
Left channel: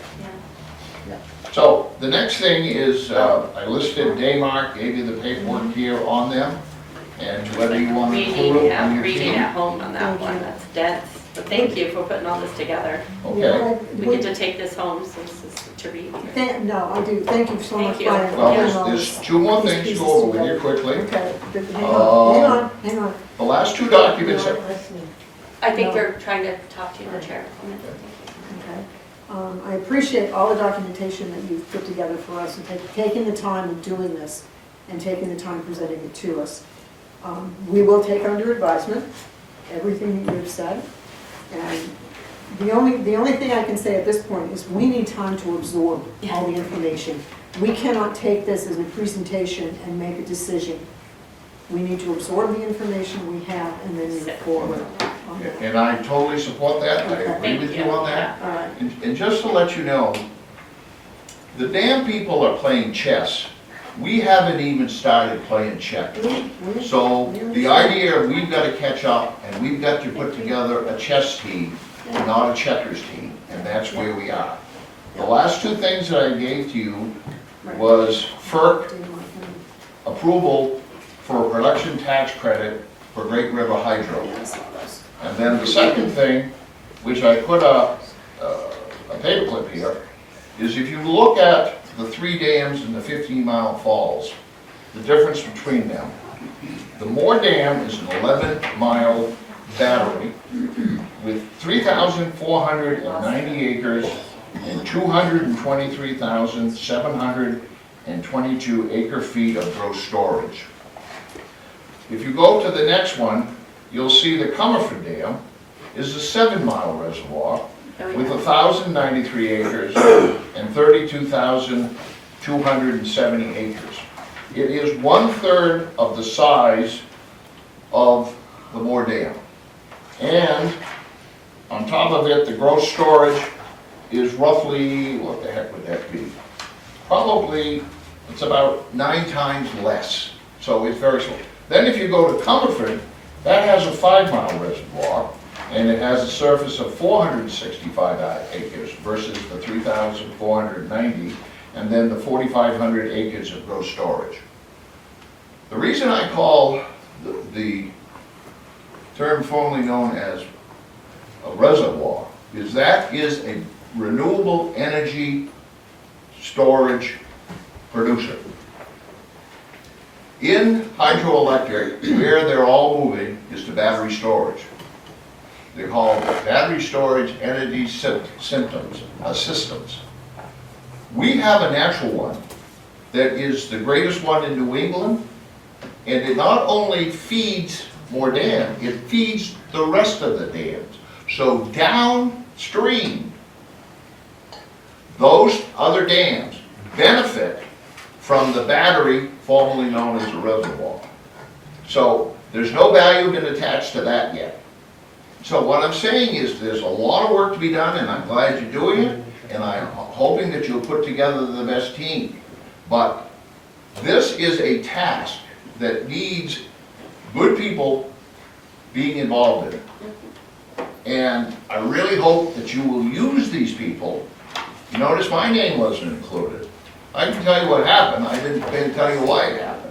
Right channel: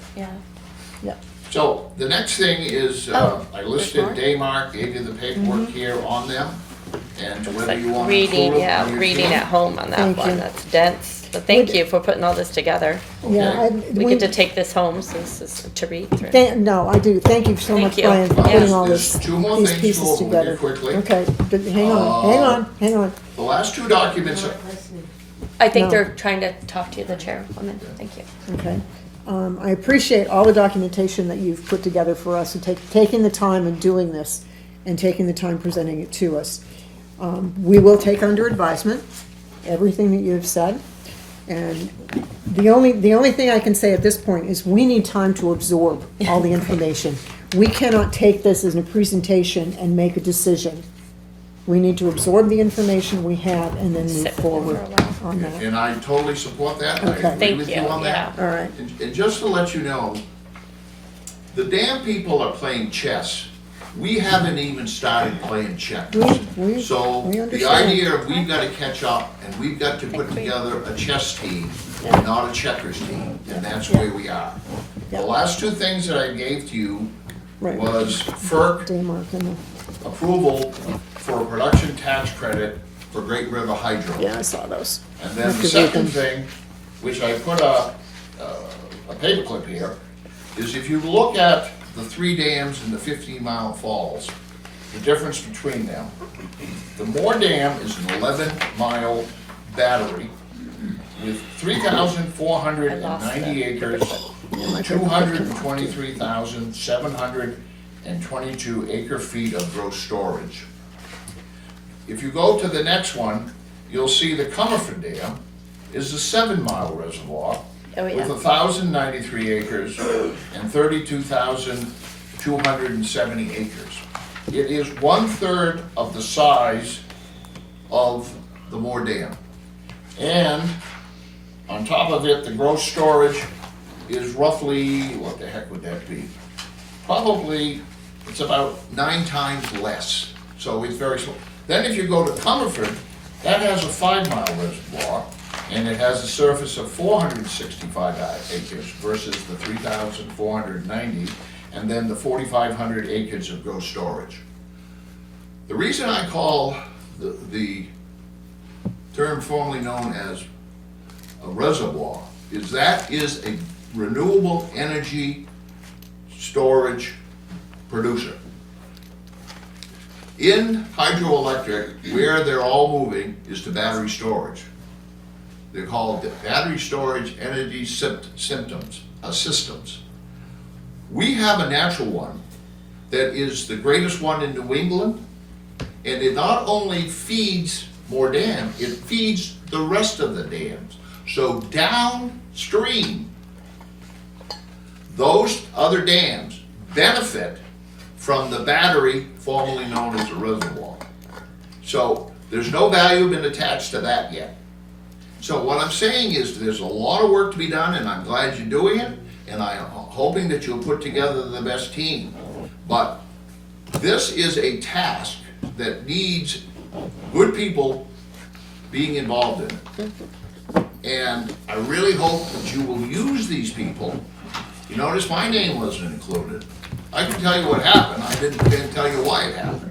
yeah. so the next thing is, I listed Daymark, gave you the paperwork here on them, and whether you want to. Reading at home on that Thank one, you. that's dense. But thank you for putting all this together. Okay. We get to take this home since it's to read through. No, I do. Thank you so Thank much, you. Brian, for putting all There's this, two more these things pieces to go over together. here quickly. Okay, but hang on. The last two documents, I think No. they're trying to talk to you, the chair, on it. Thank you. Okay. I appreciate all the documentation that you've put together for us, and taking the time and doing this, and taking the time presenting it to us. We will take under advisement everything that you've said, and the only thing I can say at this point is we need time to absorb all the information. We cannot take this as a presentation and make a decision. We need to absorb the information we have and then move Sit. forward on that. and I totally support that, I Okay. agree Thank with you, you on that. All right. And just to let you know, the damn people are playing chess. We haven't even started playing checkers. We- So we the understand. idea of we've got to catch up and we've got to put together a chess team, not a checkers team, and that's where we are. The last two things that I gave to you Right. was FERC Daymark and, approval for a production tax credit for Great River Hydro. yeah, I saw those. And then the second thing, which I put a paperclip here, is if you look at the 3 dams in the 15-mile falls, the difference between them. The Moore Dam is an 11-mile battery with 3,490 acres, 223,722 acre-feet of gross storage. If you go to the next one, you'll see the Comerford Dam is a 7-mile reservoir with 1,093 acres and 32,270 acres. It is 1/3 of the size of the Moore Dam. And on top of it, the gross storage is roughly, what the heck would that be? Probably, it's about 9 times less, so it's very small. Then if you go to Comerford, that has a 5-mile reservoir, and it has a surface of 465 acres versus the 3,490, and then the 4,500 acres of gross storage. The reason I call the term formerly known as a reservoir is that is a renewable energy storage producer. In hydroelectric, where they're all moving is to battery storage. They're called battery storage energy systems. We have a natural one that is the greatest one in New England, and it not only feeds Moore Dam, it feeds the rest of the dams. So downstream, those other dams benefit from the battery formerly known as the reservoir. So there's no value been attached to that yet. So what I'm saying is there's a lot of work to be done, and I'm glad you're doing it, and I'm hoping that you'll put together the best team. But this is a task that needs good people being involved in it. And I really hope that you will use these people. You notice my name wasn't included. I can tell you what happened, I didn't tell you why it happened.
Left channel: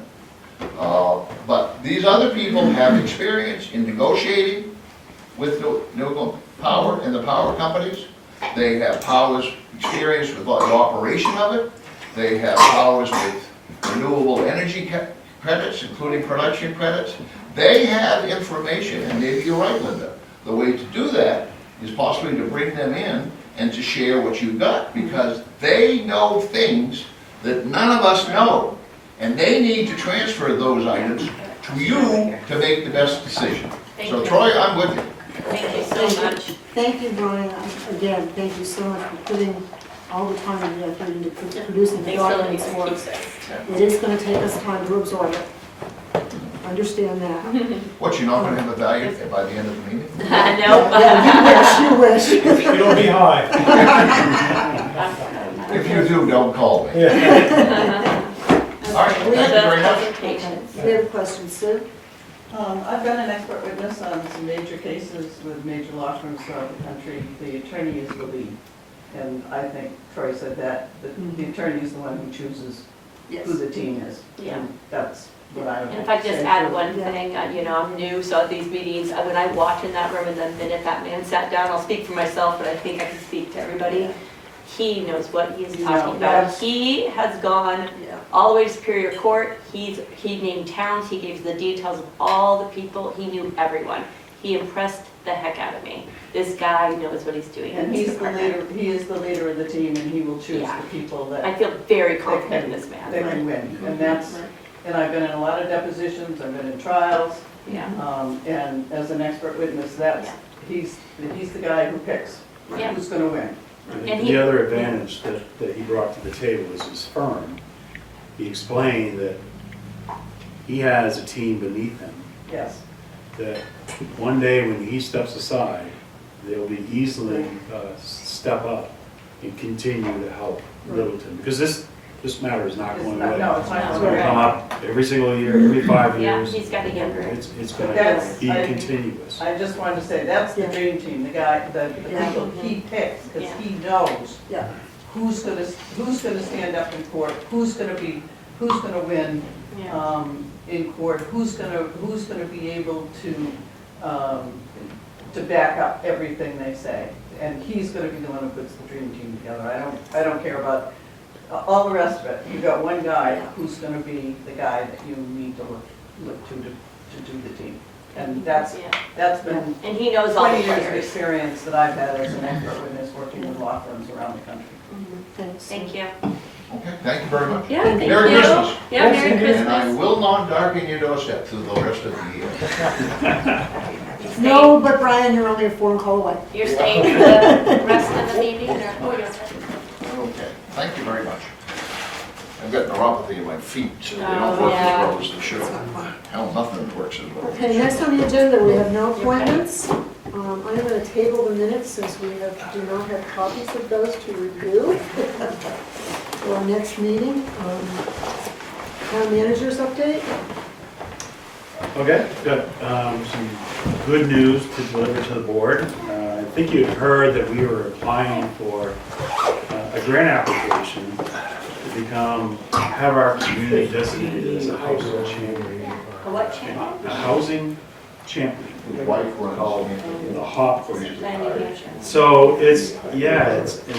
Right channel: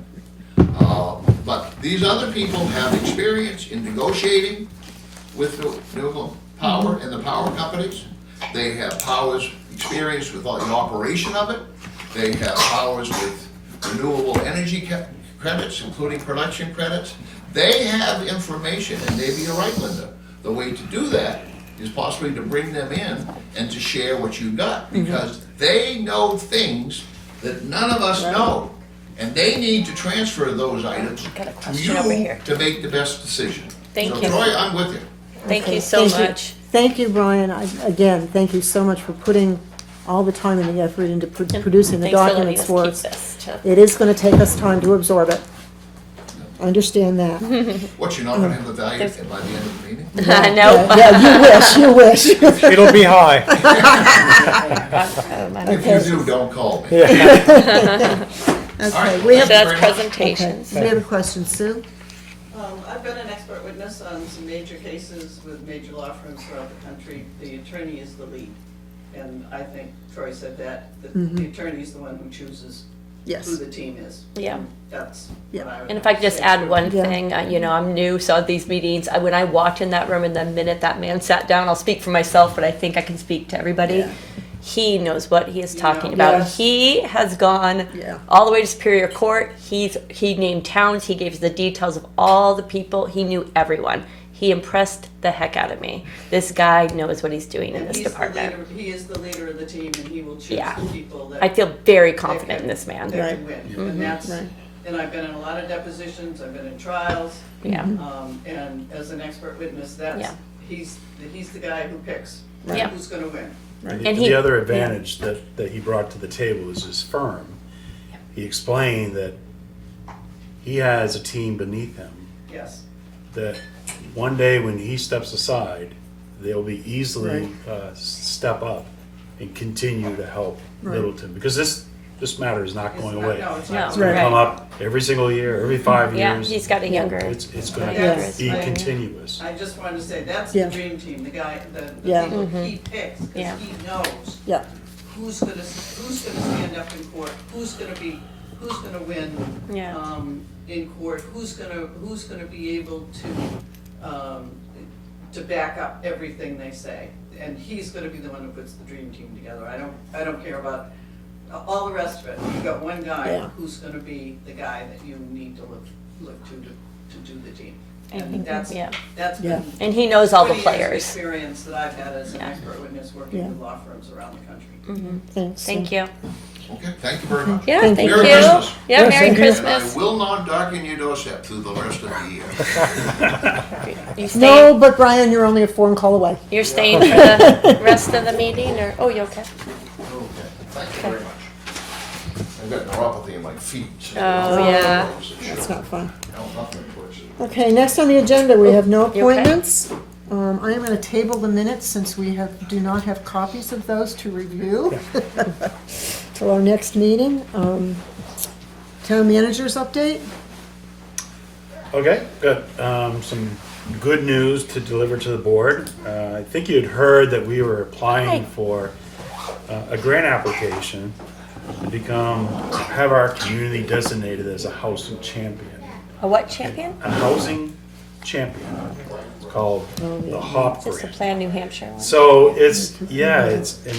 But these other people have experience in negotiating with renewable power and the power companies. They have experience with the operation of it. They have powers with renewable energy credits, including production credits. They have information, and maybe you're right, Linda. The way to do that is possibly to bring them in and to share what you got, because they know things that none of us know. And they need to transfer those items to you to make the best decision. Thank So you. Troy, I'm with you. Thank you so Thank you. much. Thank you, Brian. Again, thank you so much for putting all the time and the effort into producing the Thanks for letting documents us for keep us. this. It is going to take us time to absorb it. Understand that. What, you're not gonna have the value by the end of the meeting? No. Yeah, you wish. It'll be high. If you do, don't call me. Okay, we have, That's very much. presentation. we have a question. Sue? I've been an expert witness on some major cases with major law firms throughout the country. The attorney is the lead. And I think Troy said that, the attorney is the one who chooses who Yes. the team is. Yeah. And that's what I would And if I could just say. add one Yeah. thing, I'm new, so at these meetings, when I walked in that room and the minute that man sat down, I'll speak for myself, but I think I can speak to everybody. Yeah. He knows what he is talking Yeah. about. Yes. He has gone Yeah. all the way to Superior Court. He named towns. He gave the details of all the people. He knew everyone. He impressed the heck out of me. This guy knows what he's doing in And this he's the department. leader, he is the leader of the team, and he will choose Yeah. the people I that, feel very confident in this man. that can win. And that's, Right. and I've been in a lot of depositions, I've been in trials, Yeah. and as an expert witness, that's, Yeah. he's the guy who picks Yeah. who's gonna win. And The he- other advantage that he brought to the table is his firm. He explained that he has a team beneath him, Yes. that one day when he steps aside, they'll be easily step up and continue to help Right. Littleton. Because this matter is not going away. No, it's No. not. It's gonna Right. come up every single year, every 5 Yeah, years. he's got a younger. It's gonna That's- be I- continuous. I just wanted to say, that's the Yeah. dream team, the guy, the Yeah. people he picks, Yeah. because he knows Yeah. who's gonna stand up in court, who's gonna win, Yeah. in court, who's gonna be able to back up everything they say. And he's gonna be the one who puts the dream team together. I don't care about all the rest of it. You've got one guy Yeah. who's gonna be the guy that you need to look to do the team. And And that's yeah. been And he knows all the 20 years of players. experience that I've had as an Yeah. expert witness working Yeah. with law firms around the country. Mhm. Thanks. Thank you. Okay, thank you very much. Yeah, thank you. Merry Christmas. Yeah, Merry And I Christmas. will not darken your doorstep through the rest of the year. You staying, No, but Brian, you're only a phone call away. you're staying for the rest of the meeting, or, oh, you're okay. Okay, thank you very much. I've got neuropathy in my feet, so they Oh, don't work yeah. as they should. It's not fun. Hell, nothing works as well. Okay, next on the agenda, we have no You okay? appointments. I am gonna table the minutes since we do not have copies of those to review. For our next meeting. Town manager's update? Okay, got some good news to deliver to the board. I think you'd heard that we were applying for a grant application to have our community designated as a housing champion. A what champion? A housing champion. It's called the HOP This is grant. Plan New Hampshire. So and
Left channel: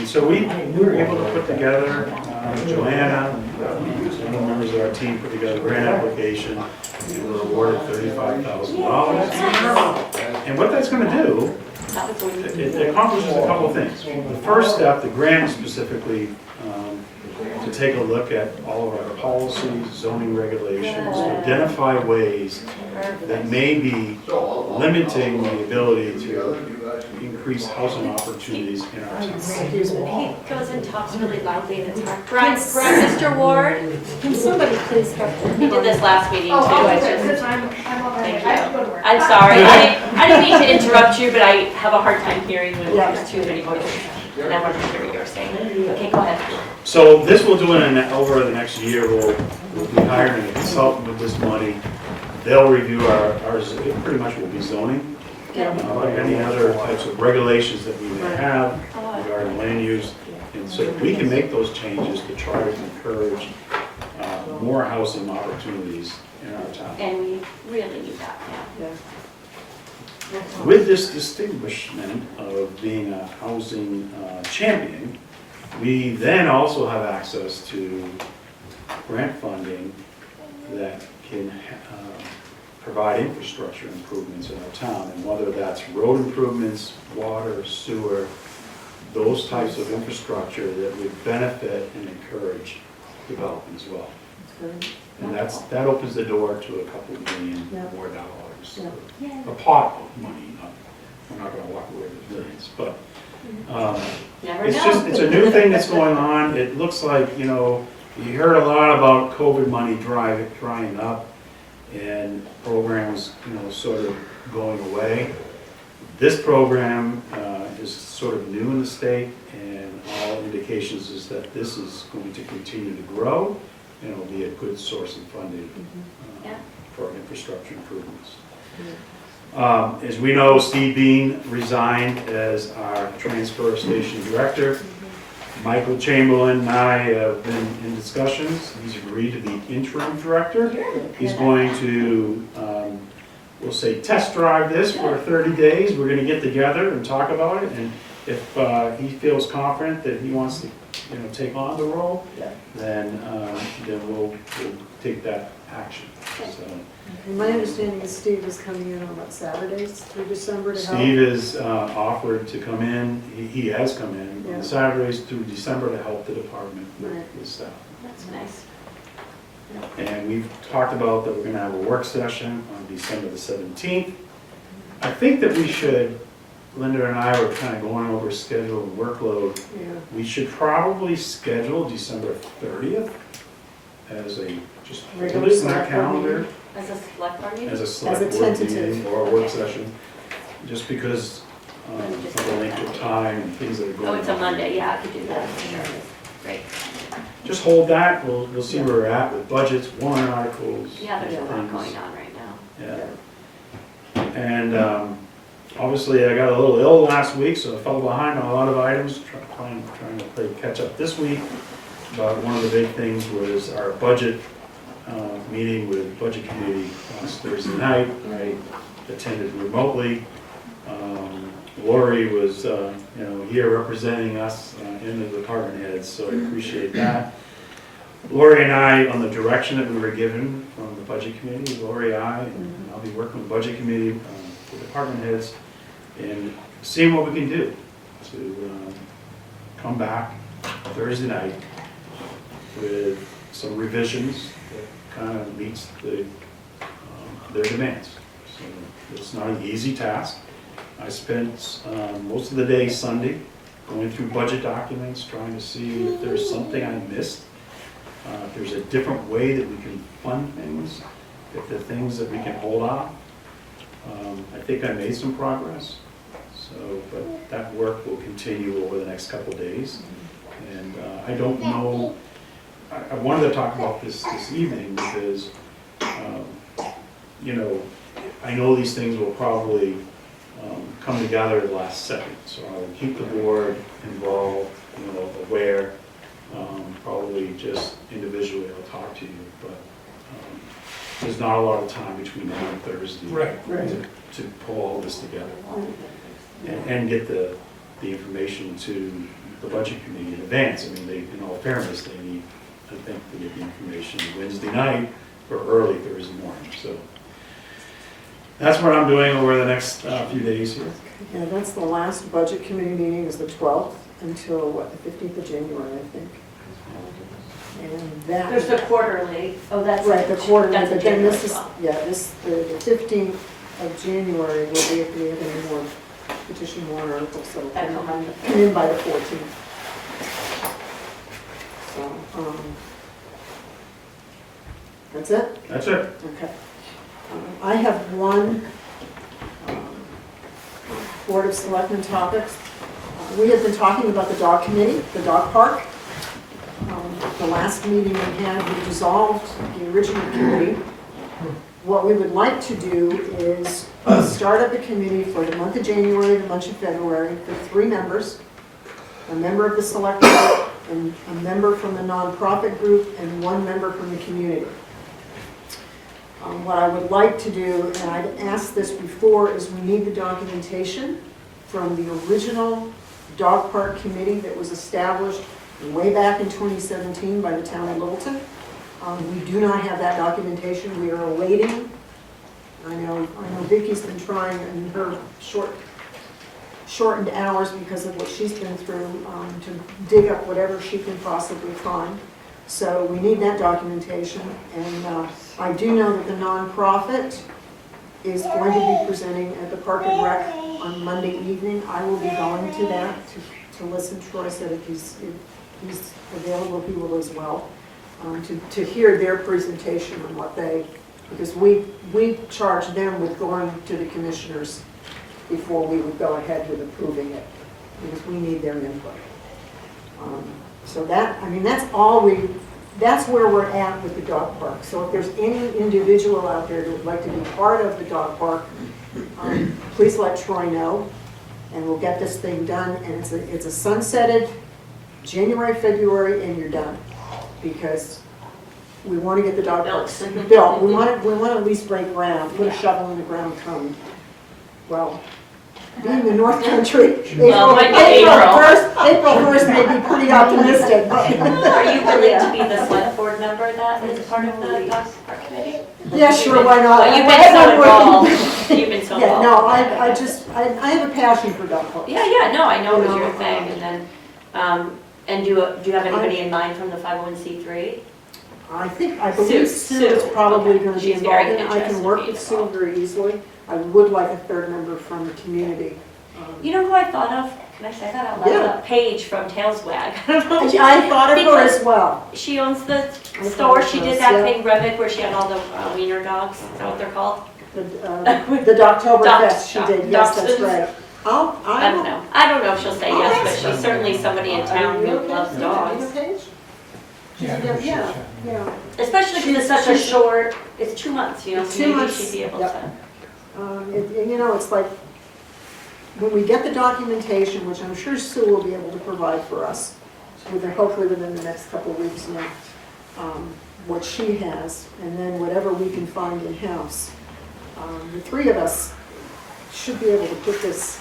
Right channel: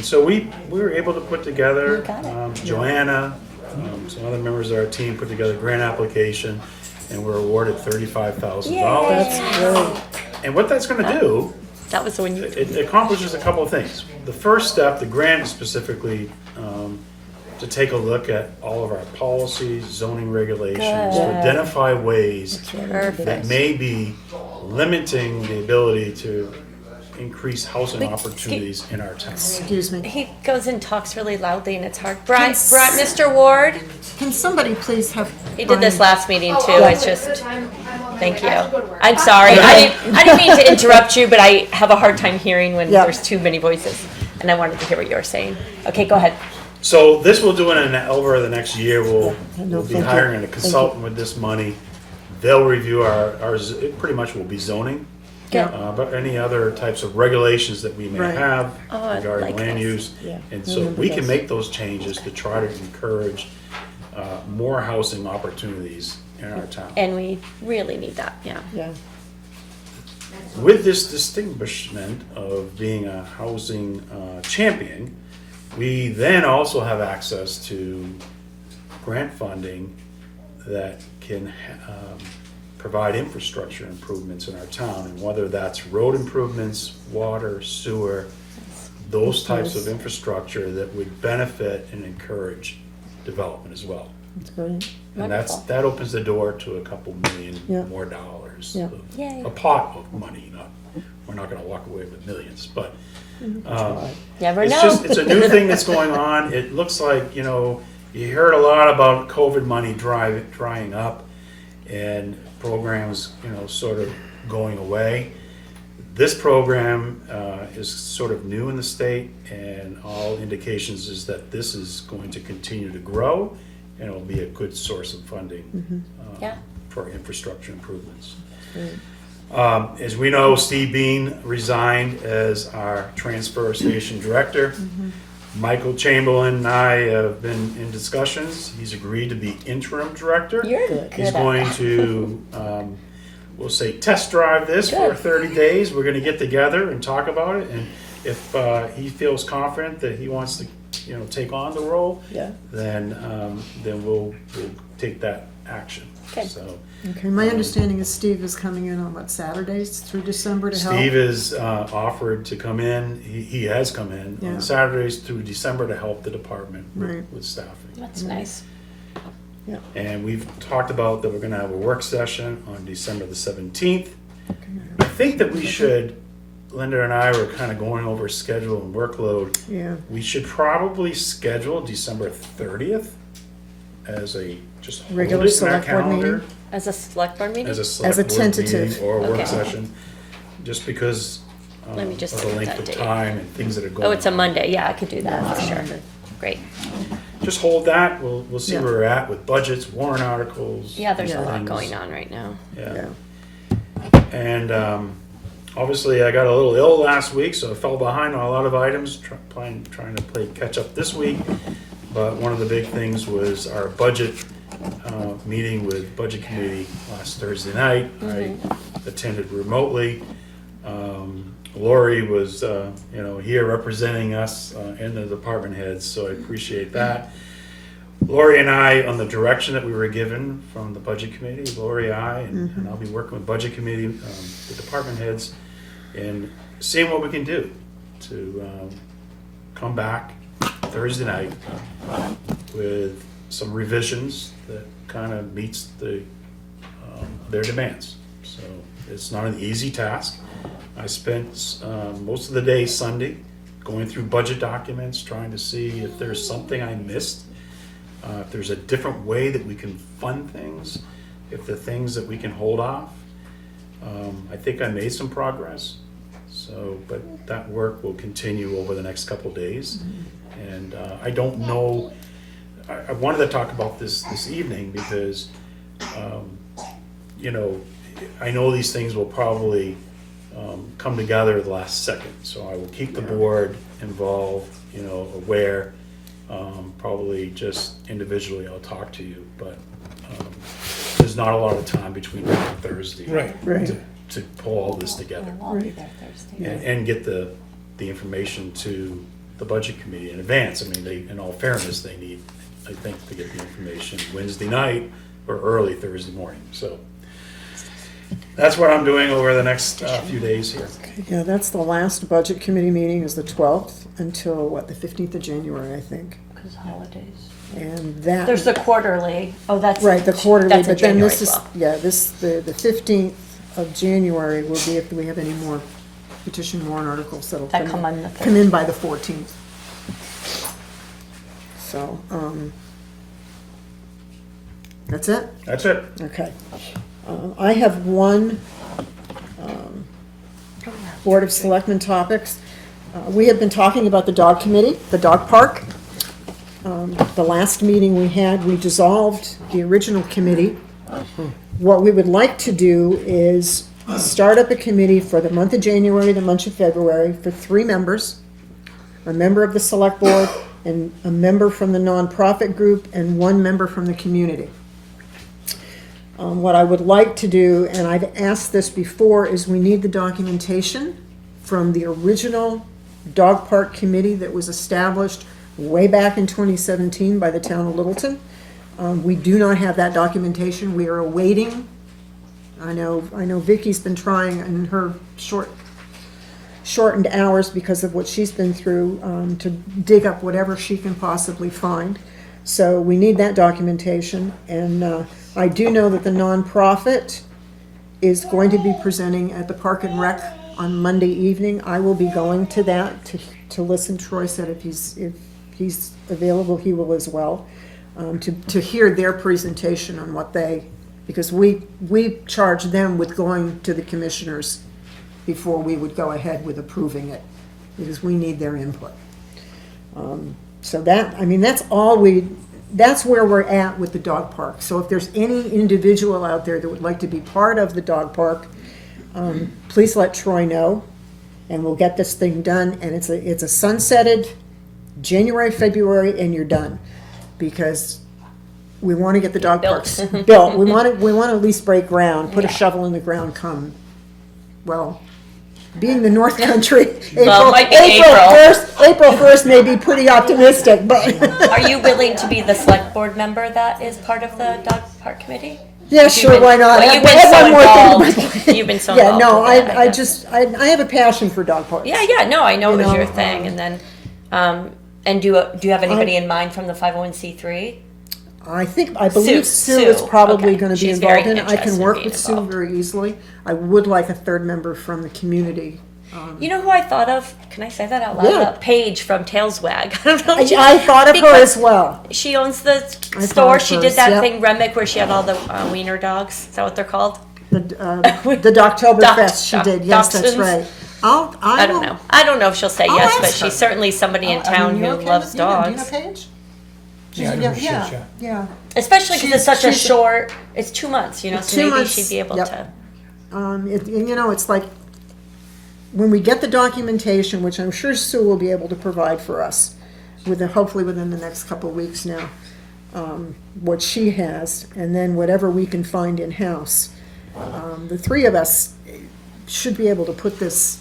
so we were able to put together, Joanna, some other members of our team put together a grant application, and we're awarded $35,000. And what that's gonna do, That was the one you it accomplishes a couple of things. The first step, the grant is specifically to take a look at all of our policies, zoning regulations, to identify ways that Perfect. may be limiting the ability to increase housing opportunities in our town. Excuse me. He goes and talks really loudly and it's hard. Mr. Ward, Can somebody please have? he did this last meeting too, Oh, it's good just, time. I'm on my thank way. you. I have to go to work. I'm sorry, I didn't mean to interrupt you, but I have a hard time hearing when Yeah. there's too many voices. And I wanted to hear what you were saying. Okay, go ahead. So this will do over the next year, we'll be hiring a consultant with this money. They'll review it pretty much will be zoning, Good. but any other types of regulations that we may Right. have Oh, I regarding like land use. And so we can make those changes to try to encourage more housing opportunities in our town. And we really need that, yeah. Yeah. With this distinguishment of being a housing champion, we then also have access to grant funding that can provide infrastructure improvements in our town, and whether that's road improvements, water, sewer, those types of infrastructure that would benefit and encourage development as well. That's good. And that opens the door to a couple million Yeah. more dollars. Yeah. Yay. A pot of money, we're not gonna walk away with millions, but Never it's know. a new thing that's going on. It looks like, you heard a lot about COVID money drying up and programs, sort of going away. This program is sort of new in the state, and all indications is that this is going to continue to grow, and it'll be a good source of funding Yeah. for infrastructure improvements. As we know, Steve Bean resigned as our transfer station director. Michael Chamberlain and I have been in discussions. He's agreed to be interim director. You're good He's at going that. to, we'll say, test drive this for 30 days. We're gonna get together and talk about it, and if he feels confident that he wants to, take on the role, Yeah. then we'll take that action. Good. So Okay, my understanding is Steve is coming in on Saturdays through December to help? Steve is offered to come in, he has come in Yeah. on Saturdays through December to help the department Right. with staff. That's nice. And we've talked about that we're gonna have a work session on December the 17th. I think that we should, Linda and I were kind of going over schedule and workload. Yeah. We should probably schedule December 30th as a, just hold Regular it in our select board calendar. meeting? As a select board meeting? As a select board tentative. meeting or a work Okay. session, just because Let of me just the look at length that of date. time and things that are going on. Oh, it's a Monday, yeah, I could do that, for sure. Great. Just hold that, we'll see Yeah. where we're at with budgets, warrant articles. Yeah, there's a Yeah. lot things. going on right now. Yeah. And obviously, I got a little ill last week, so I fell behind on a lot of items, trying to play catch up this week. But one of the big things was our budget meeting with Budget Committee last Thursday night. I attended remotely. Lori was, here representing us and the department heads, so I appreciate that. Lori and I, on the direction that we were given from the Budget Committee, Lori, and I'll be working with Budget Committee, the department heads, and seeing what we can do to come back Thursday night with some revisions that kind of meets their demands. So it's not an easy task. I spent most of the day Sunday going through budget documents, trying to see if there's something I missed, if there's a different way that we can fund things, if there are things that we can hold off. I think I made some progress, so that work will continue over the next couple days. And I don't know, I wanted to talk about this evening because, you know, I know these things will probably come together at the last second, so I will keep the board involved, you know, aware. Probably just individually I'll talk to you, but there's not a lot of time between now and Thursday to pull all this together and get the information to the budget committee in advance. I mean, in all fairness, they need, I think, to get the information Wednesday night or early Thursday morning. So that's what I'm doing over the next few days here. Yeah, that's the last budget committee meeting is the 12th until, what, the 15th of January, I think. And that. There's the quarterly, oh, that's. Right, the quarterly, that's in but then January this as is, well. yeah, the 15th of January will be if we have any more petition warrant articles, so. That come on the Come in by the 14th. So, that's it? That's it. Okay. I have one Board of Selectmen topics. We have been talking about the dog committee, the dog park. The last meeting we had, we dissolved the original committee. What we would like to do is start up a committee for the month of January, the month of February, for 3 members, a member of the select board, and a member from the nonprofit group, and 1 member from the community. What I would like to do, and I've asked this before, is we need the documentation from the original dog park committee that was established way back in 2017 by the town of Littleton. We do not have that documentation. We are awaiting. I know Vicky's been trying in her shortened hours because of what she's been through to dig up whatever she can possibly find. So we need that documentation, and I do know that the nonprofit is going to be presenting at the Park and Rec on Monday evening. I will be going to that to listen. Troy said if he's available, he will as well, to hear their presentation on what because we charge them with going to the commissioners before we would go ahead with approving it, because we need their input. So that's where we're at with the dog park. So if there's any individual out there that would like to be part of the dog park, please let Troy know, and we'll get this thing done. And it's a sunsetted January, February, and you're done, because we want to get the dog parks built. We want to at least break ground, put a shovel in the ground, come. Well, being the North Country, Well, might be April. April 1st may be pretty optimistic, but. Are you willing to be the select board member that is part of the dog park committee? Yeah, sure, why not? Well, you've been so involved. You've been so Yeah, involved. no, I have a passion for dog parks. Yeah, no, I know it was You know, your thing, and then, and do you have anybody in mind from the 501c3? I believe Sue is Sue, probably okay. gonna be She's very involved in it. I interested can in work being with Sue involved. very easily. I would like a 3rd member from the community. You know who I thought of? Can I say that out loud? Yeah. Paige from Tailswag. I don't know. I thought of her Because as well. She owns the thought store. of She her, did that yep. thing, Remick, where she had all the wiener dogs. Is that what they're called? The Dogtoberfest she did, yes, that's Dachshunds. right. I don't know. I don't know if she'll say I'll yes, but ask her. she's certainly somebody in town who loves dogs. Yeah. Especially because it's such a she's- short, it's 2 months, you know, so 2 maybe months, she'd be able yep. to. It's like, when we get the documentation, which I'm sure Sue will be able to provide for us, hopefully within the next couple of weeks now, what she has, and then whatever we can find in-house. The 3 of us should be able to put this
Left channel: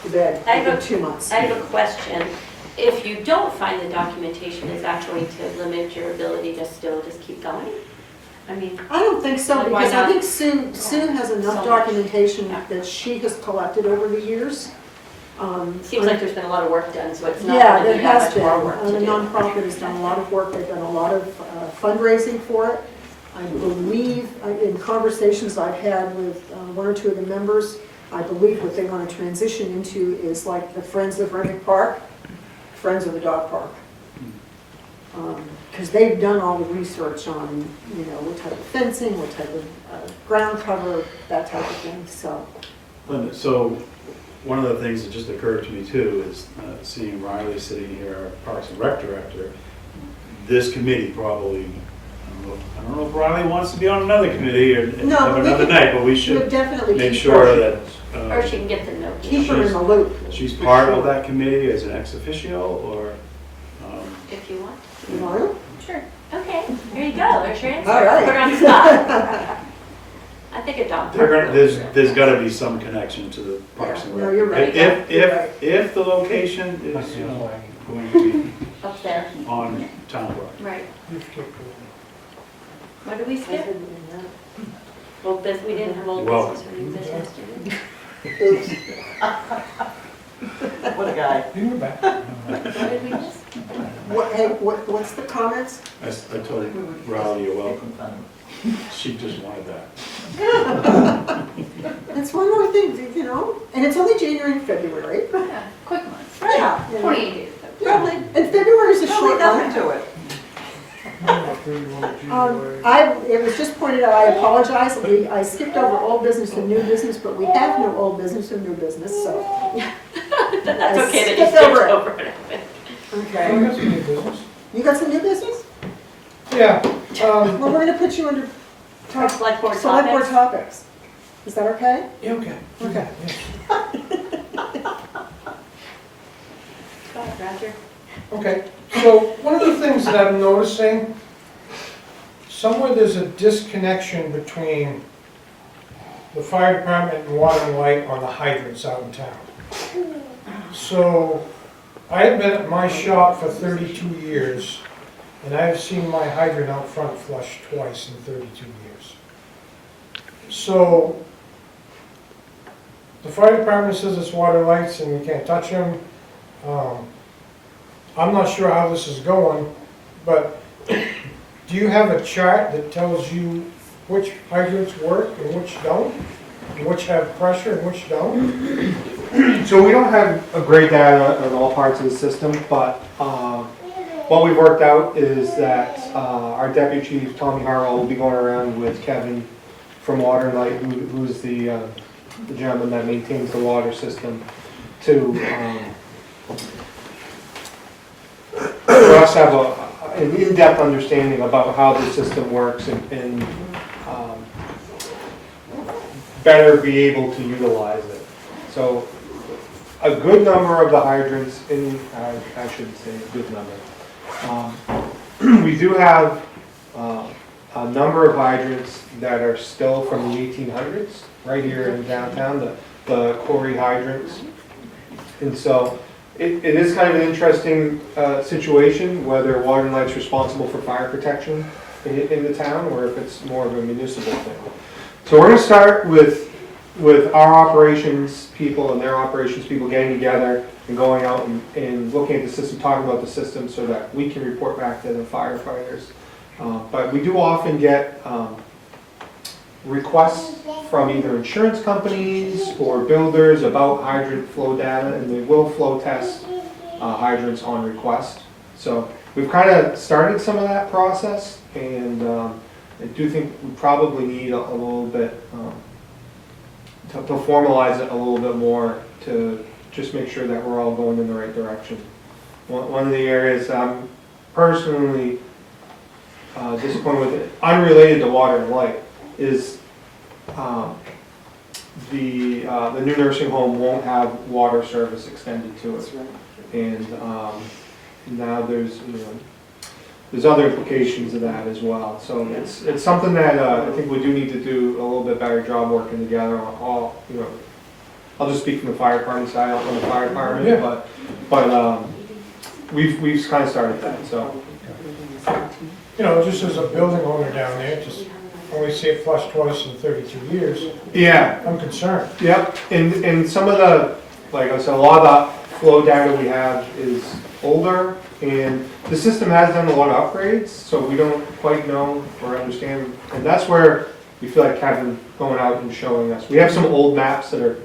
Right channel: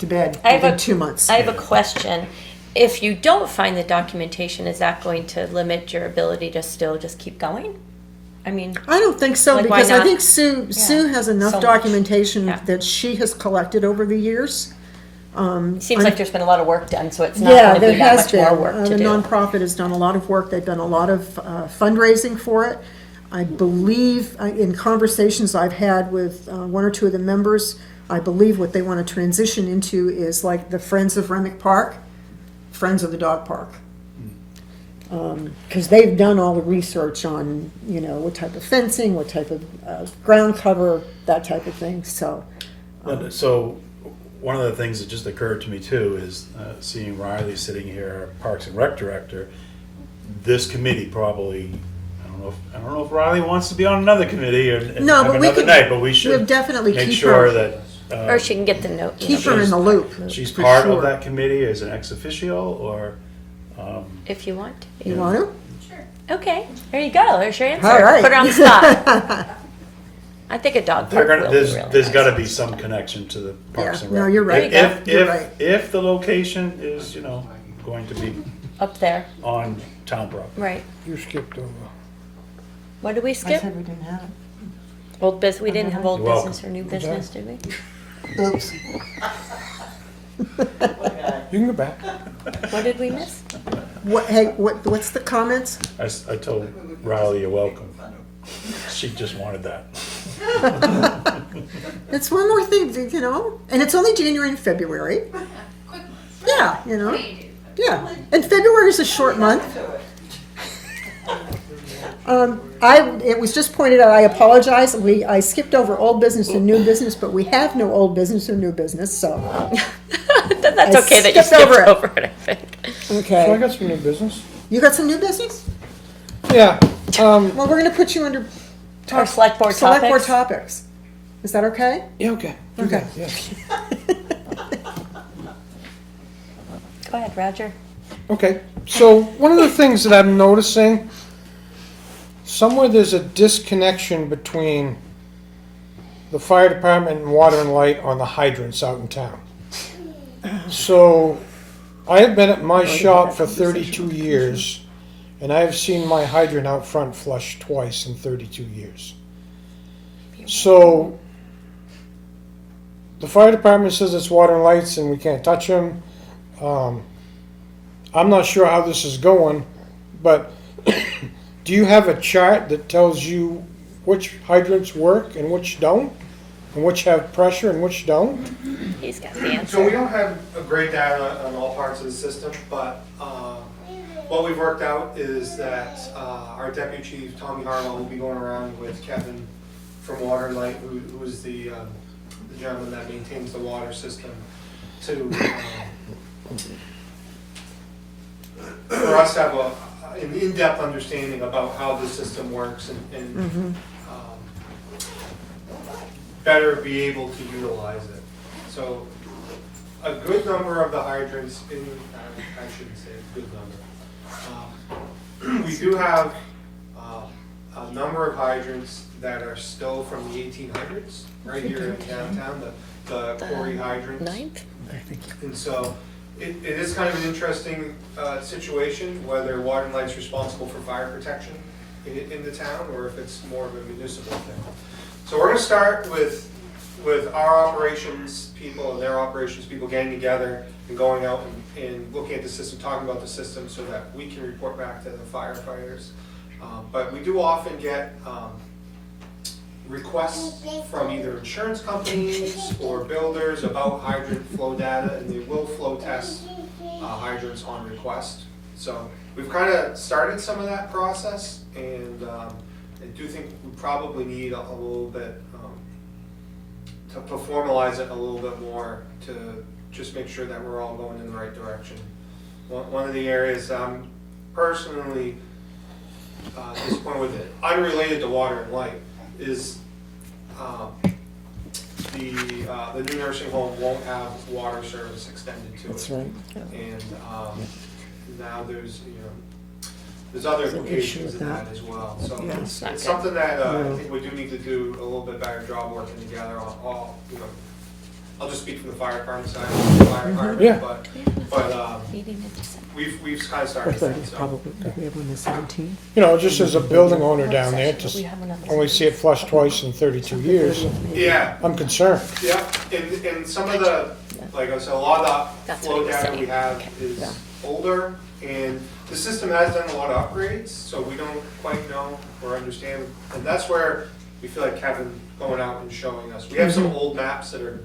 to bed within 2 months. I have a question. If you don't find the documentation, is that going to limit your ability to still just keep going? I mean, I don't think so, Like, why because I not? think Sue has enough So much. documentation Yeah. that she has collected over the years. Seems like there's been a lot of work done, so it's not Yeah, gonna there be that has much been. more work to The do. nonprofit has done a lot of work. They've done a lot of fundraising for it. I believe, in conversations I've had with one or two of the members, I believe what they want to transition into is like the Friends of Renwick Park, Friends of the Dog Park. Because they've done all the research on, you know, what type of fencing, what type of ground cover, that type of thing, so. And so, one of the things that just occurred to me too is seeing Riley sitting here, our Parks and Rec Director. This committee probably, I don't know if Riley wants to be on another committee or No, have but we another could- night, but we We'll should definitely make keep sure her, that. Or she can get the note. keep her in the loop. She's for part of sure. that committee as an ex officio or, If you want. You want to? Sure. Okay, there you go, there's your answer. All right. Put her on the spot. I think a dog they're park gonna, will be there's, really there's nice. gotta be some connection to the Parks Yeah, and no, Rec. you're right. If, You're right. if the location is, you know, going to be Up there, on town property. right. You skipped over. What did we I skip? said we didn't have it. Old business, we didn't have old You're welcome. business or new business, did we? Oops. What a guy. You can go back. What did we miss? What's the comments? I told Riley, you're welcome. She just wanted that. It's one more thing, you know, and it's only January and February. Yeah, quick months. Yeah, you know, 28 days. yeah, and February is a short month. To it. It was just pointed out, I apologize, I skipped over old business and new business, but we have no old business or new business, so, That's I okay that you skipped over skipped it. over it, I think. I okay. got some new business. You got some new business? Yeah, Well, we're gonna put you under Our select board select board topics. topics. Is that okay? yeah, okay. Okay. Yes. Go ahead, Roger. Okay, so one of the things that I'm noticing, somewhere there's a disconnection between the fire department and water and light on the hydrants out in town. So, I have been at my shop for 32 years, and I've seen my hydrant out front flush twice in 32 years. So, the fire department says it's water and lights and we can't touch them. I'm not sure how this is going, but do you have a chart that tells you which hydrants work and which don't? And which have pressure and which don't? He's got the answer. So we don't have a great data on all parts of the system, but what we've worked out is that our deputy chief, Tommy Harwell, will be going around with Kevin from Water and Light, who's the gentleman that maintains the water system, to for us to have an in-depth understanding about how the system works and better be able to utilize it. So a good number of the hydrants I shouldn't say a good number. We do have a number of hydrants that are still from the 1800s, right here in downtown, the quarry hydrants. Ninth? And so it is kind of an interesting situation, whether Water and Light's responsible for fire protection in the town, or if it's more of a municipal thing. So we're gonna start with our operations people and their operations people getting together and going out and looking at the system, talking about the system so that we can report back to the firefighters. But we do often get requests from either insurance companies or builders about hydrant flow data, and they will flow test hydrants on request. So we've kind of started some of that process, and I do think we probably need a little bit to formalize it a little bit more to just make sure that we're all going in the right direction. One of the areas I'm personally disappointed with, unrelated to Water and Light, is the new nursing home won't have water service extended to That's it. right. And now there's other implications of that as well. So it's something that I think we do need to do a little bit better job working together on all, I'll just speak from the fire department side, I don't know the fire department, Yeah. but we've kind of started that, so. Just as a building owner down there, just only see it flush twice in 32 years, Yeah, I'm concerned. yep, and some of the, like I said, a lot of the flow data we have is older, and the system has done a lot of upgrades, so we don't quite know or understand, and that's where we feel like Kevin going out and showing us. We have some old maps that are,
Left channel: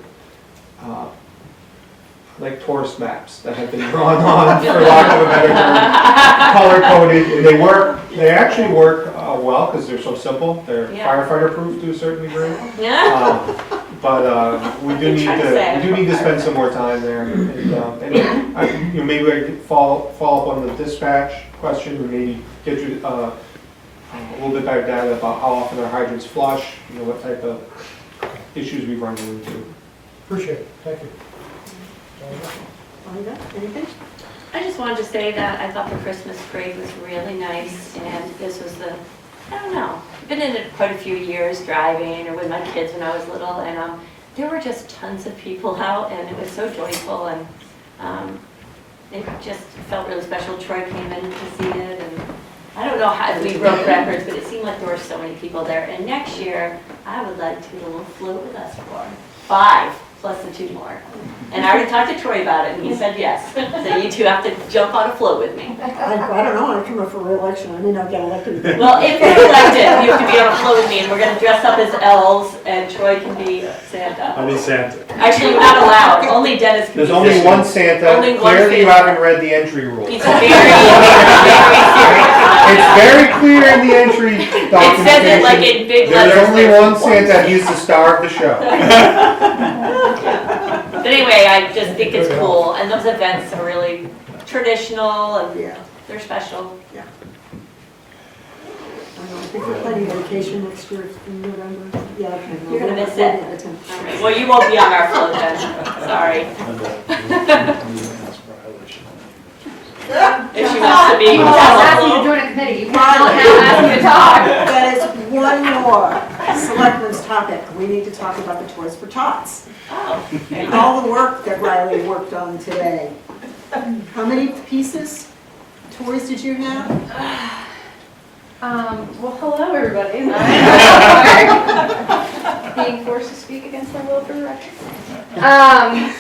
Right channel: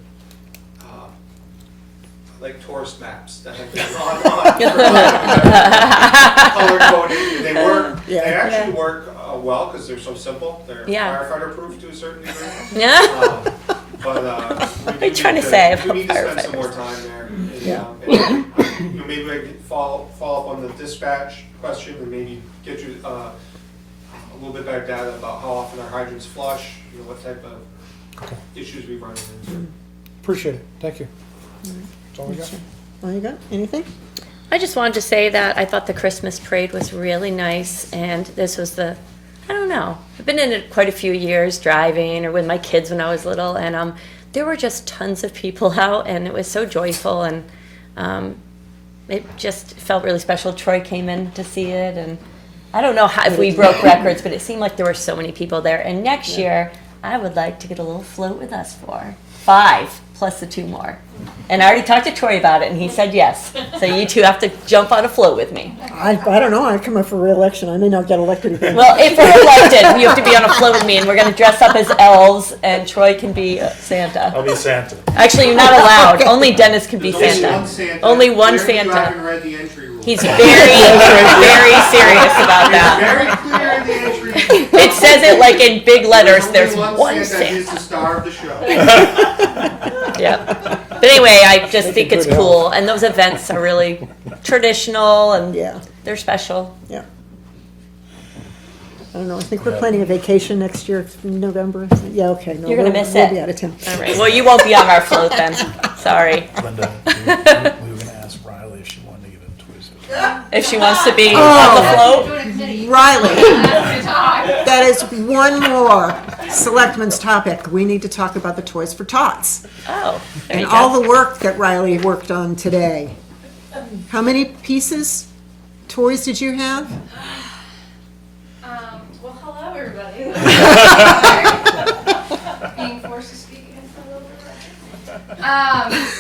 like tourist maps that have been drawn on, for lack of a better word, color coded, and they work, they actually work well, because they're so simple, they're Yeah. firefighter proof to a certain degree. Yeah. But we do You're trying to say I'm need to spend some more time there. And, maybe I could follow up on the dispatch question and maybe get you a little bit better data about how often our hydrants flush, what type of issues we run into. Appreciate it, thank you. That's all I got. Anita, anything? I just wanted to say that I thought the Christmas parade was really nice, and this was I don't know, I've been in it quite a few years driving or with my kids when I was little, and there were just tons of people out, and it was so joyful, and it just felt really special. Troy came in to see it, and I don't know if we broke records, but it seemed like there were so many people there. And next year, I would like to get a little float with us for 5 plus the 2 more. And I already talked to Troy about it, and he said yes. So you 2 have to jump on a float with me. I don't know, I'd come up for re-election, I may not get elected again. Well, if we're elected, you have to be on a float with me, and we're going to dress up as elves, and Troy can be Santa. I'll be Santa. Actually, you're not allowed. Only Dennis can There's be only Santa. one Santa. Only one Clearly you Santa. haven't read the entry rules. He's very, very serious about It's that. very clear in the entry. It says it like in big letters. There's only one one Santa, he's the star of the show. Yeah. But anyway, I just think it's cool, and those events are really traditional, and Yeah, they're special. I don't know, I think we're planning a vacation next year in November. Yeah, okay. You're gonna miss we'll it. be out of town. All right. Well, you won't be on our float then. Sorry. Linda, you ask Riley if she wanted to. If she wants to be Oh. on the After you float. join a committee, you Riley. don't ask them to talk. That is one more selectmen's topic. We need to talk about the Toys for Tots. Oh, there you And go. all the work that Riley worked on today. How many pieces, toys did you have? Well, hello, everybody. Being forced to speak against my will for the record.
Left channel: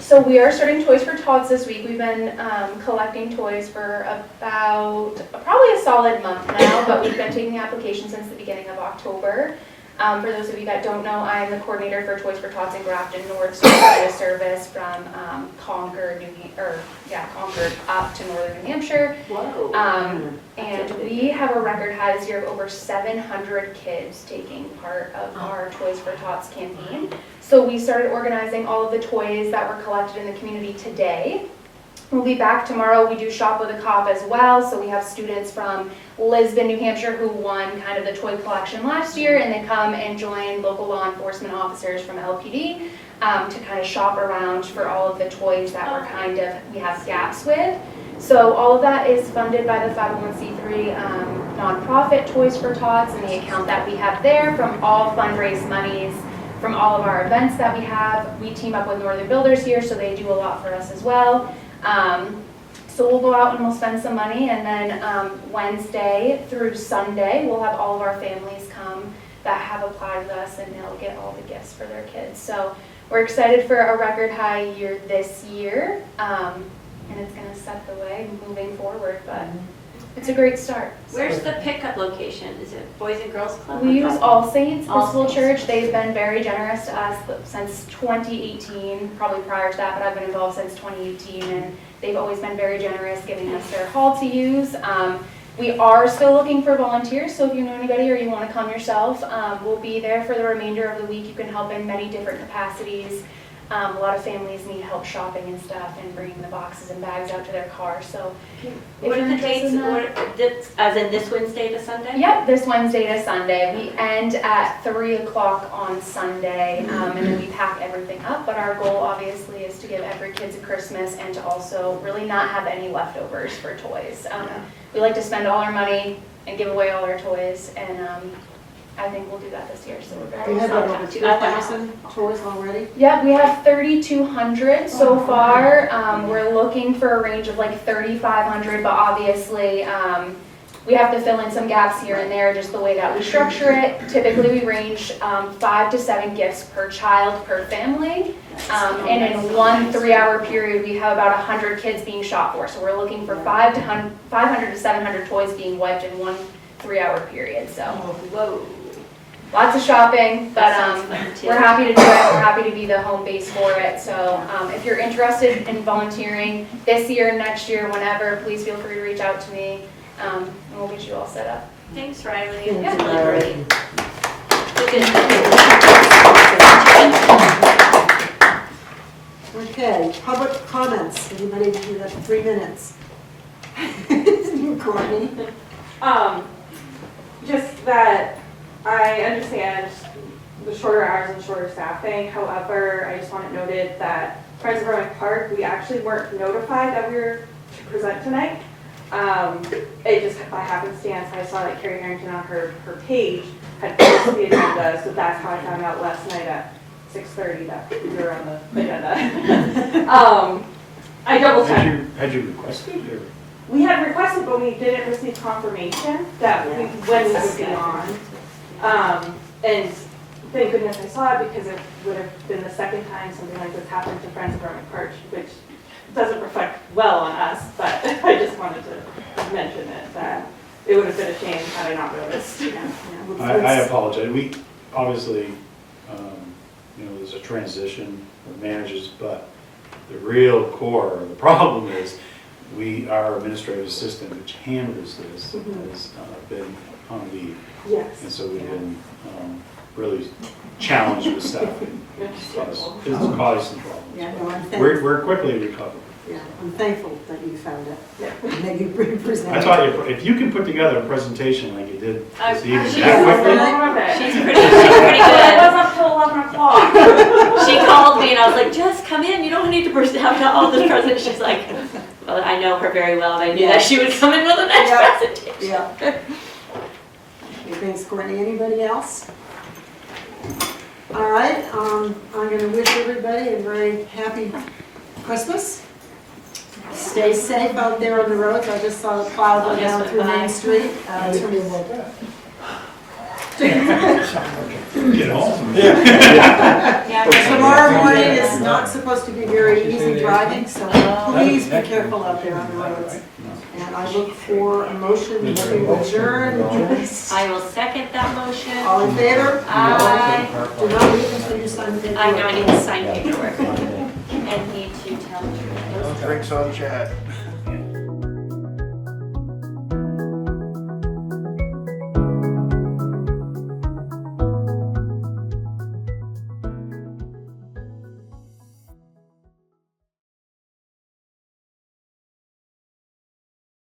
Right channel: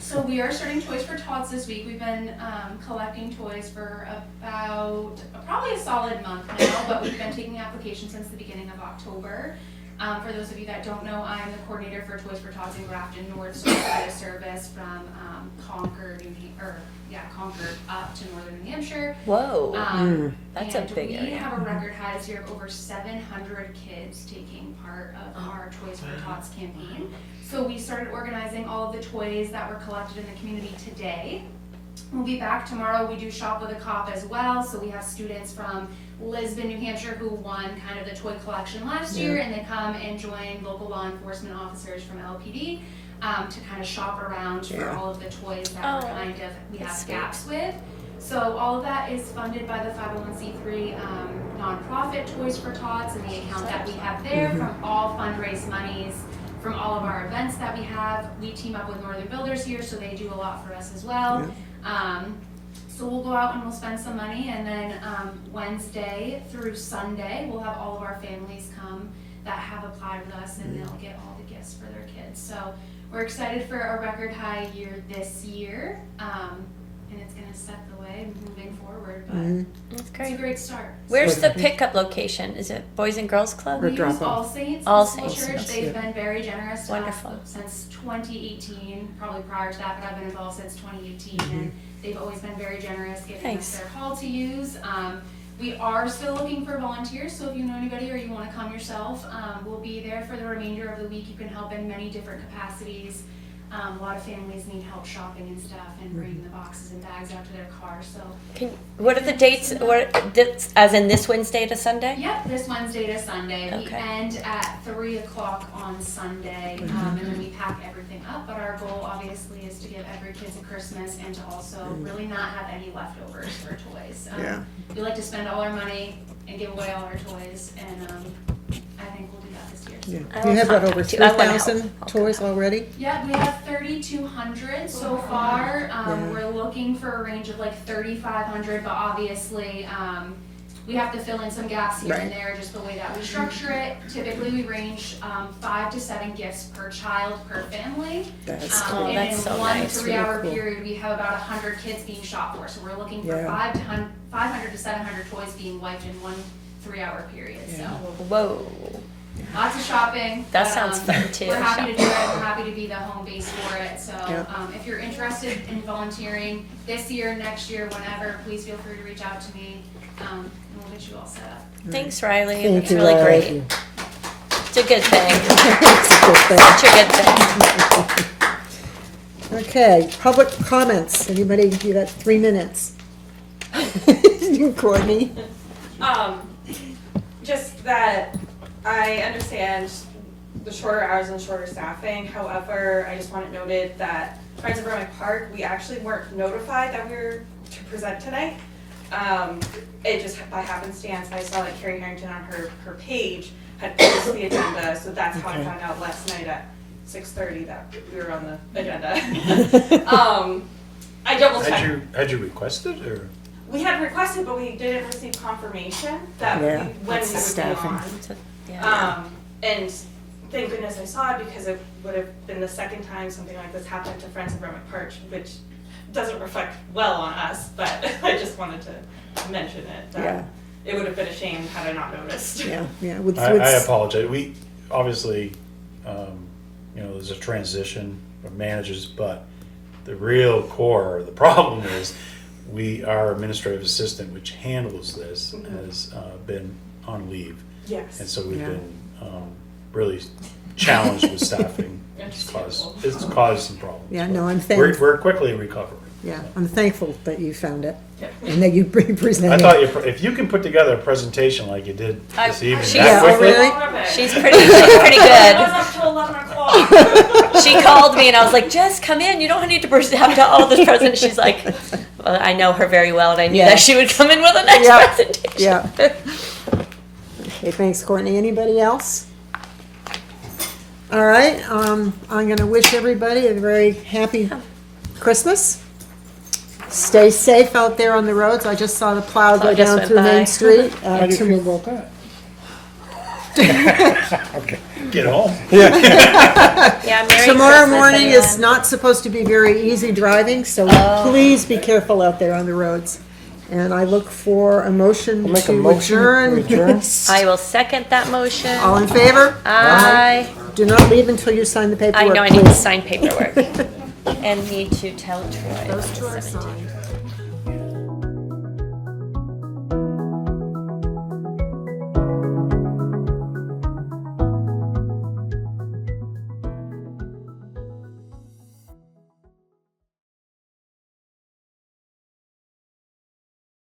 So we are starting Toys for Tots this week. We've been collecting toys for about probably a solid month now, but we've been taking applications since the beginning of October. For those of you that don't know, I'm the coordinator for Toys for Tots in Grafton North, so we provide a service from Concord, Concord up to northern New Hampshire. Whoa. That's a And big we area. have a record high this year of over 700 kids taking part of our Toys for Tots campaign. So we started organizing all of the toys that were collected in the community today. We'll be back tomorrow. We do Shop with a Cop as well. So we have students from Lisbon, New Hampshire, who won kind of the toy collection last year, and they come and join local law enforcement officers from LPD to kind of shop around for all of the toys that we're kind of, we have gaps with. So all of that is funded by the 501c3 nonprofit Toys for Tots, and the account that we have there from all fundraise monies from all of our events that we have. We team up with Northern Builders here, so they do a lot for us as well. So we'll go out and we'll spend some money, and then Wednesday through Sunday, we'll have all of our families come that have applied with us, and they'll get all the gifts for their kids. So we're excited for a record high year this year, and it's going to set the way moving forward, but it's a great start. Where's the pickup location? Is it Boys and Girls Club? We use All Saints, All the school Saints, church. that's They've good. been very generous to us since 2018, probably prior to that, but I've been involved since 2018, and they've always been very generous, giving us their hall to use. We are still looking for volunteers, so if you know anybody or you want to come yourself, we'll be there for the remainder of the week. You can help in many different capacities. A lot of families need help shopping and stuff and bringing the boxes and bags out to their car, so. What are the dates? As in this Wednesday to Sunday? Yep, this Wednesday to Sunday. We end at 3 o'clock on Sunday, and then we pack everything up. But our goal, obviously, is to give every kid a Christmas and to also really not have any leftovers for toys. We like to spend all our money and give away all our toys, and I think we'll do that this year. So You have over Okay. I wanna 3,000 toys already? yeah, we have 3,200 so far. We're looking for a range of like 3,500, but obviously we have to fill in some gaps here and there, just the way that we structure it. Typically, we range 5 to 7 gifts per child per family. And in so 1 nice. 3-hour period, we have about 100 kids being shot for. So we're looking for 500 to 700 toys being wiped in 1 3-hour period. So Whoa. lots of shopping. That but, sounds fun too. We're happy to do it. We're happy to be the home base for it. So if you're interested in volunteering this year, next year, whenever, please feel free to reach out to me. And we'll get you all set up. Thanks, Riley. Thank It's you, really Riley. great. It's a good thing. Such a good thing. Okay, public comments. Anybody do that? 3 minutes. Courtney? Just that I understand the shorter hours and shorter staffing. However, I just want it noted that Friends of Granite Park, we actually weren't notified that we were to present tonight. It just by happenstance, I saw that Carrie Harrington on her page had posted the agenda, so that's how I found out last night at 6:30 that we were on the agenda. I double checked. Had you requested, or? We had requested, but we didn't receive confirmation that when we would be on. And thank goodness I saw it, because it would have been the second time something like this happened to Friends of Granite Park, which doesn't reflect well on us, but I just wanted to mention it, that it would have been a shame had I not noticed. I apologize. We, obviously, there's a transition of managers, but the real core, the problem is, our administrative assistant, which handles this, has been on leave. Yes. And so we've been really challenged with staffing. It's caused some problems. Yeah, no, I'm thankful. We're quickly recovering. Yeah, I'm thankful that you found it Yeah. and that you presented. I thought if you can put together a presentation like you did this evening, she's- that quickly, She's pretty It good. was up till 11 o'clock. She called me and I was like, just come in, you don't need to have all this present. She's like, well, I know her very well and I knew that she would come in with the next presentation. Yeah. Okay, thanks, Courtney. Anybody else? All right, I'm gonna wish everybody a very happy Christmas. Stay safe out there on the roads. I just saw the plow So I go just down went through by. Main Street. How do you feel about that? get home. Yeah, very Tomorrow good. morning is not supposed to be very easy driving, so please be careful out there on the roads. And I look for a motion to adjourn. I will second that motion. All in favor? Aye. Do not leave until you sign the paperwork. I know I need to please. sign paperwork. And need to tell Troy. Thanks, all chat.